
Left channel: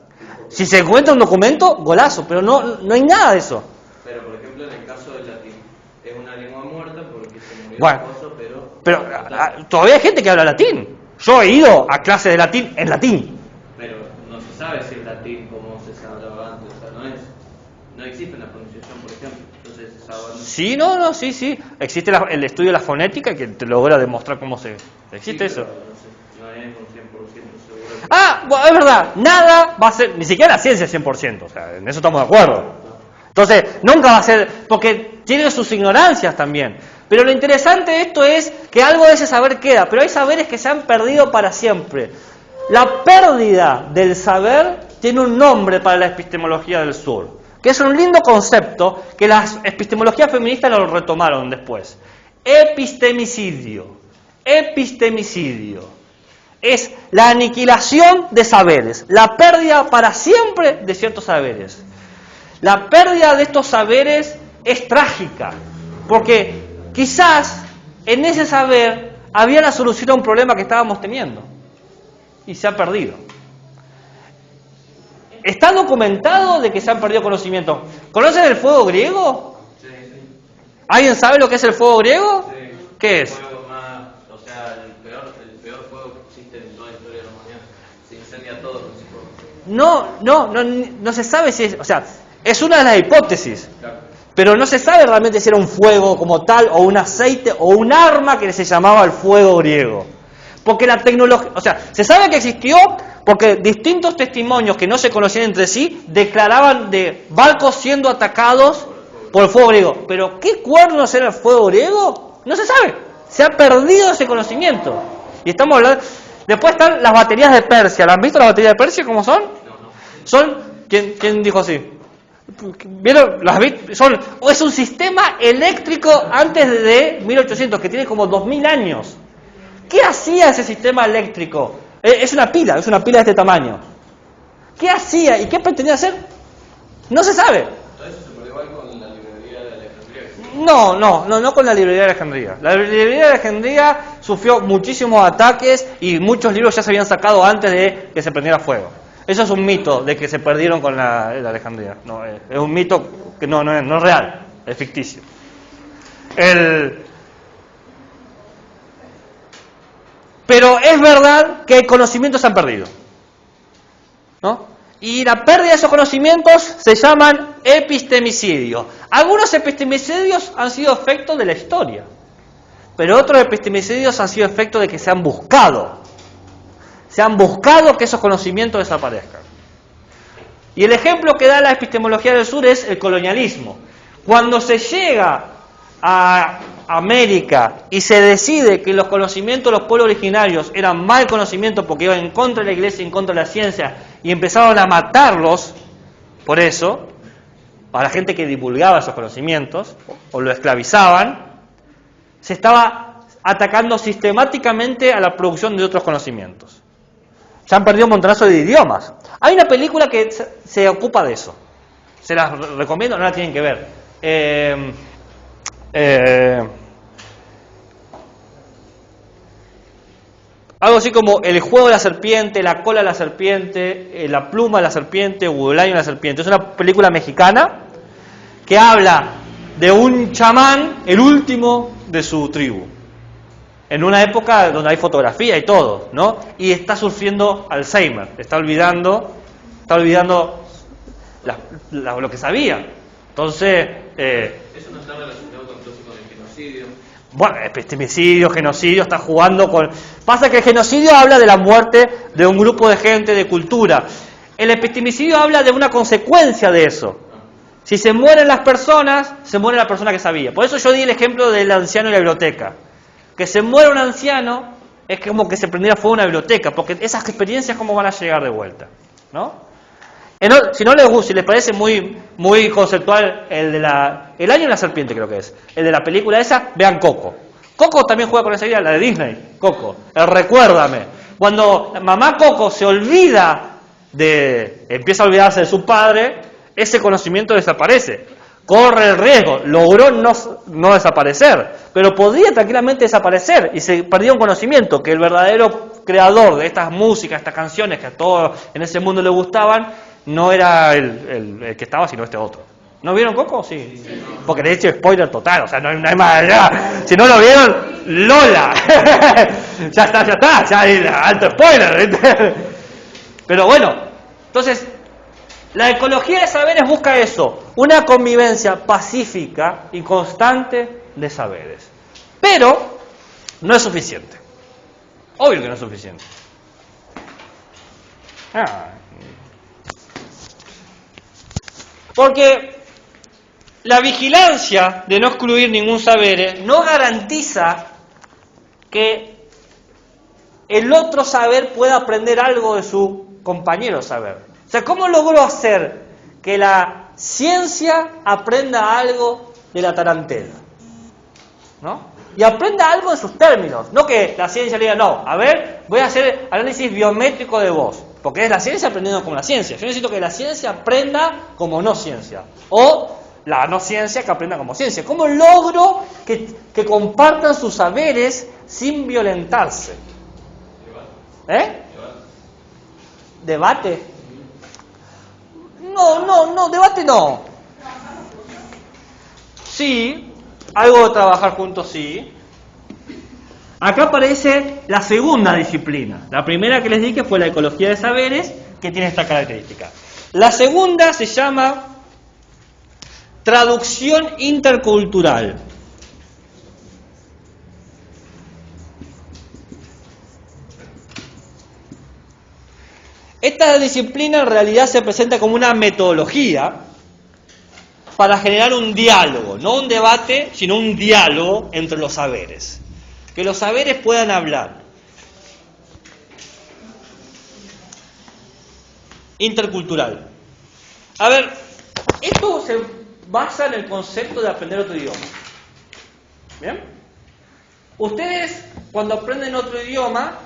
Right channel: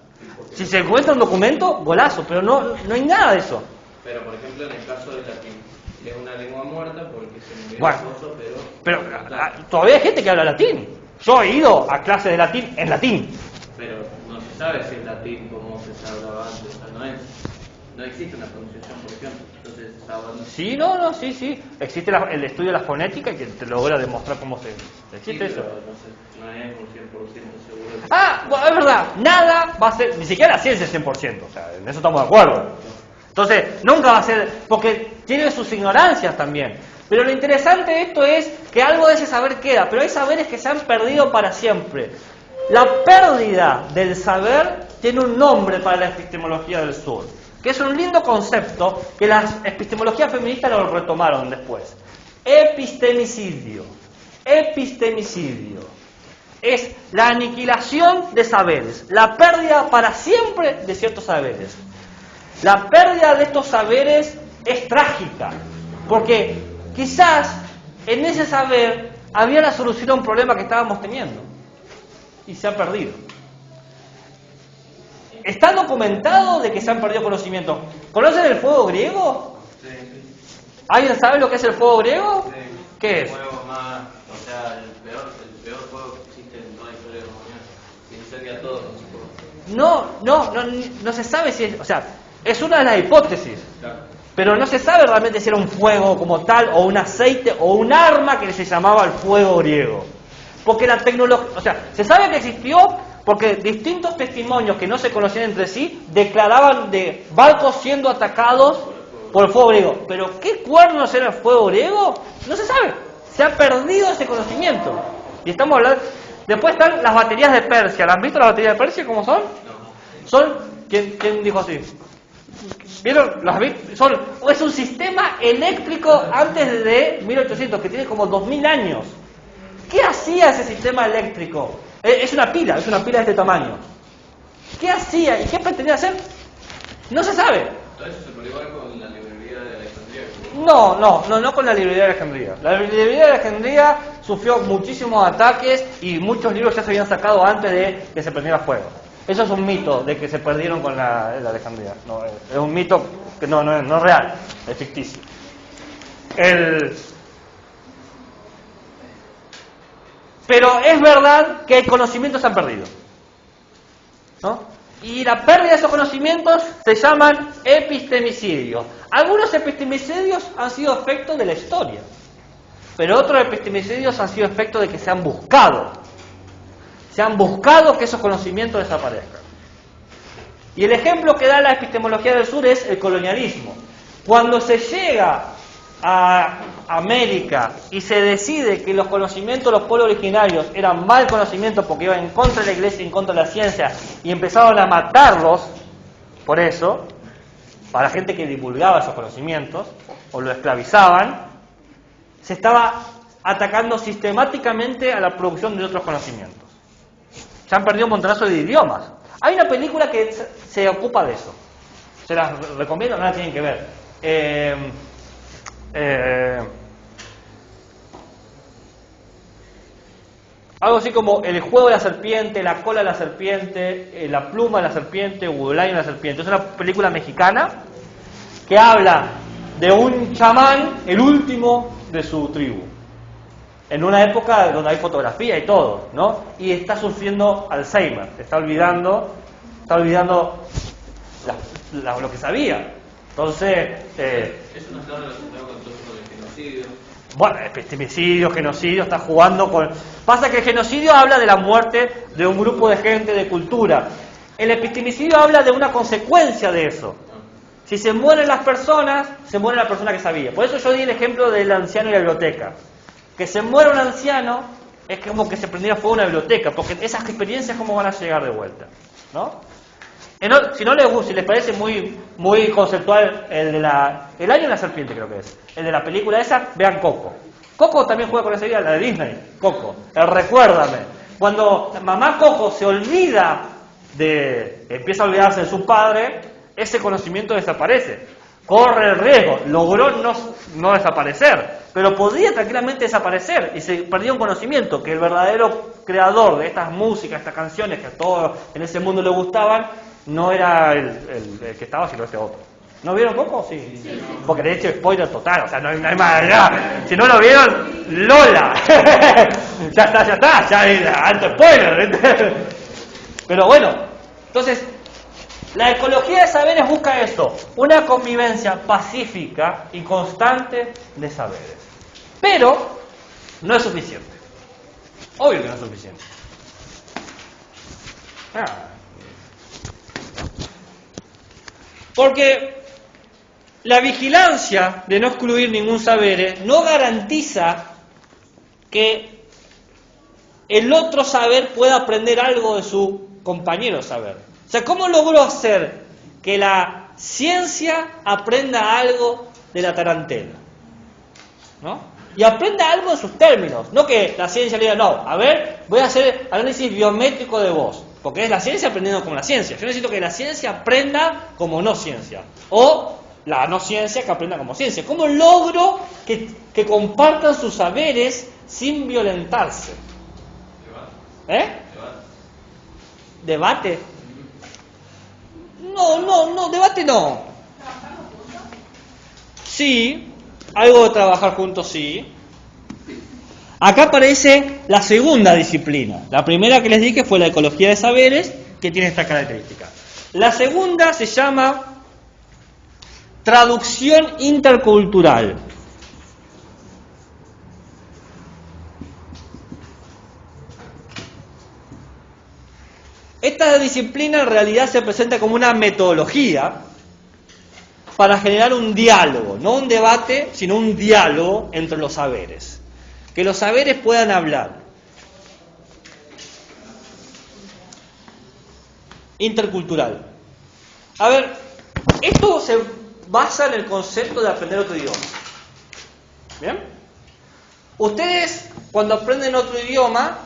Si se encuentra un documento, golazo, pero no hay nada de eso. Pero, por ejemplo, en el caso del latín, es una lengua muerta porque se murió bueno, el esposo, pero todavía hay gente que habla latín. Yo he ido a clases de latín en latín. Pero no se sabe si el latín como se hablaba antes, o sea, no existe una pronunciación, por ejemplo. Entonces, sí. Existe el estudio de la fonética que te logra demostrar cómo se... Existe sí, eso. No es un 100% seguro. Bueno, es verdad, nada va a ser, ni siquiera la ciencia es 100%, o sea, en eso estamos de acuerdo. Entonces, nunca va a ser, porque tiene sus ignorancias también. Pero lo interesante de esto es que algo de ese saber queda, pero hay saberes que se han perdido para siempre. La pérdida del saber tiene un nombre para la epistemología del sur, que es un lindo concepto que las epistemologías feministas lo retomaron después. Epistemicidio. Epistemicidio. Es la aniquilación de saberes, la pérdida para siempre de ciertos saberes. La pérdida de estos saberes es trágica, porque quizás en ese saber había la solución a un problema que estábamos teniendo y se ha perdido. Está documentado de que se han perdido conocimientos. ¿Conocen el fuego griego? Sí. ¿Alguien sabe lo que es el fuego griego? Sí. ¿Qué es? El fuego más, o sea, el peor fuego que existe en toda la historia de la humanidad. Se incendia todo con su fuego. No se sabe si es, o sea, es una de las hipótesis, Claro. pero no se sabe realmente si era un fuego como tal, o un aceite, o un arma que se llamaba el fuego griego. Porque la tecnología, o sea, se sabe que existió porque distintos testimonios que no se conocían entre sí declaraban de barcos siendo atacados por el fuego griego. Pero ¿qué cuernos era el fuego griego? No se sabe. Se ha perdido ese conocimiento. Y estamos hablando... Después están las baterías de Persia. ¿Las han visto las baterías de Persia cómo son? Son... ¿Quién dijo así? ¿Vieron? Es un sistema eléctrico antes de 1800, que tiene como 2000 años. ¿Qué hacía ese sistema eléctrico? Es una pila de este tamaño. ¿Qué hacía y qué pretendía hacer? No se sabe. ¿Eso se puede igual con la librería de Alejandría? No con la librería de Alejandría. La librería de Alejandría sufrió muchísimos ataques y muchos libros ya se habían sacado antes de que se prendiera fuego. Eso es un mito de que se perdieron con la Alejandría. No, es un mito que no es real, es ficticio. Pero es verdad que conocimientos se han perdido, ¿no? Y la pérdida de esos conocimientos se llaman epistemicidios. Algunos epistemicidios han sido efecto de la historia, pero otros epistemicidios han sido efecto de que se han buscado que esos conocimientos desaparezcan. Y el ejemplo que da la epistemología del sur es el colonialismo. Cuando se llega a América y se decide que los conocimientos de los pueblos originarios eran mal conocimiento porque iban en contra de la iglesia y en contra de la ciencia, y empezaron a matarlos por eso, a la gente que divulgaba esos conocimientos o lo esclavizaban, se estaba atacando sistemáticamente a la producción de otros conocimientos. Se han perdido un montonazo de idiomas. Hay una película que se ocupa de eso. Se las recomiendo, no la tienen que ver. Algo así como El juego de la serpiente, La cola de la serpiente, La pluma de la serpiente, o El año de la serpiente. Es una película mexicana que habla de un chamán, el último de su tribu, en una época donde hay fotografía y todo, ¿no? Y está sufriendo Alzheimer, está olvidando lo que sabía. Entonces, ¿eso no está relacionado con el proceso del genocidio? Bueno, epistemicidio, genocidio, está jugando con... Pasa que el genocidio habla de la muerte de un grupo de gente, de cultura. El epistemicidio habla de una consecuencia de eso. Si se mueren las personas, se muere la persona que sabía. Por eso yo di el ejemplo del anciano y la biblioteca. Que se muera un anciano es como que se prendiera fuego una biblioteca, porque esas experiencias cómo van a llegar de vuelta, ¿no? Si no les gusta, si les parece muy conceptual el año de la serpiente, creo que es el de la película esa, vean Coco. Coco también juega con esa idea, la de Disney, Coco, el recuérdame. Cuando mamá Coco se olvida empieza a olvidarse de su padre, ese conocimiento desaparece. Corre el riesgo, logró no desaparecer, pero podría tranquilamente desaparecer y se perdió un conocimiento que el verdadero creador de estas músicas, estas canciones que a todos en ese mundo le gustaban, no era el que estaba, sino este otro. ¿No vieron Coco? Sí. Porque de hecho spoiler total, o sea, no hay más allá. Si no lo vieron, Lola. ya está, ya hay alto spoiler. Pero bueno, entonces... La ecología de saberes busca eso, una convivencia pacífica y constante de saberes. Pero no es suficiente. Obvio que no es suficiente. Porque la vigilancia de no excluir ningún saber no garantiza que el otro saber pueda aprender algo de su compañero saber. O sea, ¿cómo logró hacer que la ciencia aprenda algo de la tarantela? ¿No? Y aprenda algo en sus términos. No que la ciencia le diga, no, a ver, voy a hacer análisis biométrico de vos. Porque es la ciencia aprendiendo como la ciencia. Yo necesito que la ciencia aprenda como no ciencia. O la no ciencia que aprenda como ciencia. ¿Cómo logro que compartan sus saberes sin violentarse? ¿Debate? No, debate no. Sí, algo de trabajar juntos, sí. Acá aparece la segunda disciplina. La primera que les dije fue la ecología de saberes, que tiene esta característica. La segunda se llama traducción intercultural. Esta disciplina en realidad se presenta como una metodología para generar un diálogo, no un debate, sino un diálogo entre los saberes. que los saberes puedan hablar. Intercultural. A ver, esto se basa en el concepto de aprender otro idioma. ¿Bien? Ustedes, cuando aprenden otro idioma,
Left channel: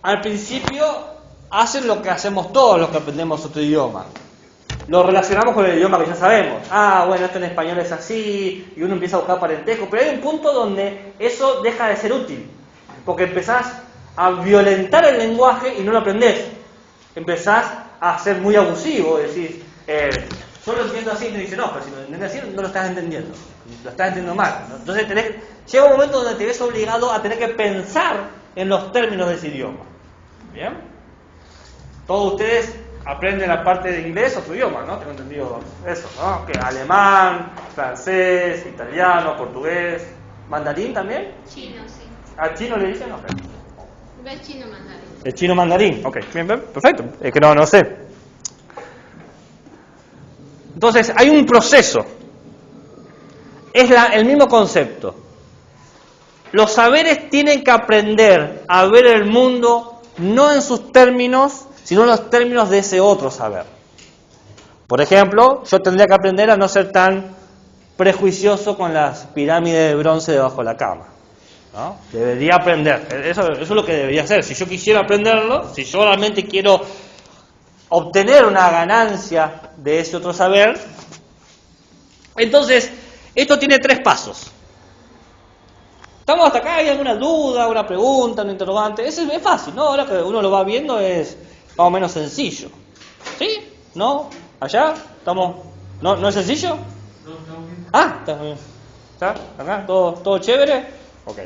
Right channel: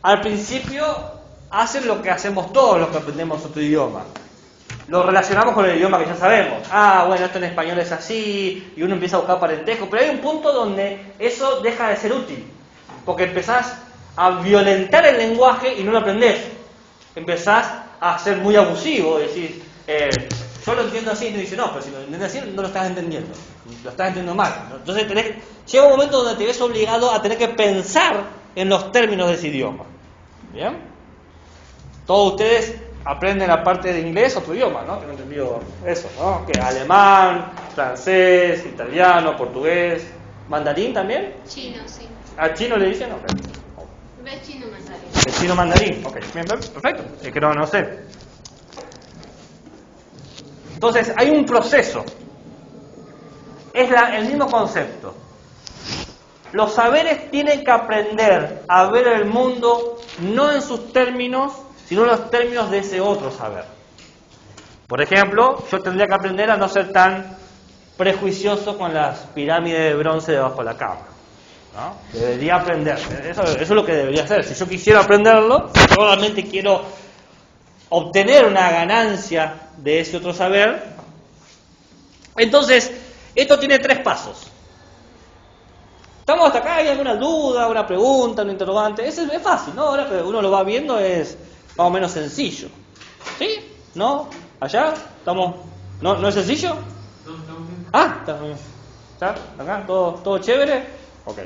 al principio hacen lo que hacemos todos los que aprendemos otro idioma. Lo relacionamos con el idioma que ya sabemos. Ah, bueno, esto en español es así, y uno empieza a buscar parentesco, pero hay un punto donde eso deja de ser útil, porque empezás a violentar el lenguaje y no lo aprendés. Empezás a ser muy abusivo, decís, yo lo entiendo así, y te dice, no, pero si lo entiendes así, no lo estás entendiendo, lo estás entendiendo mal, ¿no? Entonces llega un momento donde te ves obligado a tener que pensar en los términos de ese idioma. ¿Bien? Todos ustedes aprenden aparte de inglés otro idioma, ¿no? Tengo entendido eso, ¿no? Que alemán, francés, italiano, portugués, mandarín también. Chino, sí. ¿A chino le dicen? Ok. ¿Ves chino mandarín? El chino mandarín, ok, bien, perfecto. Es que no sé. Entonces, hay un proceso. Es el mismo concepto. Los saberes tienen que aprender a ver el mundo no en sus términos, sino en los términos de ese otro saber. Por ejemplo, yo tendría que aprender a no ser tan prejuicioso con las pirámides de bronce debajo de la cama, ¿no? Debería aprender, eso es lo que debería hacer. Si yo quisiera aprenderlo, si yo realmente quiero obtener una ganancia de ese otro saber, entonces esto tiene 3 pasos. ¿Estamos hasta acá? ¿Hay alguna duda, una pregunta, un interrogante? Es fácil, ¿no? Ahora que uno lo va viendo es más o menos sencillo. ¿Sí? ¿No? ¿Allá? ¿Estamos? ¿No es sencillo? Ah, está muy bien. ¿Ya? ¿Acá? ¿Todo chévere? Ok.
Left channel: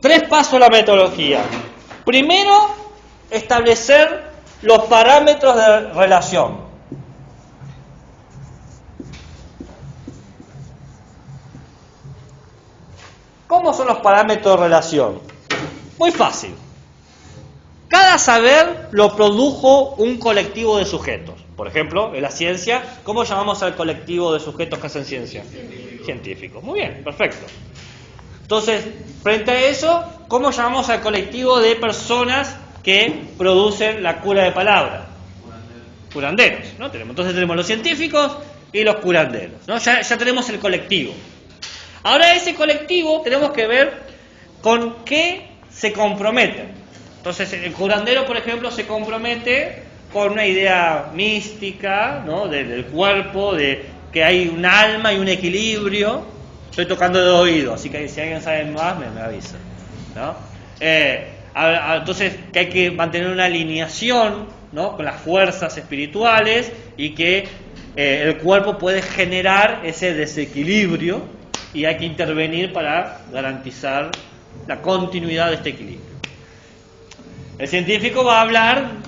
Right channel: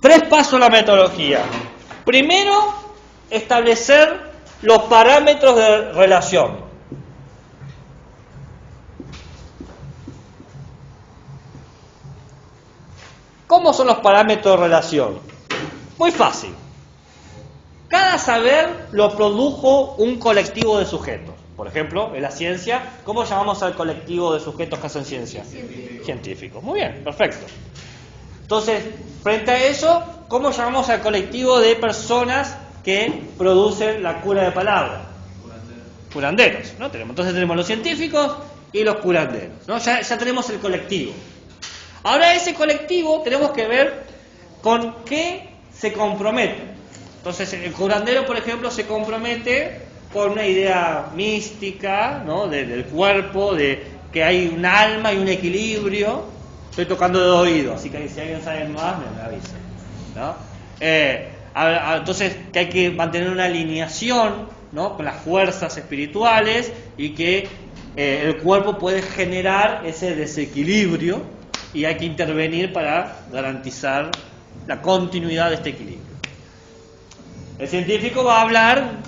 3 pasos a la metodología. Primero, establecer los parámetros de relación. ¿Cómo son los parámetros de relación? Muy fácil. Cada saber lo produjo un colectivo de sujetos. Por ejemplo, en la ciencia, ¿cómo llamamos al colectivo de sujetos que hacen ciencia? Científicos. Muy bien, perfecto. Entonces, frente a eso, ¿cómo llamamos al colectivo de personas que producen la cura de palabras? Curanderos, ¿no? Entonces tenemos los científicos y los curanderos, ¿no? Ya tenemos el colectivo. Ahora ese colectivo tenemos que ver con qué se comprometen. Entonces el curandero, por ejemplo, se compromete con una idea mística, ¿no? Del cuerpo, de que hay un alma y un equilibrio. Estoy tocando de oído, así que si alguien sabe más, me avisa, ¿no? Entonces que hay que mantener una alineación, ¿no? Con las fuerzas espirituales y que el cuerpo puede generar ese desequilibrio y hay que intervenir para garantizar la continuidad de este equilibrio. El científico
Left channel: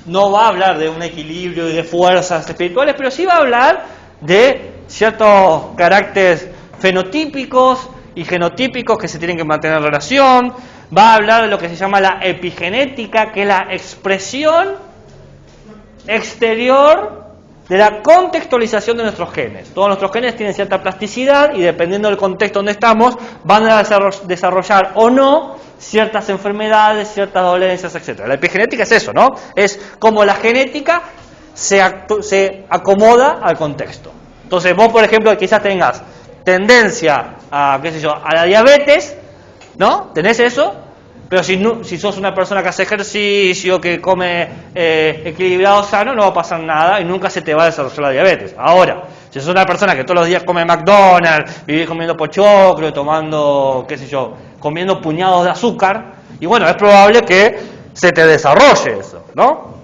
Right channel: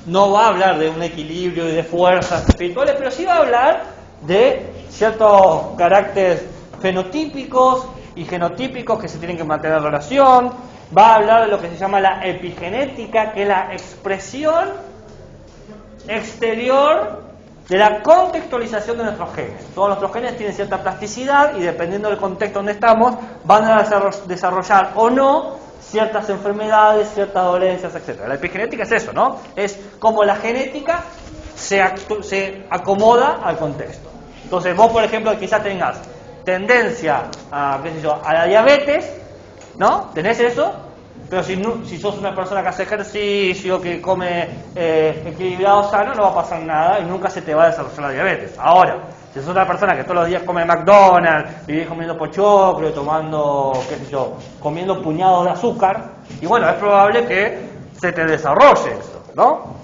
no va a hablar de un equilibrio y de fuerzas espirituales, pero sí va a hablar de ciertos caracteres fenotípicos y genotípicos que se tienen que mantener en relación. Va a hablar de lo que se llama la epigenética, que es la expresión exterior de la contextualización de nuestros genes. Todos nuestros genes tienen cierta plasticidad y dependiendo del contexto donde estamos, van a desarrollar o no ciertas enfermedades, ciertas dolencias, etc. La epigenética es eso, ¿no? Es como la genética se acomoda al contexto. Entonces vos, por ejemplo, quizás tengas tendencia a, a la diabetes, ¿no? ¿Tenés eso? Pero si sos una persona que hace ejercicio, que come equilibrado, sano, no va a pasar nada y nunca se te va a desarrollar la diabetes. Ahora, si sos una persona que todos los días come McDonald's, vivís comiendo pochoclo, tomando, comiendo puñados de azúcar, y bueno, es probable que se te desarrolle eso, ¿no?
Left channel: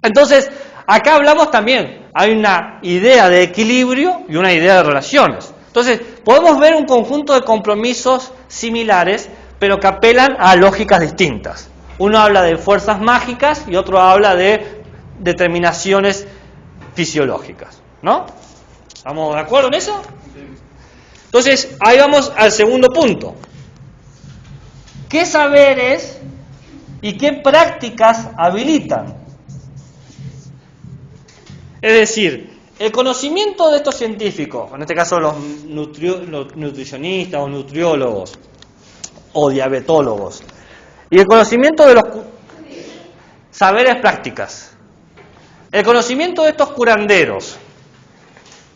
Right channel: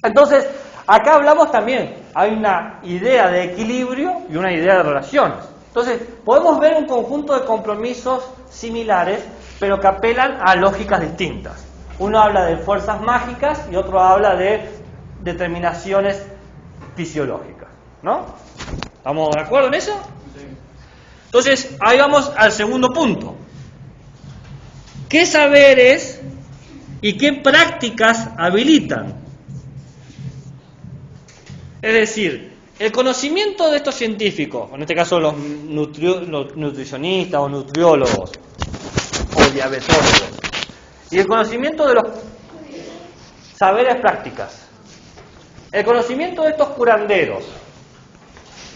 Entonces, acá hablamos también, hay una idea de equilibrio y una idea de relaciones. Entonces, podemos ver un conjunto de compromisos similares, pero que apelan a lógicas distintas. Uno habla de fuerzas mágicas y otro habla de determinaciones fisiológicas, ¿no? ¿Estamos de acuerdo en eso? Entonces, ahí vamos al segundo punto. ¿Qué saberes y qué prácticas habilitan? Es decir, el conocimiento de estos científicos, en este caso los nutricionistas o nutriólogos, o diabetólogos. Y el conocimiento de los saberes prácticas. El conocimiento de estos curanderos.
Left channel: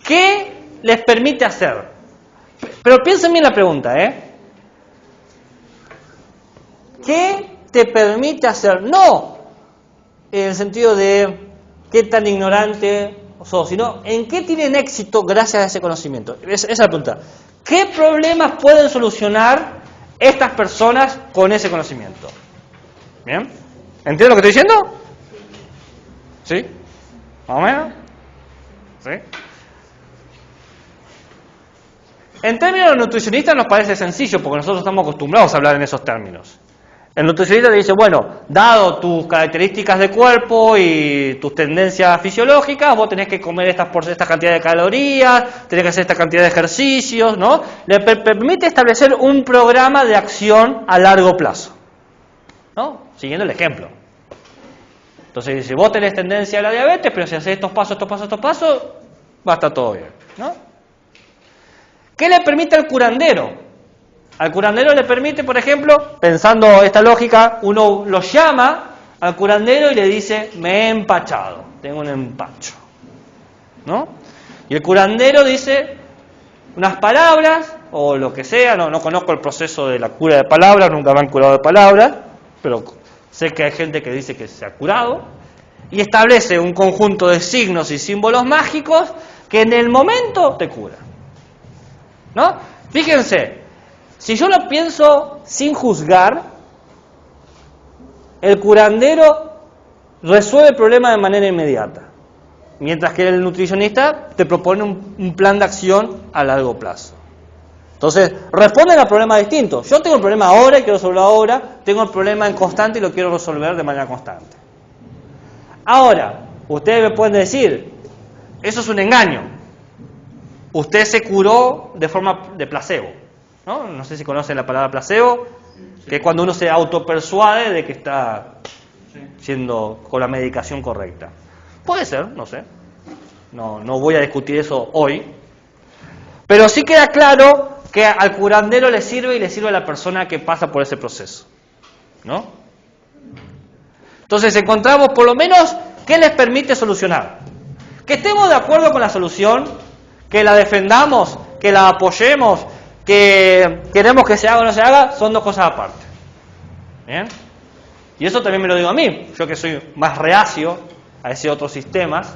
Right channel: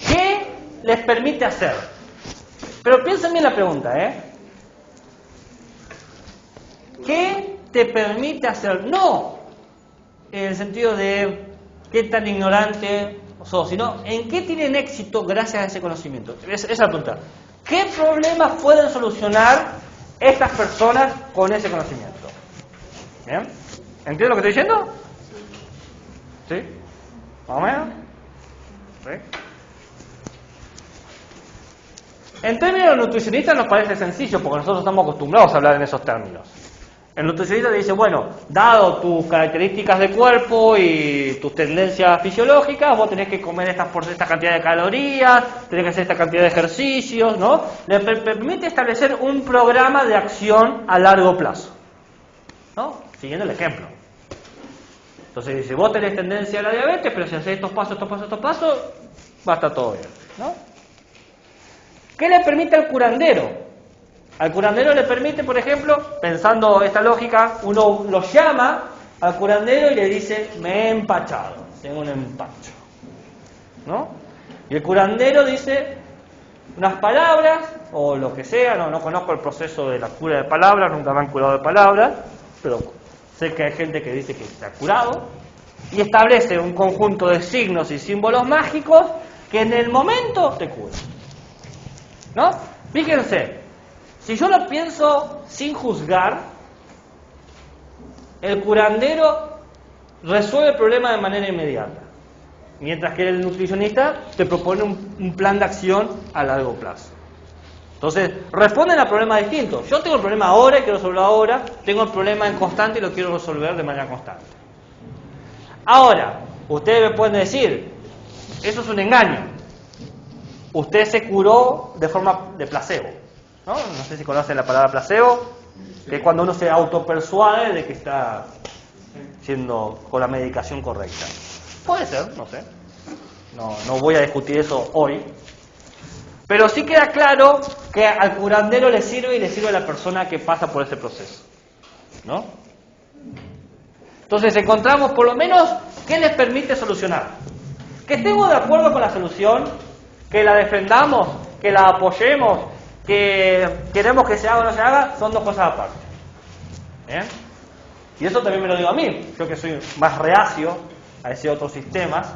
¿Qué les permite hacer? Pero piensen bien la pregunta, ¿Qué te permite hacer? No en el sentido de qué tan ignorante sos, sino en qué tienen éxito gracias a ese conocimiento. Esa es la pregunta. ¿Qué problemas pueden solucionar estas personas con ese conocimiento? ¿Bien? ¿Entienden lo que estoy diciendo? ¿Sí? ¿Más o menos? ¿Sí? En términos nutricionistas nos parece sencillo porque nosotros estamos acostumbrados a hablar en esos términos. El nutricionista te dice, bueno, dado tus características de cuerpo y tus tendencias fisiológicas, vos tenés que comer esta cantidad de calorías, tenés que hacer esta cantidad de ejercicios, ¿no? Le permite establecer un programa de acción a largo plazo, ¿no? Siguiendo el ejemplo. Entonces dice, vos tenés tendencia a la diabetes, pero si haces estos pasos, va a estar todo bien, ¿no? ¿Qué le permite al curandero? Al curandero le permite, por ejemplo, pensando esta lógica, uno lo llama al curandero y le dice, me he empachado, tengo un empacho, ¿no? Y el curandero dice unas palabras, o lo que sea, no conozco el proceso de la cura de palabras, nunca me han curado de palabras, pero sé que hay gente que dice que se ha curado, y establece un conjunto de signos y símbolos mágicos que en el momento te curan, ¿no? Fíjense, si yo lo pienso sin juzgar, el curandero resuelve el problema de manera inmediata, mientras que el nutricionista te propone un plan de acción a largo plazo. Entonces, responden a problemas distintos. Yo tengo el problema ahora y quiero resolverlo ahora, tengo el problema en constante y lo quiero resolver de manera constante. Ahora, ustedes me pueden decir, eso es un engaño. Usted se curó de forma de placebo. No sé si conocen la palabra placebo, que es cuando uno se autopersuade de que está siendo con la medicación correcta. Puede ser, no sé. No voy a discutir eso hoy. Pero sí queda claro que al curandero le sirve y le sirve a la persona que pasa por ese proceso, ¿no? Entonces encontramos por lo menos qué les permite solucionar. Que estemos de acuerdo con la solución, que la defendamos, que la apoyemos, que queremos que se haga o no se haga, son dos cosas aparte. ¿Bien? Y eso también me lo digo a mí, yo que soy más reacio a ese otros sistemas,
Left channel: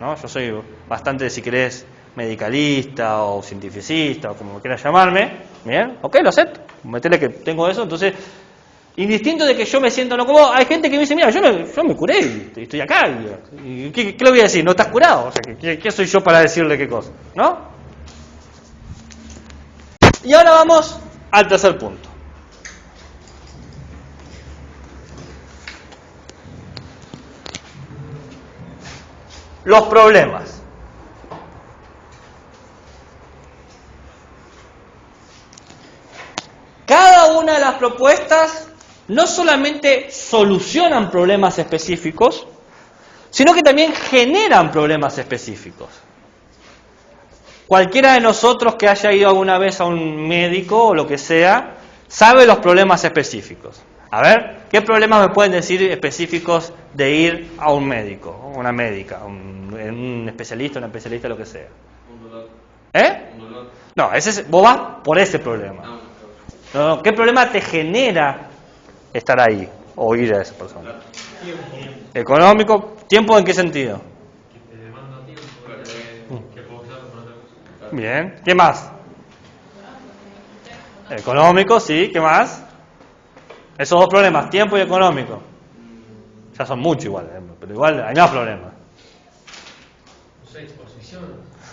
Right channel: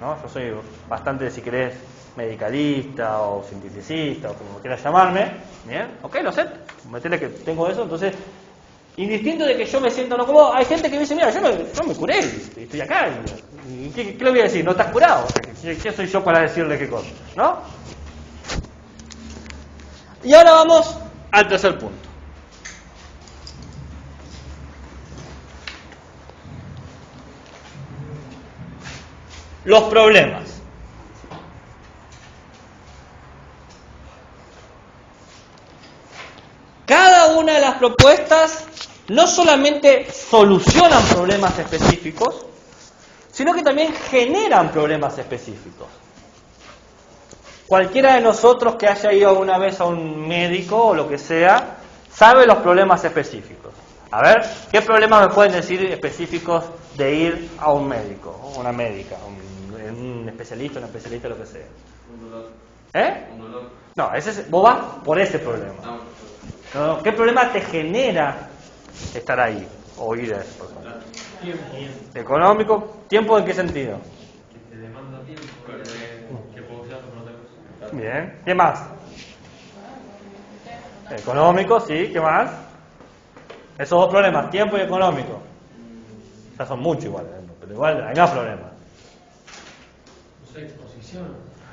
¿no? Yo soy bastante, si querés, medicalista o cientificista o como quieras llamarme. ¿Bien? Ok, lo acepto, metele que tengo eso, entonces, indistinto de que yo me siento no cómodo, hay gente que me dice, mira, yo me curé y estoy acá, y ¿qué le voy a decir? ¿No estás curado? ¿Qué soy yo para decirle qué cosa? ¿No? Y ahora vamos al tercer punto. Los problemas. Cada una de las propuestas no solamente solucionan problemas específicos, sino que también generan problemas específicos. Cualquiera de nosotros que haya ido alguna vez a un médico o lo que sea, sabe los problemas específicos. A ver, ¿qué problemas me pueden decir específicos de ir a un médico, una médica, un especialista, una especialista, lo que sea? Un dolor. ¿Eh? Un dolor. No, vos vas por ese problema. No, ¿qué problema te genera estar ahí o ir a esa persona? Económico, ¿tiempo en qué sentido? Que te demanda tiempo, que puedo usar para otra cosa. Bien, ¿qué más? Económico, sí, ¿qué más? Esos dos problemas, tiempo y económico. Ya son muchos igual, pero igual hay más problemas. No sé, exposición,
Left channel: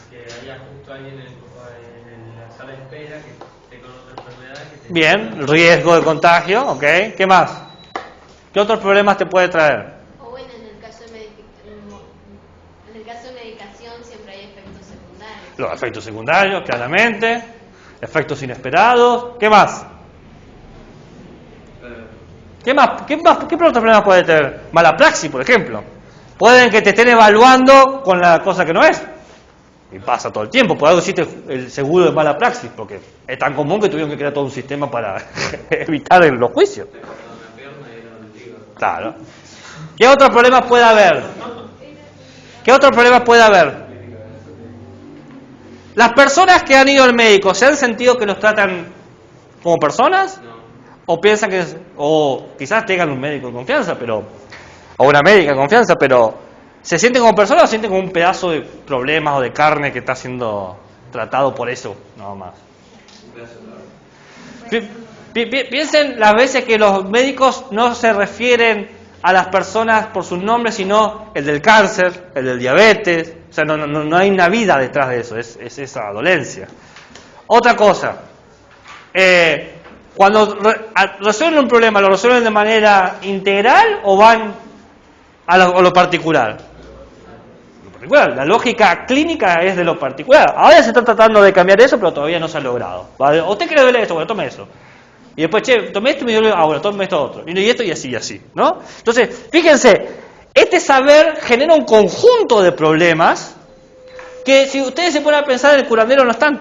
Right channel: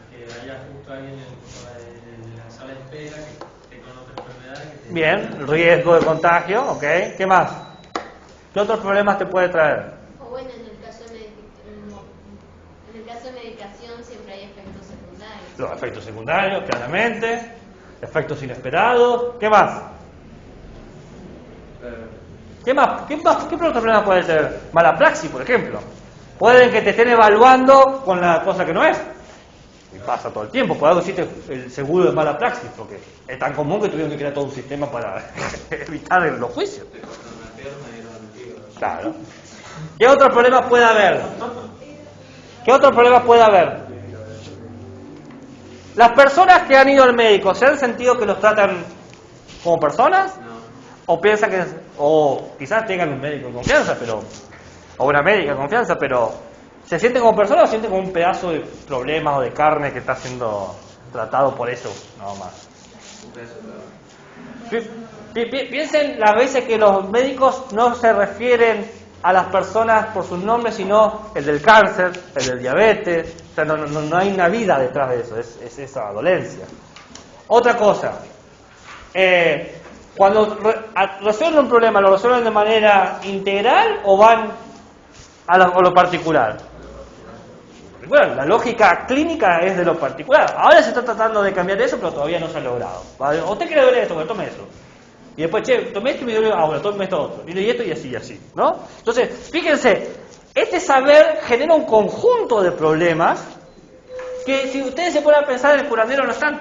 que haya justo alguien en la sala de espera que esté con otra enfermedad. Que te... Bien, riesgo de contagio, ok. ¿Qué más? ¿Qué otros problemas te puede traer? O bueno, en el caso de medicación siempre hay efectos secundarios. Los efectos secundarios, claramente. Efectos inesperados. ¿Qué más? ¿Qué más? ¿Qué otros problemas puede tener? Mala praxis, por ejemplo. Pueden que te estén evaluando con la cosa que no es. Y pasa todo el tiempo, por algo existe el seguro de mala praxis, porque es tan común que tuvieron que crear todo un sistema para evitar los juicios. Claro. ¿Qué otros problemas puede haber? ¿Qué otros problemas puede haber? ¿Las personas que han ido al médico se han sentido que los tratan como personas? ¿O piensan que, o quizás tengan un médico de confianza, pero, o una médica de confianza, pero ¿se sienten como personas o se sienten como un pedazo de problemas o de carne que está siendo tratado por eso? No más. Piensen las veces que los médicos no se refieren a las personas por sus nombres, sino el del cáncer, el del diabetes. O sea, no hay una vida detrás de eso, es esa dolencia. Otra cosa, cuando resuelven un problema, ¿lo resuelven de manera integral o van a lo particular? La lógica clínica es de lo particular. Ahora se está tratando de cambiar eso, pero todavía no se ha logrado. ¿Vale? ¿Usted quiere doler esto? Bueno, tome eso. Y después, tomé esto y me duele, bueno, tome esto otro. Y esto y así, ¿no? Entonces, fíjense, este saber genera un conjunto de problemas que si ustedes se ponen a pensar en el curandero no están.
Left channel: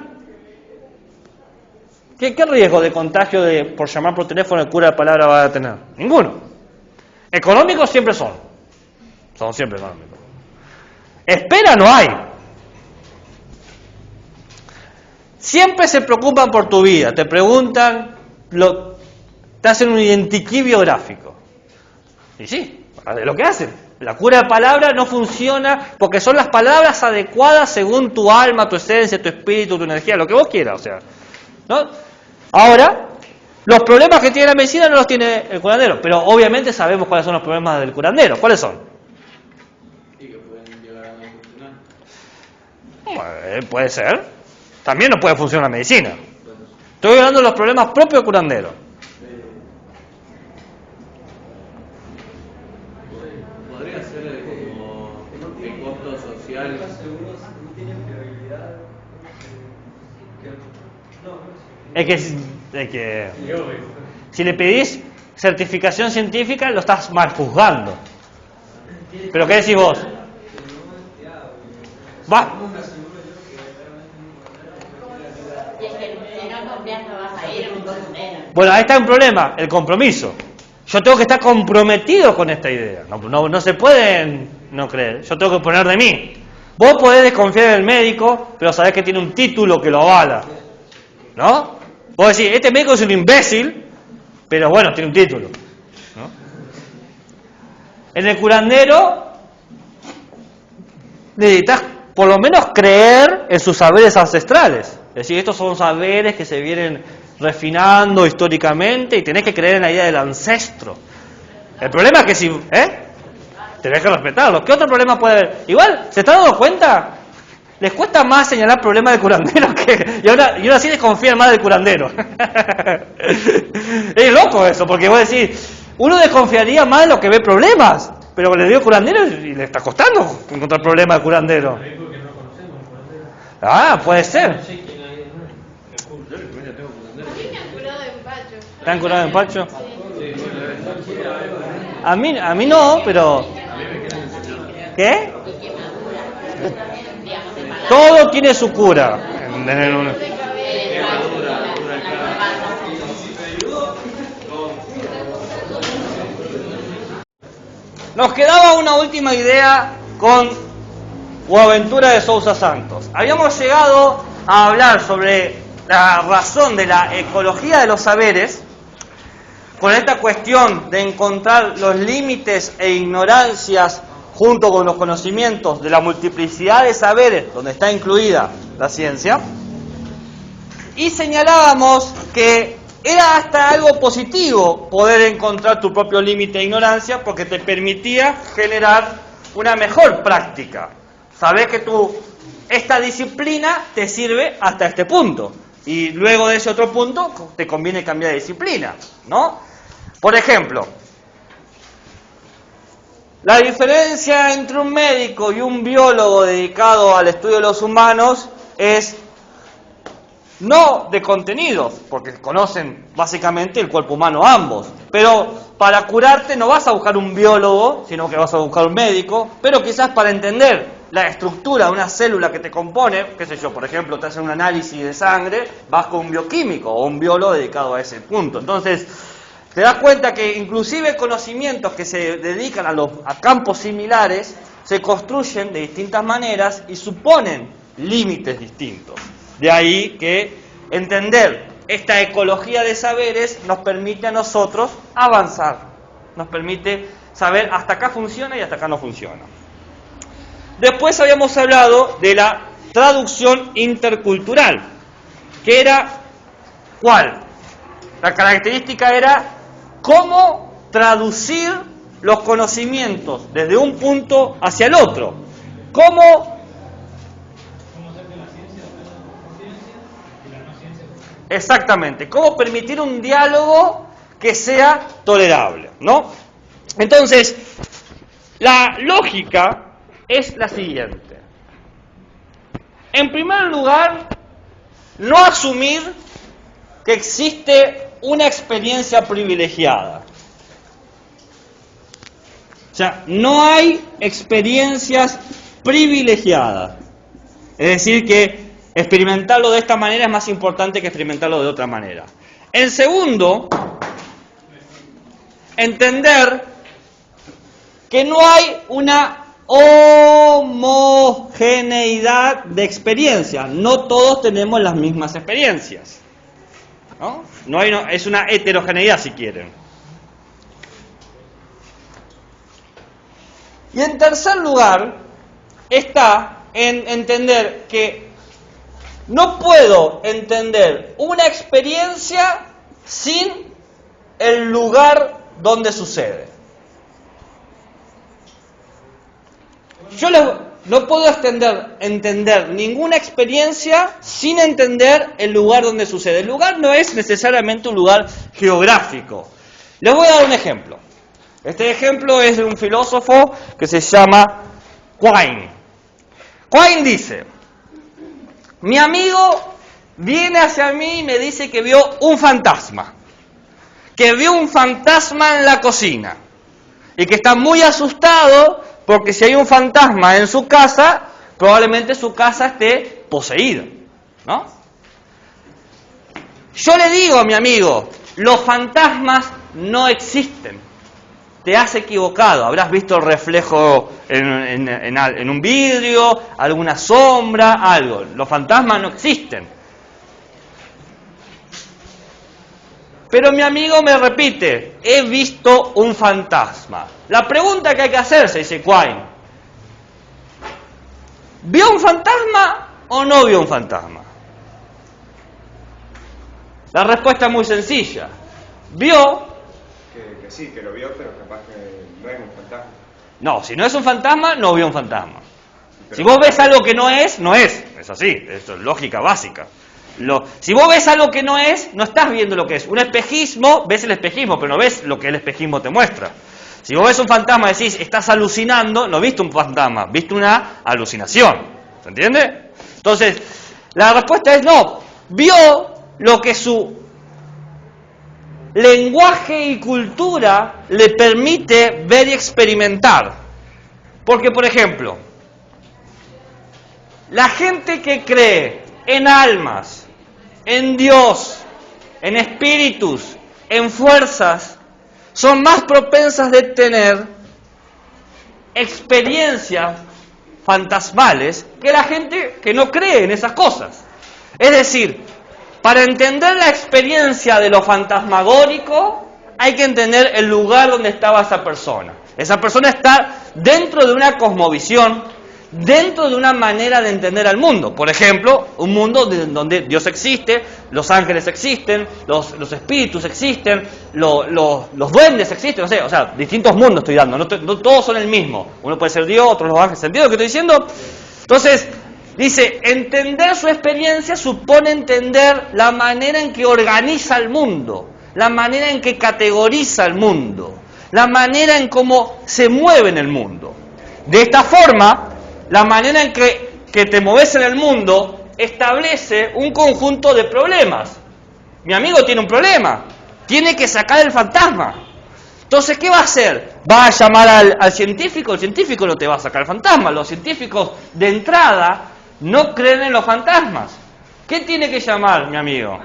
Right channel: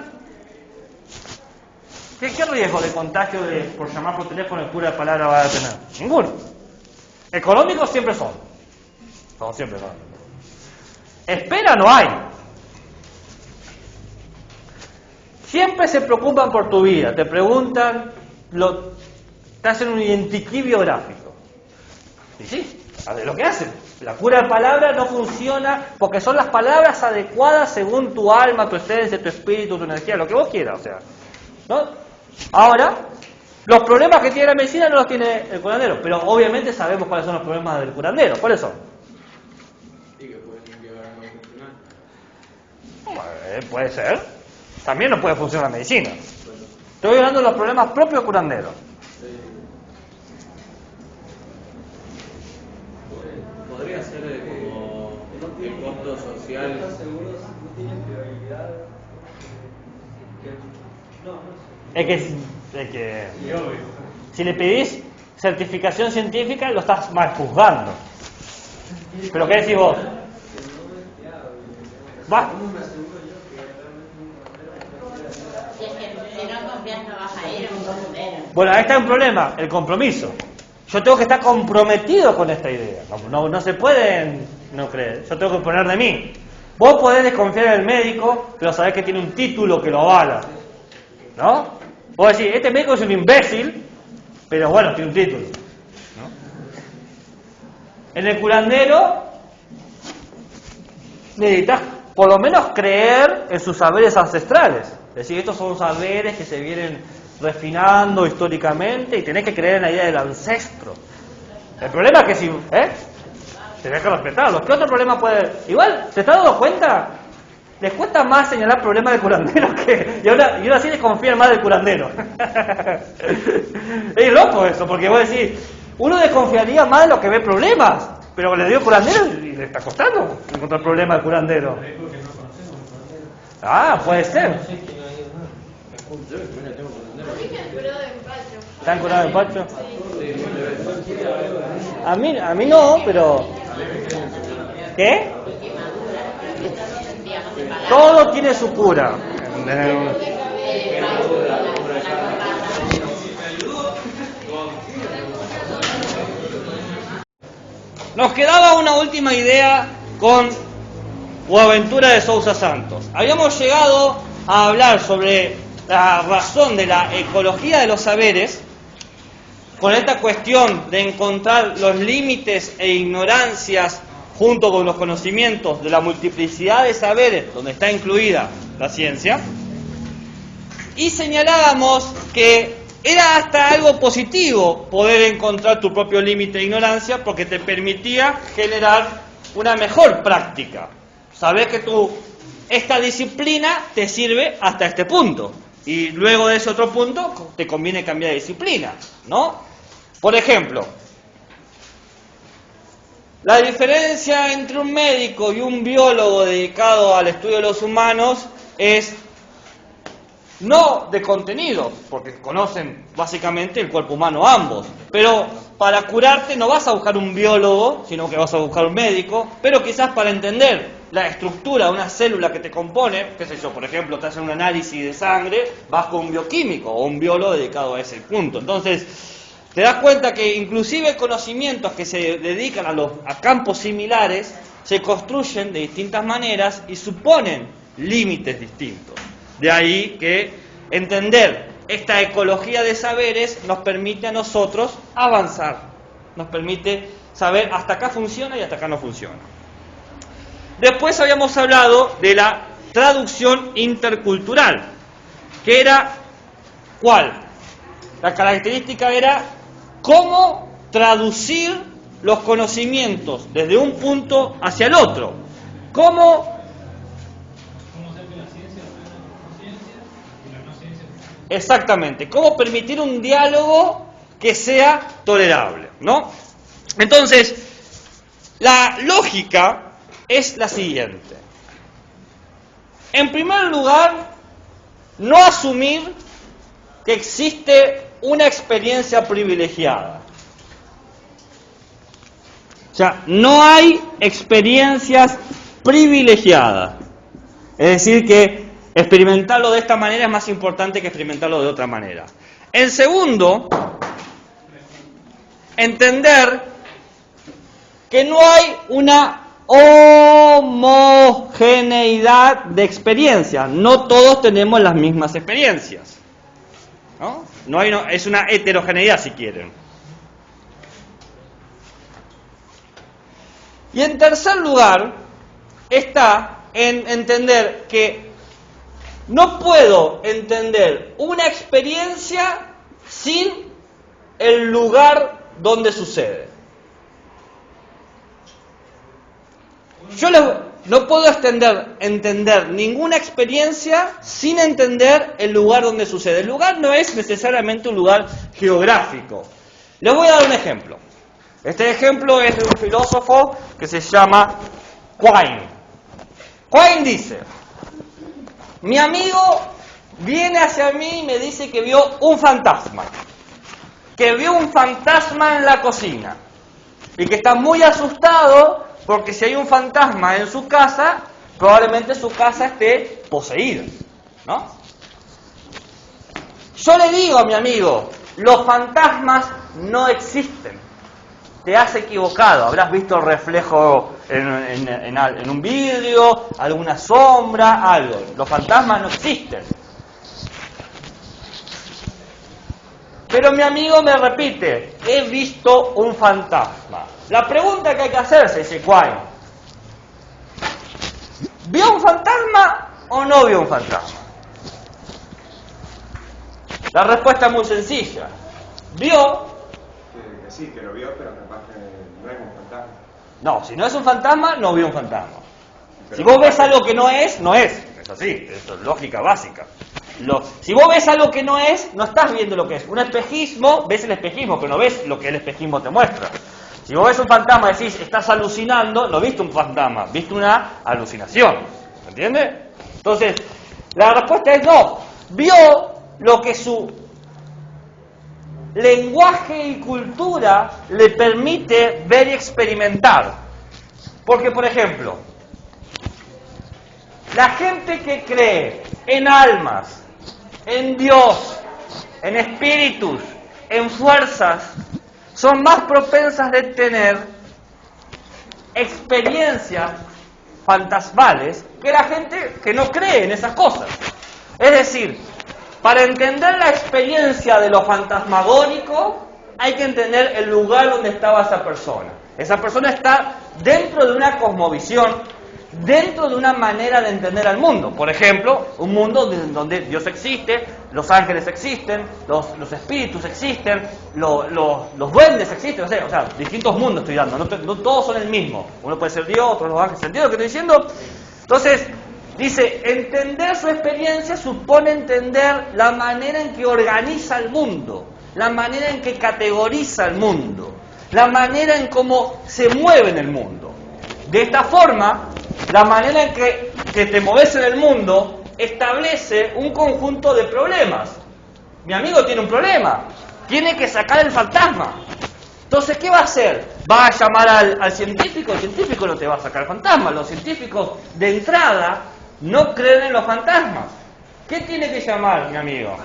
¿Qué riesgo de contagio por llamar por teléfono el cura de palabra va a tener? Ninguno. Económicos siempre son. Son siempre económicos. Espera no hay. Siempre se preocupan por tu vida. Te preguntan, te hacen un identikit biográfico. Y sí, es lo que hacen. La cura de palabra no funciona porque son las palabras adecuadas según tu alma, tu esencia, tu espíritu, tu energía, lo que vos quieras, o sea, ¿no? Ahora, los problemas que tiene la medicina no los tiene el curandero, pero obviamente sabemos cuáles son los problemas del curandero. ¿Cuáles son? Y que pueden llegar a no funcionar. Puede ser. También no puede funcionar la medicina. Estoy hablando de los problemas propios del curandero. Podría ser como el costo social. Es que si le pedís certificación científica lo estás mal juzgando. ¿Pero qué decís vos? ¿Va? Y es que si no confías no vas a ir a un curandero. Bueno, ahí está un problema, el compromiso. Yo tengo que estar comprometido con esta idea. No se puede no creer. Yo tengo que poner de mí. Vos podés desconfiar en el médico, pero sabés que tiene un título que lo avala. ¿No? Vos decís, este médico es un imbécil, pero bueno, tiene un título. ¿No? En el curandero necesitas por lo menos creer en sus saberes ancestrales. Es decir, estos son saberes que se vienen refinando históricamente y tenés que creer en la idea del ancestro. El problema es que si... tenés que respetarlo. ¿Qué otro problema puede haber? Igual, ¿se están dando cuenta? Les cuesta más señalar problemas del curandero que... Y ahora sí desconfían más del curandero. Es loco eso, porque vos decís, uno desconfiaría más de lo que ve problemas, pero le dio curandero y le está costando encontrar problemas del curandero. Ah, puede ser. ¿Están curados de empacho? A mí no, pero... ¿Qué? Todo tiene su cura. Nos quedaba una última idea con Boaventura de Sousa Santos. Habíamos llegado a hablar sobre la razón de la ecología de los saberes, con esta cuestión de encontrar los límites e ignorancias junto con los conocimientos de la multiplicidad de saberes, donde está incluida la ciencia, y señalábamos que era hasta algo positivo poder encontrar tu propio límite de ignorancia porque te permitía generar una mejor práctica. Sabés que esta disciplina te sirve hasta este punto, y luego de ese otro punto te conviene cambiar de disciplina, ¿no? Por ejemplo, la diferencia entre un médico y un biólogo dedicado al estudio de los humanos es no de contenidos, porque conocen básicamente el cuerpo humano ambos, pero para curarte no vas a buscar un biólogo, sino que vas a buscar un médico, pero quizás para entender la estructura de una célula que te compone, qué sé yo, por ejemplo, te hacen un análisis de sangre, vas con un bioquímico o un biólogo dedicado a ese punto. Entonces, te das cuenta que inclusive conocimientos que se dedican a campos similares se construyen de distintas maneras y suponen límites distintos. De ahí que entender esta ecología de saberes nos permite a nosotros avanzar, nos permite saber hasta acá funciona y hasta acá no funciona. Después habíamos hablado de la traducción intercultural, que era, ¿cuál? La característica era cómo traducir los conocimientos desde un punto hacia el otro. ¿Cómo? Exactamente. ¿Cómo permitir un diálogo que sea tolerable, ¿no? Entonces, la lógica es la siguiente. En primer lugar, no asumir que existe una experiencia privilegiada. O sea, no hay experiencias privilegiadas. Es decir, que experimentarlo de esta manera es más importante que experimentarlo de otra manera. En segundo, entender que no hay una homogeneidad de experiencias. No todos tenemos las mismas experiencias, ¿no? Es una heterogeneidad, si quieren. Y en tercer lugar, está en entender que no puedo entender una experiencia sin el lugar donde sucede. Yo no puedo entender ninguna experiencia sin entender el lugar donde sucede. El lugar no es necesariamente un lugar geográfico. Les voy a dar un ejemplo. Este ejemplo es de un filósofo que se llama Quine. Quine dice: mi amigo viene hacia mí y me dice que vio un fantasma. Que vio un fantasma en la cocina. Y que está muy asustado porque si hay un fantasma en su casa, probablemente su casa esté poseída, ¿no? Yo le digo a mi amigo, los fantasmas no existen. Te has equivocado, habrás visto el reflejo en un vidrio, alguna sombra, algo. Los fantasmas no existen. Pero mi amigo me repite, he visto un fantasma. La pregunta que hay que hacerse, dice Quine, ¿vio un fantasma o no vio un fantasma? La respuesta es muy sencilla. Vio. Que sí, que lo vio, pero capaz que no es un fantasma. No, si no es un fantasma, no vio un fantasma. Pero si vos ves algo que no es, no es. Es así, esto es lógica básica. Si vos ves algo que no es, no estás viendo lo que es. Un espejismo, ves el espejismo, pero no ves lo que el espejismo te muestra. Si vos ves un fantasma y decís, estás alucinando, no viste un fantasma, viste una alucinación. ¿Se entiende? Entonces, la respuesta es no. Vio lo que su lenguaje y cultura le permite ver y experimentar. Porque, por ejemplo, la gente que cree en almas, en Dios, en espíritus, en fuerzas, son más propensas de tener experiencias fantasmales que la gente que no cree en esas cosas. Es decir, para entender la experiencia de lo fantasmagórico, hay que entender el lugar donde estaba esa persona. Esa persona está dentro de una cosmovisión, dentro de una manera de entender al mundo. Por ejemplo, un mundo donde Dios existe, los ángeles existen, los espíritus existen, los duendes existen, no sé, o sea, distintos mundos estoy dando, no todos son el mismo. Uno puede ser Dios, otros los ángeles. ¿Se entiende lo que estoy diciendo? Entonces, dice, entender su experiencia supone entender la manera en que organiza el mundo, la manera en que categoriza el mundo, la manera en cómo se mueve en el mundo. De esta forma, la manera en que te mueves en el mundo establece un conjunto de problemas. Mi amigo tiene un problema, tiene que sacar el fantasma. Entonces, ¿qué va a hacer? ¿Va a llamar al científico? El científico no te va a sacar fantasmas. Los científicos de entrada no creen en los fantasmas. ¿Qué tiene que llamar, mi amigo?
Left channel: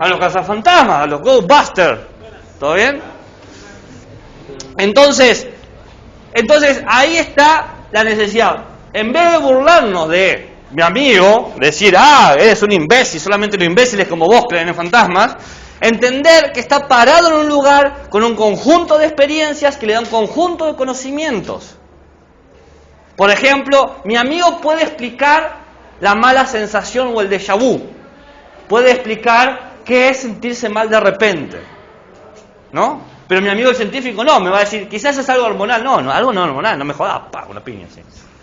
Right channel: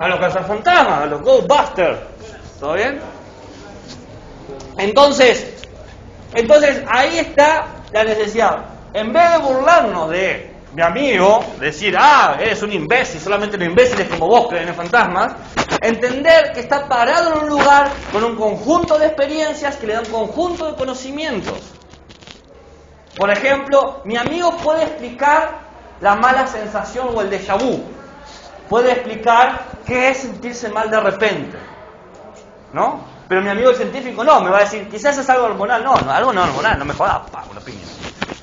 A los cazafantasmas, a los Ghostbusters. ¿Todo bien? Entonces ahí está la necesidad. En vez de burlarnos de mi amigo, decir, eres un imbécil, solamente los imbéciles como vos creen en fantasmas, entender que está parado en un lugar con un conjunto de experiencias que le dan conjunto de conocimientos. Por ejemplo, mi amigo puede explicar la mala sensación o el déjà vu. Puede explicar qué es sentirse mal de repente, ¿no? Pero mi amigo el científico no, me va a decir, quizás es algo hormonal. No, algo no hormonal, no me jodas, una piña.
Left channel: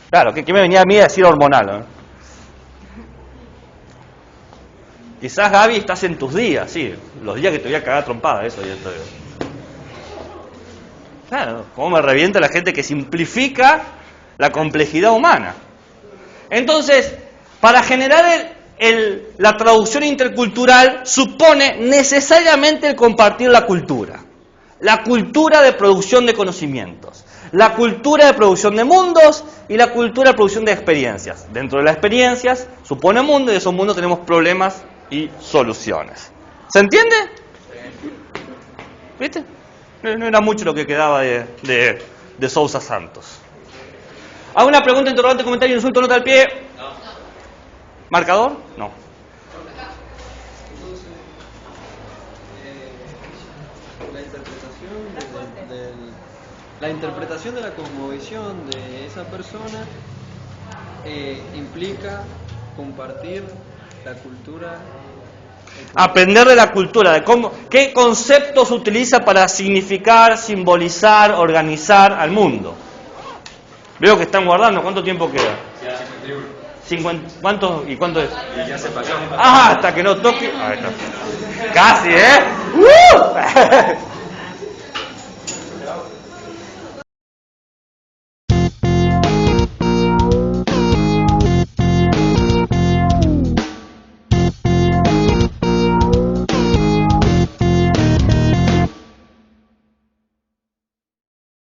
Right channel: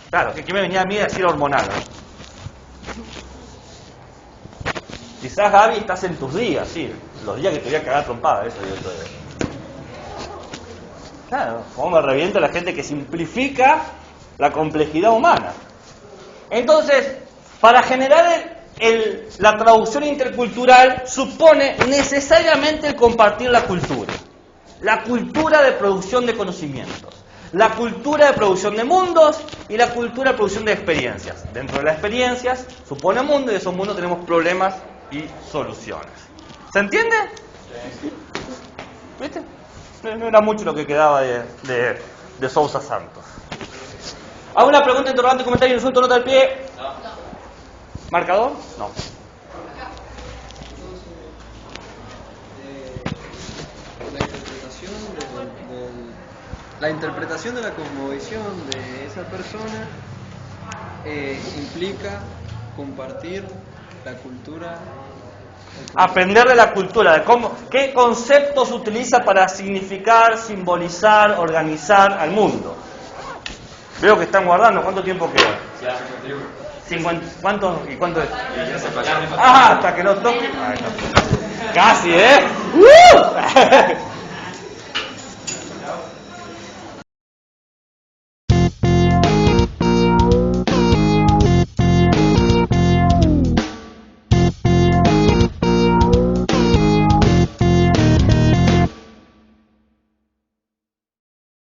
Claro, ¿qué me venía a mí a decir hormonal? ¿No? Quizás, Gaby, estás en tus días, sí, los días que te voy a cagar trompada, eso. Claro, cómo me revienta la gente que simplifica la complejidad humana. Entonces, para generar la traducción intercultural supone necesariamente el compartir la cultura de producción de conocimientos, la cultura de producción de mundos y la cultura de producción de experiencias. Dentro de las experiencias supone mundo y de esos mundos tenemos problemas y soluciones. ¿Se entiende? ¿Viste? No era mucho lo que quedaba de Sousa Santos. ¿Alguna pregunta, interrogante, comentario, insulto, nota al pie? ¿Marcador? No. La interpretación de la cosmovisión de esa persona implica compartir la cultura. Aprender de la cultura, de qué conceptos utiliza para significar, simbolizar, organizar al mundo. Veo que están guardando. ¿Cuánto tiempo queda? 51. ¿Cuánto? ¿Y cuánto es? Y ya se pasó. Hasta que no toque. Casi, ¿eh?